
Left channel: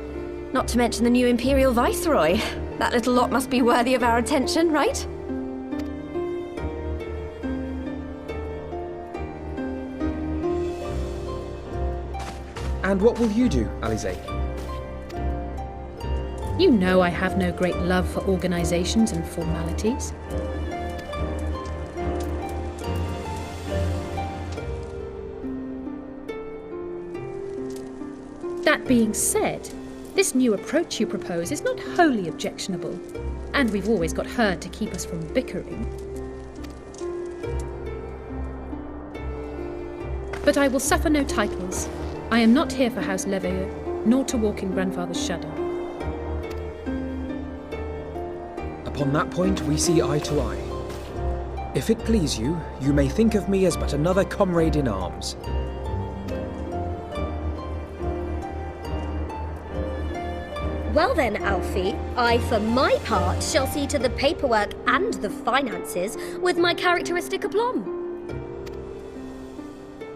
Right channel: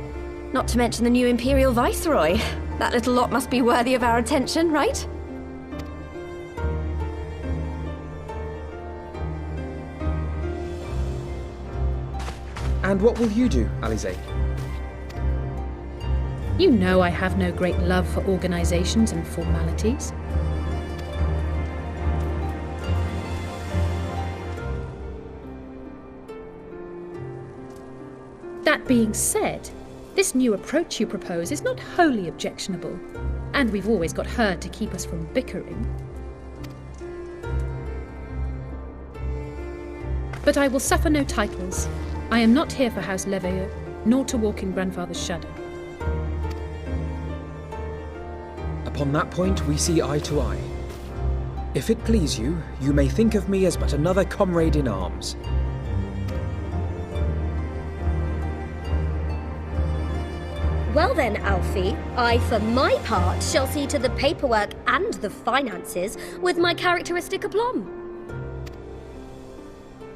not to mention the new Imperial Viceroy. That little lot must be worthy of our attention, right? And what will you do, Alisaie? You know I have no great love for organizations and formalities. That being said, this new approach you propose is not wholly objectionable, and we've always got her to keep us from bickering. But I will suffer no titles. I am not here for House Leveilleur, nor to walk in Grandfather's shadow. Upon that point, we see eye to eye. If it please you, you may think of me as but another comrade in arms. Well then, Alfie, I for my part shall see to the paperwork and the finances with my characteristic aplomb.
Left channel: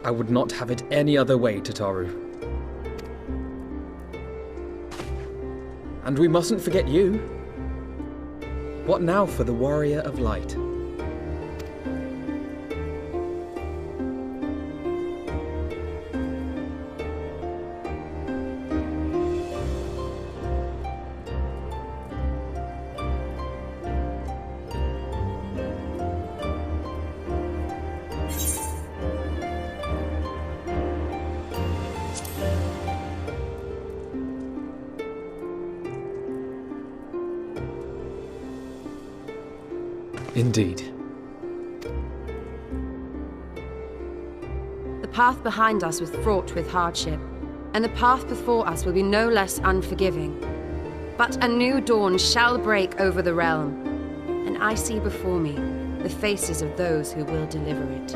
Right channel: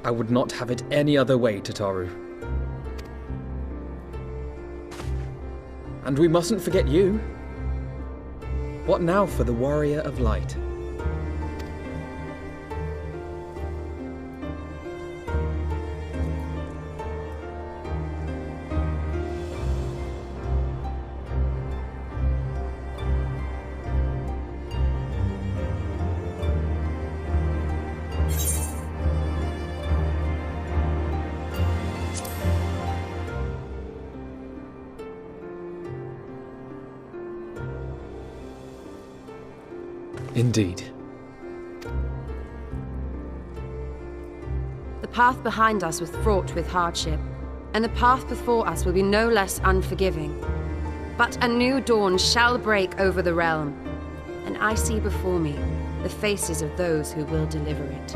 I would not have it any other way, Tataru. And we mustn't forget you. What now for the Warrior of Light? Indeed. The path behind us was fraught with hardship, and the path before us will be no less unforgiving. But a new dawn shall break over the realm, and I see before me the faces of those who will deliver it.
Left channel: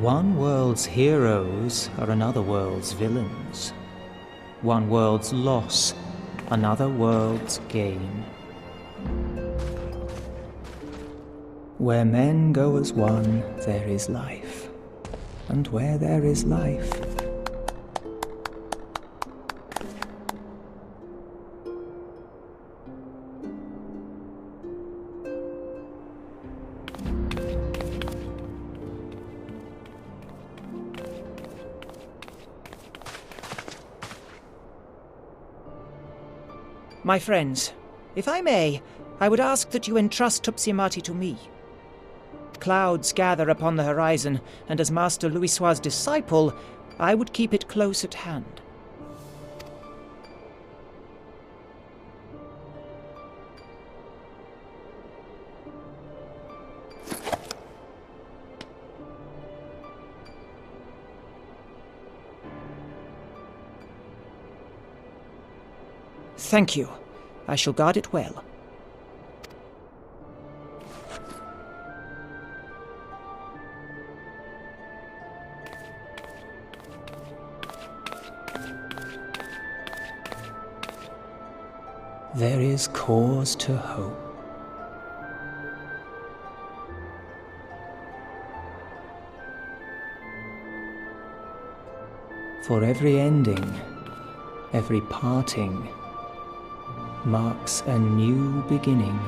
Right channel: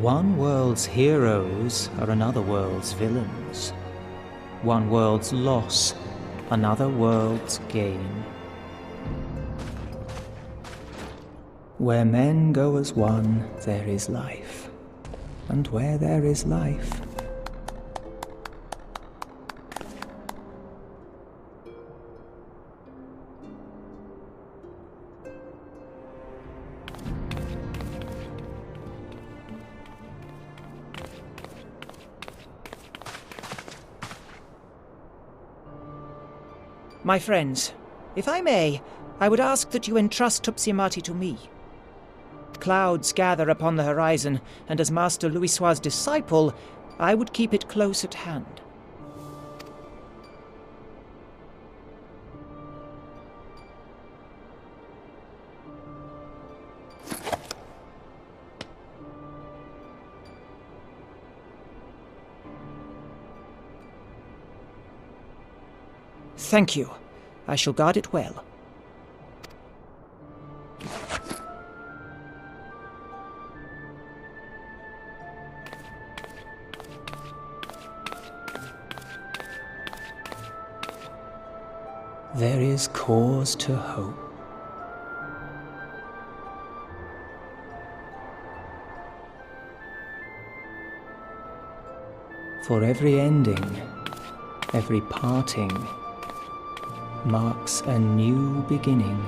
One world's heroes are another world's villains. One world's loss, another world's gain. Where men go as one, there is life. And where there is life, My friends, if I may, I would ask that you entrust Tupsimati to me. Clouds gather upon the horizon, and as Master Louisoix's disciple, I would keep it close at hand. Thank you. I shall guard it well. there is cause to hope. For every ending, every parting, marks a new beginning.